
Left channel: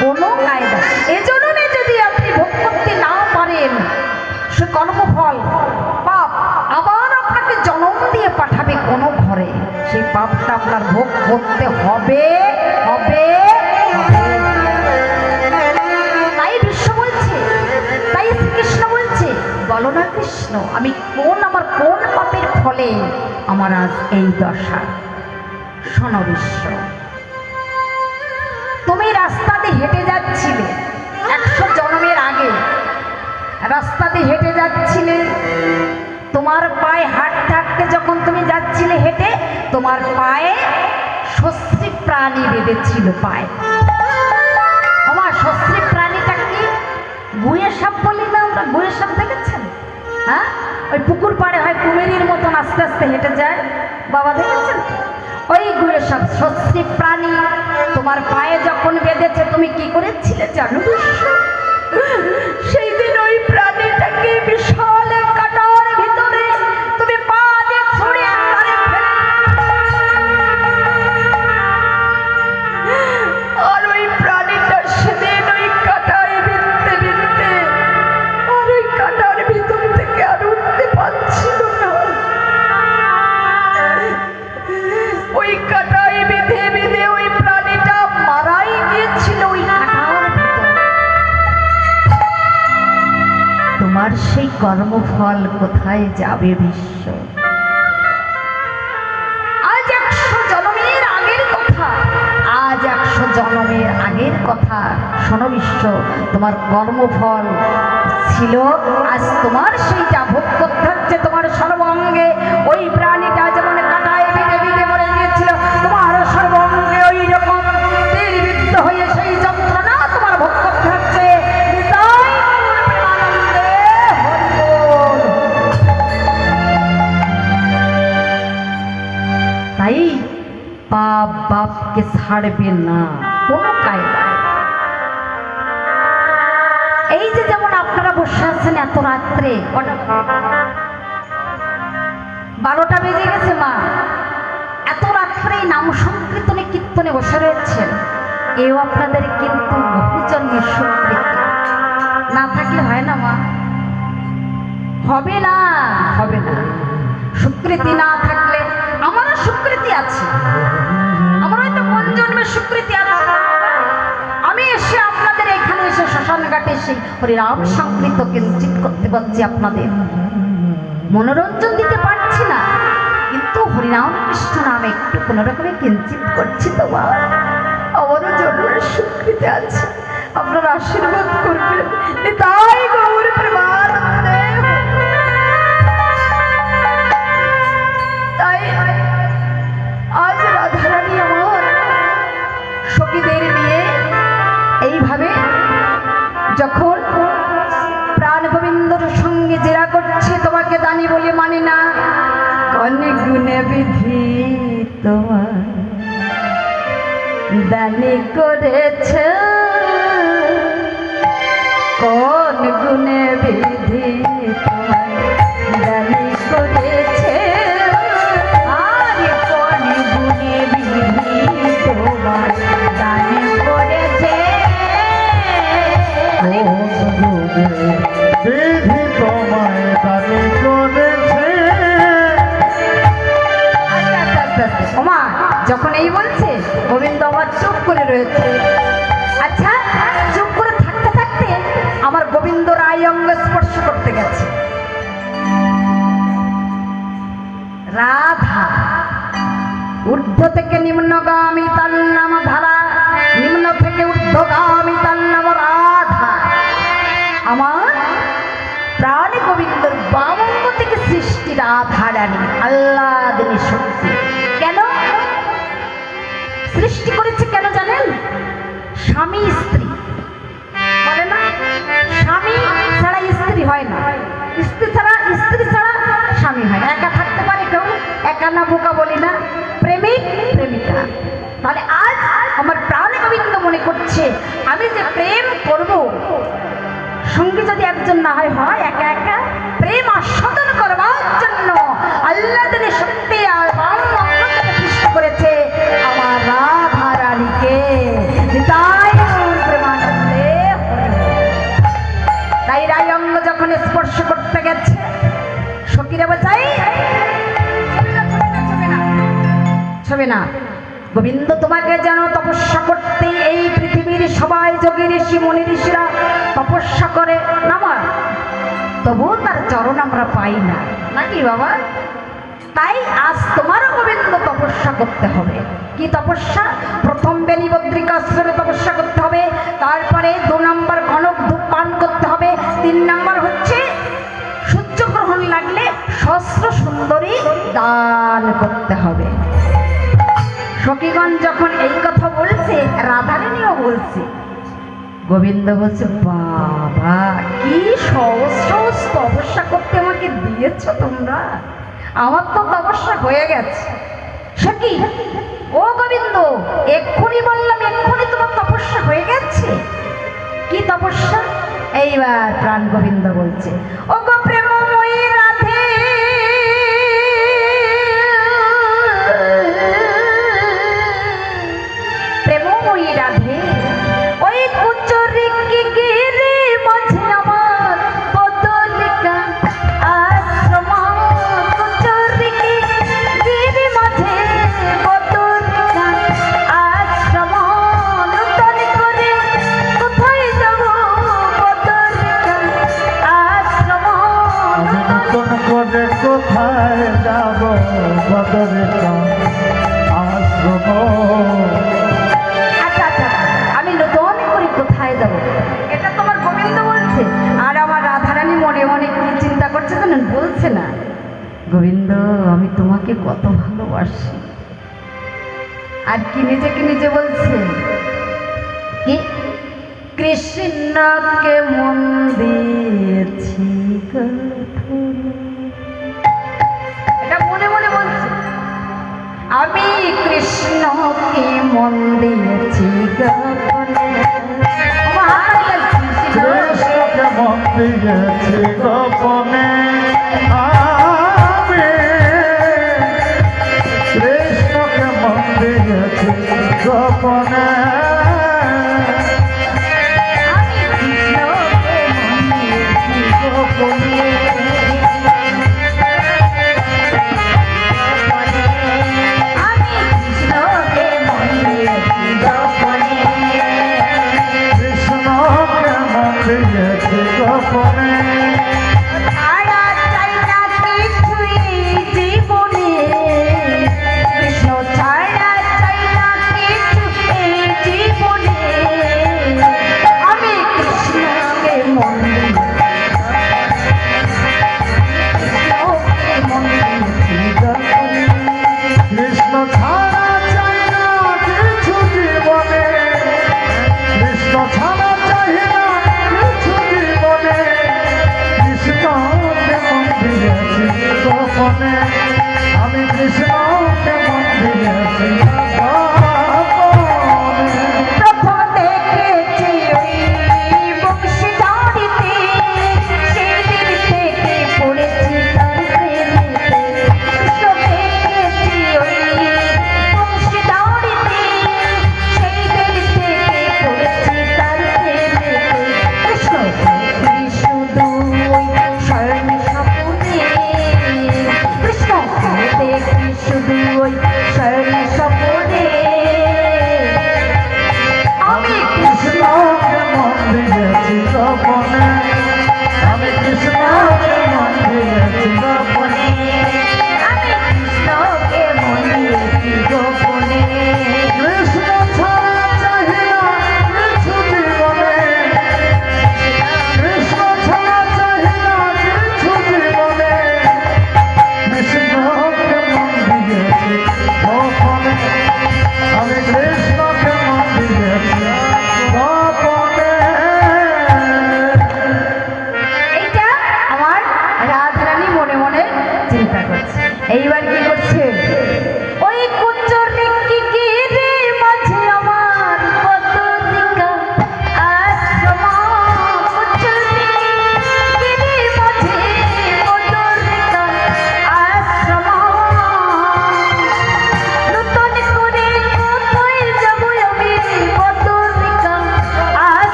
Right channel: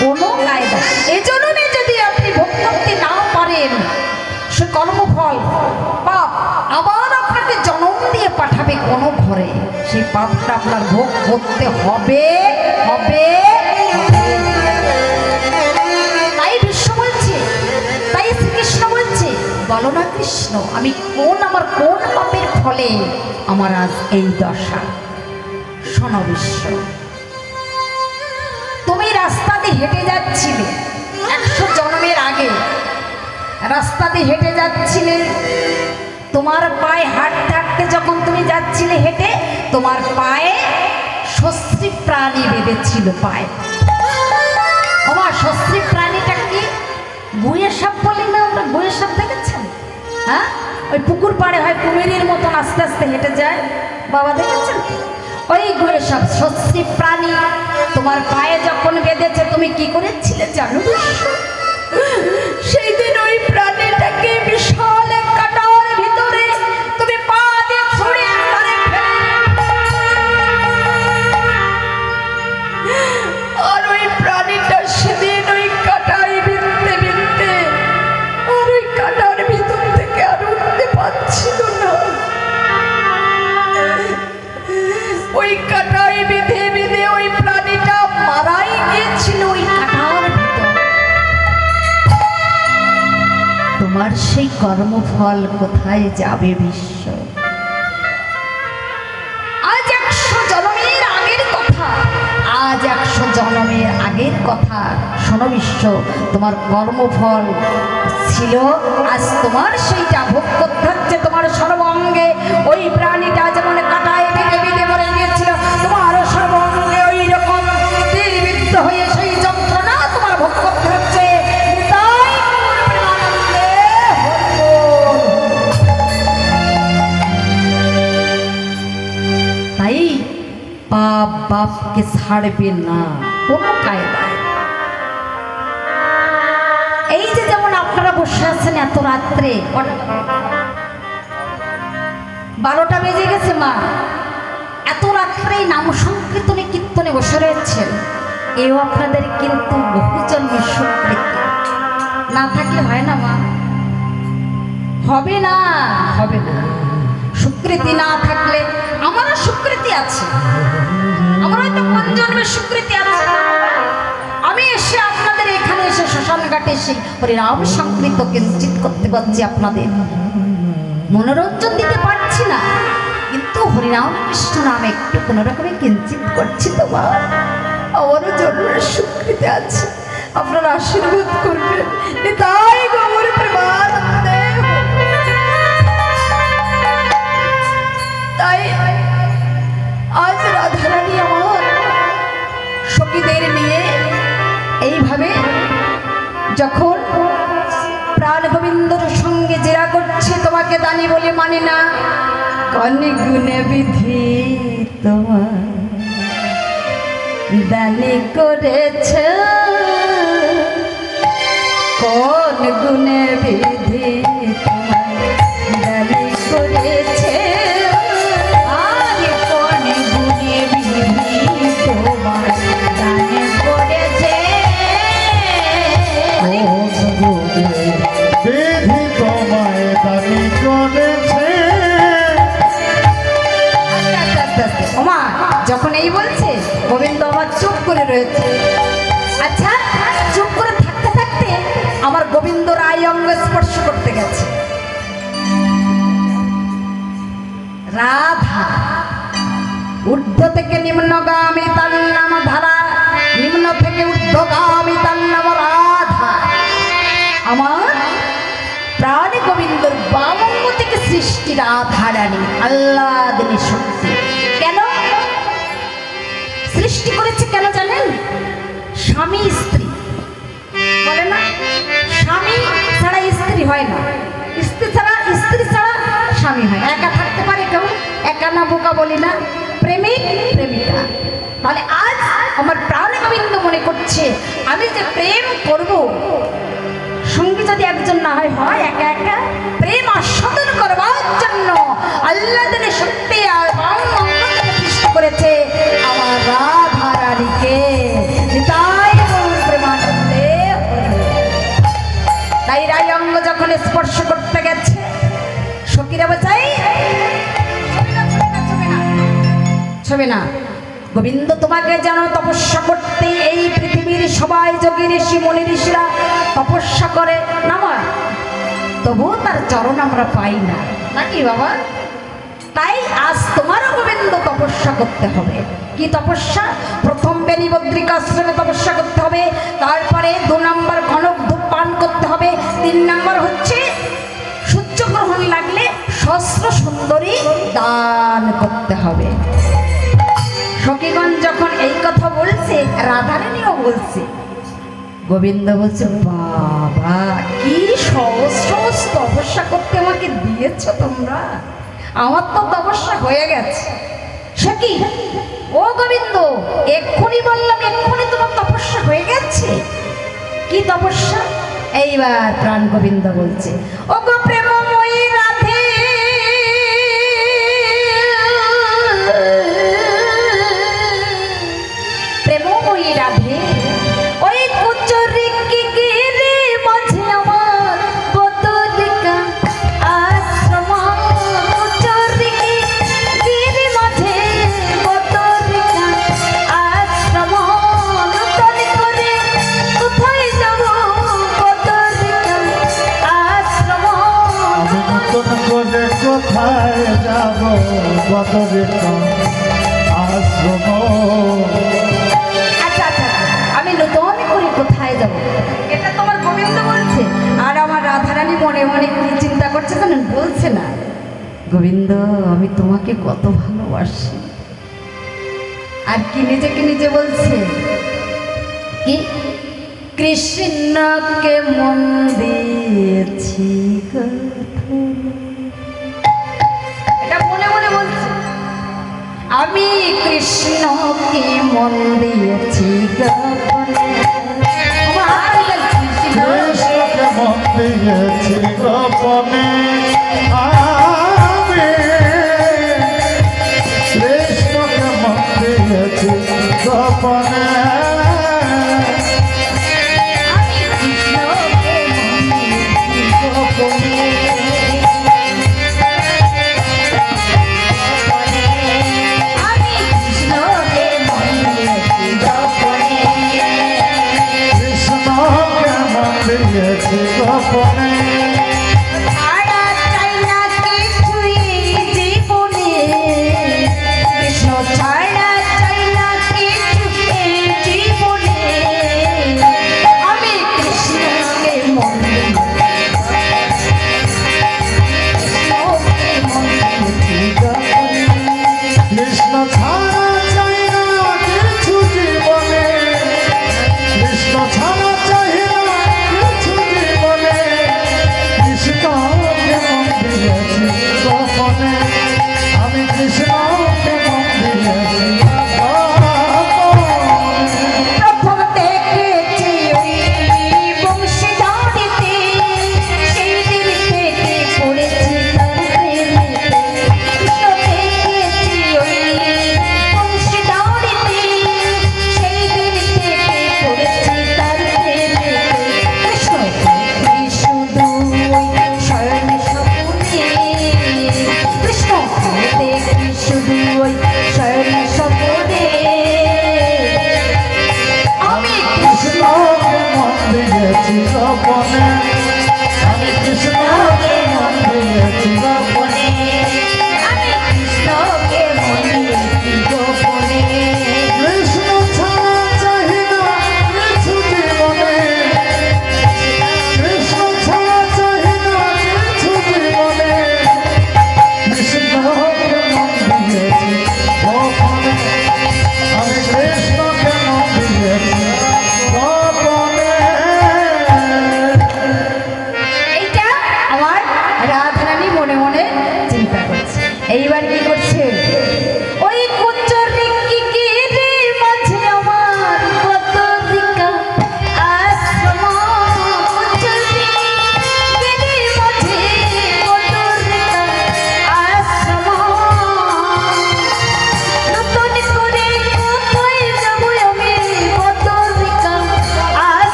কোনো কায়দা। এজন্য যদি আপনি ভোগ করতে না পারেন সে কর্মফল পাপ আবার আপনাকে জন্ম দিয়ে পাঠাবে কোনো ঘরে, সেই পাপটা আপনার ভোগ করতে হবে হবে হবে। তাই বিশ্ব বলছে, তাই শ্রীকৃষ্ণ বলছে বলো না কৃষ্ণ আমি আমার কোন পাপের ফলে আমার আজ এই দশা। শোনো বিশ্ব তুমি রাস্তাতে হেঁটে যাচ্ছিলে 100 জন্মের আগে, রাস্তাতে হেঁটে যাচ্ছিলে, তোমার পায়ে হাঁটতে হাঁটতে যখন তুমি যাচ্ছিলে হেঁটে তোমার পায়ে সস্ত্রীক প্রাণী বেঁধেছিল পায়ে। আমার সস্ত্রীক প্রাণীটা কি? গুয়ের সাপ বলি না আমরা, গুয়ের সাপ দেখেছেন? হ্যাঁ ওই পুকুর পাড়ে হয় কুমিরের মতন আস্তে আস্তে হেঁটে যায়, বাবা দেখেছেন? ওই গুয়ের সাপ সস্ত্রীক প্রাণী তোমার পায়ে যখন বেঁধেছে তুমি কি করেছিলে জানো? সেই দিন ওই প্রাণীটাকে বিশাল এক কাঁটার ভিতরে তুমি পা দিয়ে ছড়িয়ে ধরে আর ওই প্রাণীটা সেদিন ওই কাঁটায় বিঁধতে বিঁধতে আর ওই কাঁটার ভিতর থেকে আর উঠতে পারছিল না। ওই কাঁটায় বেঁধে বেঁধে ওই প্রাণীটা মারাই গিয়েছিল ওই কাঁটার ভিতর। তোমার সেই কর্মফল কোথায় যাবে বিশ্ব? আজ 100 জন্মের আগের কথা, আজ 100 জন্মের আগের কথা। শোনো বিশ্ব তোমার কর্মফল ছিল আজ তোমার সেইটা ভোগ করতে হচ্ছে তোমার সর্বাঙ্গে। ওই প্রাণীটা যেমন কাঁটায় বেঁধে বেঁধে মরে গিয়েছিল তোমার সর্বাঙ্গে ওই রকম তীরবিদ্ধ হয়ে সেই যন্ত্রণা তোমার ভোগ করতে হচ্ছে। তাই পাপ বাপকে ছাড়বে না কোনো কায়দায়। এই যে যেমন আপনারা বসে আছেন এত রাত্রে 12টা বেজে গেছে মা, এত রাত্রে নাম সংকীর্তনে কীর্তনে বসে রয়েছেন, এও আপনাদের কিন্তু বহুজন্মের স্বীকৃতি। না থাকলে হয় না মা, হবে না হবে না। স্বীকৃতি না থাকলে আমারও স্বীকৃতি আছে, আমার হয়তো কোন জন্মের স্বীকৃতি আছে। আমি এসে আপনাদের এখানে এসে শ্মশান ঘাটে এসে হরিনাম সংকীর্তন কিঞ্চিত করতে পারছি, আপনাদের মনোরঞ্জন দিতে পারছি না, কিন্তু হরিনাম কৃষ্ণ নামে একটু কোনো রকমে কিঞ্চিত করছি। তো বাবা আমারও জন্মের স্বীকৃতি আছে, আপনারা আশীর্বাদ করবেন। তাই গৌর প্রেমানন্দে। তাই আজ রাধারানী আমার সখীদের নিয়ে এইভাবে যখন প্রাণ গোবিন্দর সঙ্গে জেরা করছে, তোমাকে দানি বলে মানে না, কনে গুণে বিধি তোমার দানি করেছে, কোন গুণে বিধি তোমার দানি করেছে, আর কোন গুণে বিধি তোমার দানি করেছে, বিধি তোমায় দানি করেছে, রাধা। ঊর্ধ্ব থেকে নিম্নগামী তার নাম ধারা, নিম্ন থেকে ঊর্ধ্বগামী তার নাম রাধা। আমার প্রাণ গোবিন্দর বামঙ্গ থেকে সৃষ্টি রাধা রানী, আল্লাহ দিনী শক্তি। কেন সৃষ্টি করেছে কেন জানেন? স্বামী স্ত্রী বলে না, স্বামী ছাড়া স্ত্রী হয় না, স্ত্রী ছাড়া স্বামী হয়। একা থাকতে পারে কেউ? একা না বোকা বলি না, প্রেমিক প্রেমিকা। তাহলে আজ আমার প্রাণ গোবিন্দ মনে করছে আমি যে প্রেম করব, সঙ্গী যদি একজন না হয়, হয় একা একা প্রেম আস্বাদন করবার জন্য আল্লাহ দিনে শক্তি আর সৃষ্টি করেছে আমার রাধা রানীকে। নিতাই গৌর প্রেমানন্দে। তাই রাই অঙ্গ যখন স্পর্শ করতে গেছে, সখীরা বাঁচাই ছবে না। গোবিন্দ তোমাকে যেন তপস্যা করতে এই পৃথিবীর সবাই যোগী ঋষি মনি ঋষিরা তপস্যা করে নামায়, তবুও তার চরণ আমরা পাই না, নাকি বাবা? তাই আজ তোমারও গোবিন্দ তপস্যা করতে হবে। কি তপস্যা? প্রথম বেনি বদ্রিকাশ্রমে তপস্যা করতে হবে, তারপরে 2 নম্বর ঘনক ধূপ পান করতে হবে, 3 নম্বর হচ্ছে সূর্যগ্রহণ লাগলে সহস্র সুন্দরী দান করতে হবে। সখীগণ যখন এই কথা বলছে, রাধারানীও বলছে, গোবিন্দ বলছে বাবা কি সহজ সহজ তপস্যা করতে আমাকে দিয়েছ তোমরা, আমার তো তপস্যা হয়ে গেছে। সখী ও গোবিন্দ, এক্ষুনি বললাম, এক্ষুনি তোমার তপস্যা হয়ে গেছে। কি তপস্যা? এইবার প্রাণ গোবিন্দ বলছে, ও গো প্রেমময়ী রাধে, প্রেমময়ী রাধে, ওই কুচরি কি গিরি মাঝে আমার বদলিকা আশ্রম, কুচরি কি গিরি মাঝে বদলিকা আশ্রম, নূতন করে কোথায় যাব বদলিকা আশ্রম। আমি নতুন করে কোথায় যাব বদরিকা আশ্রম। আচ্ছা আচ্ছা, আমি নতুন করে কোথায় যাব, এটা তোমার গোবিন্দ বলছে। আর আমার রাধারানী মনে মনে কি চিন্তা করছে জানেন? বলছে না, গোবিন্দ আমি তোমাকে কত ভালোবাসি। আর কি নিজেকে নিজে বলছে কি? কৃষ্ণকে মন দিয়েছি গঠনে। এটা মনে মনে বলছে, আমি কৃষ্ণকে মন দিয়েছি গঠনে। কৃষ্ণকে মন দিয়েছি গোপনে, আমি কৃষ্ণকে মন দিয়েছি গোপনে। আমি কৃষ্ণকে মন দিয়েছি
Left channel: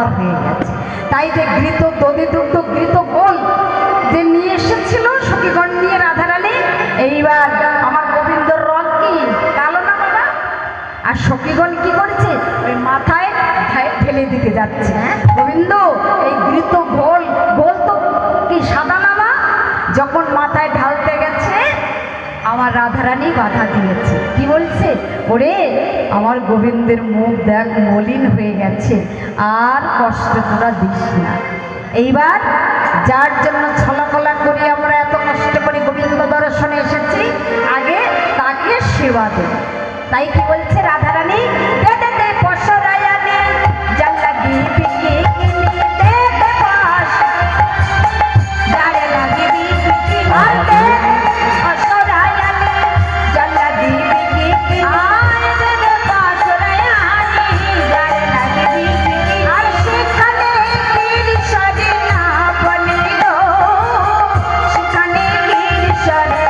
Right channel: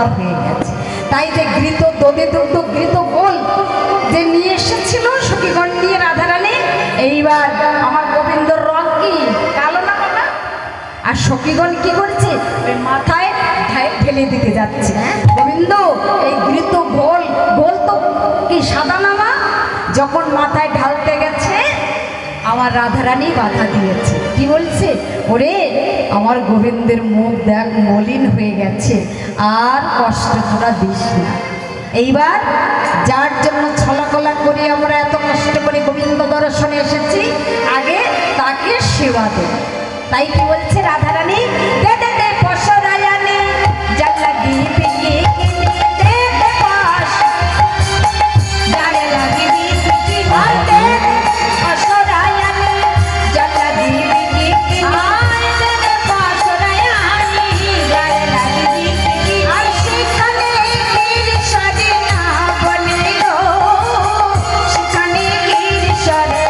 আমার হয়ে গেছে। তাই যে ঘৃত দধি দুগ্ধ ঘৃত গোল যে নিয়ে এসেছিল সখীগণ দিয়ে রাধারানী, এইবার আমার গোবিন্দর রং কি কালো না বাবা? আর সখীগণ কি করছে? ওই মাথায় ঢেলে দিতে যাচ্ছে। গোবিন্দ এই ঘৃত গোল গোল তো কি সাদা না মা? যখন মাথায় ঢালতে গেছে আমার রাধারানী বাধা দিয়েছে। কি বলছে? ওরে আমার গোবিন্দের মুখ দেখ মলিন হয়ে গেছে, আর কষ্ট তোরা দিস না। এইবার যার জন্য ছলাকলা করি আমরা এত কষ্ট করে গোবিন্দ দর্শনে এসেছি, আগে তাকে সেবা দেব। তাই কি বলছে রাধারানী? দে দে দে পশরায়ানে জাল্লা গিপি গিপি দে দে পাশ দাঁড়ে লাগে গিপি মারতে পশরায়ানে জাল্লা গিপি গিপি আয় দে দে পশরায়ানে দাঁড়ে লাগে গিপি আর সেখানে গিরিশরে না বলে গো, সেখানে গিরিশরে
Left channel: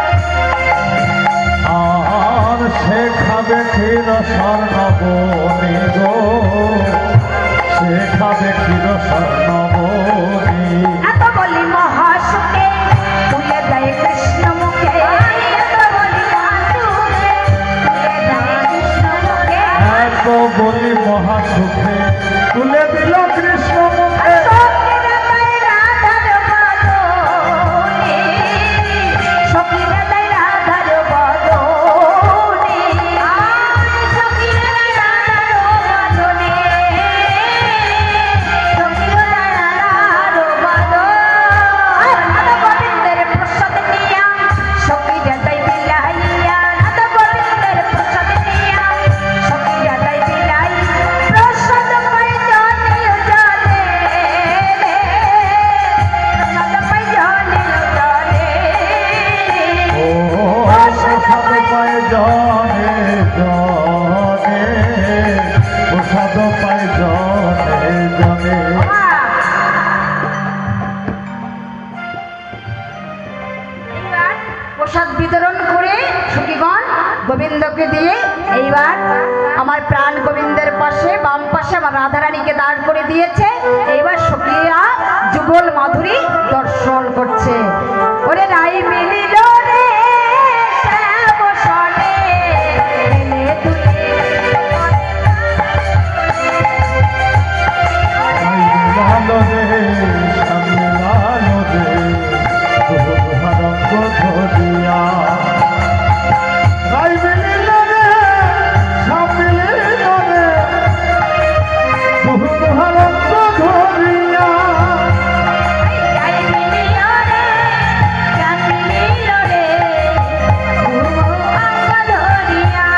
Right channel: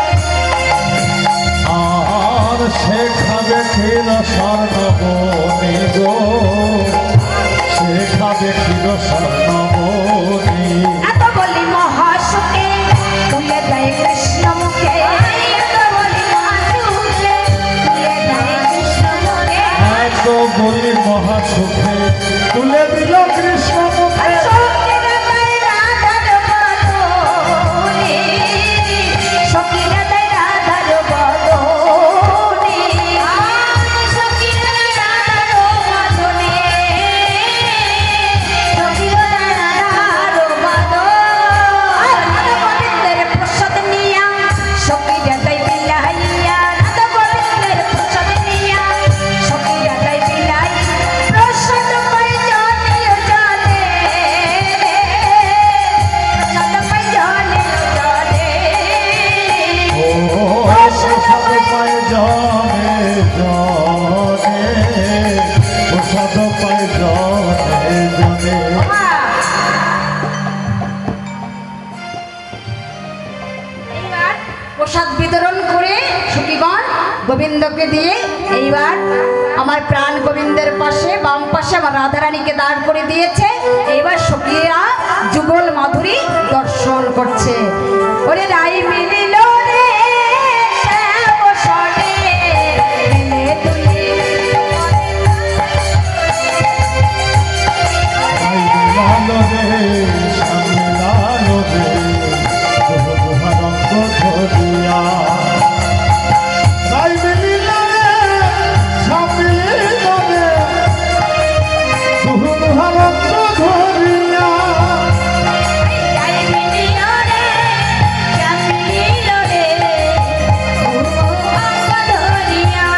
আর শেখাবে ক্ষীর স্বর্ণবনি গো, শেখাবে ক্ষীর স্বর্ণবনি। এত বলি মহাসুখে তুলে দেয় কৃষ্ণ মুখে, এত বলি মহাসুখে তুলে দেয় কৃষ্ণ মুখে, এত বলি মহাসুখে তুলে দিল কৃষ্ণ মুখে। সখীরা দেয় রাধার বদনে, সখীরা দেয় রাধার বদনে, সখীরা দেয় রাধার বদনে, সখীরা দেয় রাধার বদনে। রাধা গোবিন্দের প্রসাদ নিয়া সখীরা দেয় বিলাইয়া, রাধা গোবিন্দের প্রসাদ নিয়া সখীরা দেয় বিলাইয়া, প্রসাদ পাই জানিও জানে, প্রসাদ পাই জানিও জানে। ও প্রসাদ পায় জনে জনে, প্রসাদ পায় জনে জনে। এইবার প্রসাদ বিতরণ করে সখীগণ গোবিন্দকে দিয়ে এইবার আমার প্রাণ গোবিন্দের পাশে বাম পাশে আমার রাধারানীকে দাঁড় করে দিয়েছে। এইবার সখীরা যুগল মাধুরী দর্শন করছে। ওরে লাই মিলিল রে শ্যাম সনে, মেলে তুলে লালো রে সামনে লালো রে, বহু রঙ্গ ধরিয়া। রাই মিলিল রে সামনে লিল রে, বহু রঙ্গ ধরিয়া। লাই মিলিল রে শ্যাম মিলিল রে, ঘুমো অঙ্গ ধরিয়া।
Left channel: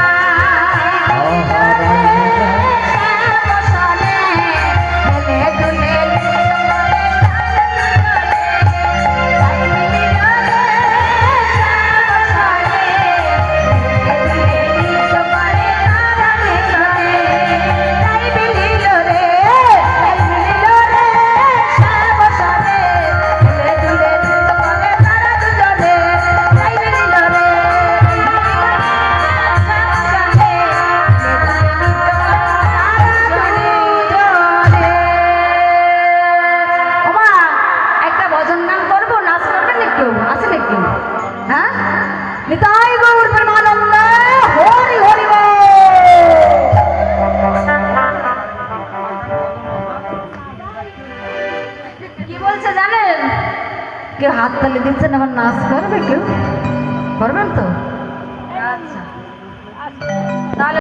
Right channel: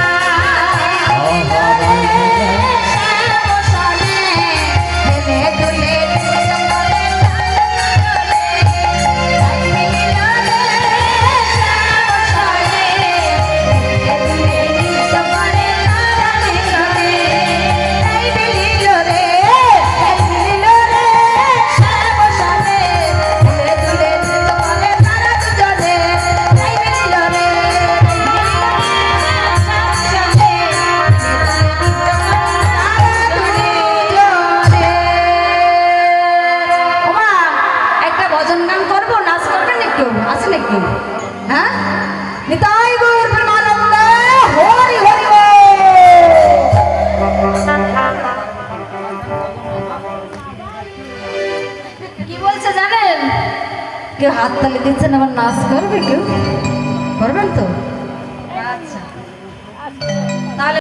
একটা ভজন গান করবো, নাচ করবেন নাকি? আছে নাকি? হ্যাঁ, নিতাই গৌর প্রেমানন্দ, হরি হরি বল। কি বলছে জানেন? কেউ হাত তালি দিচ্ছেন, আবার নাচ করবে, কেউ করবেন তো?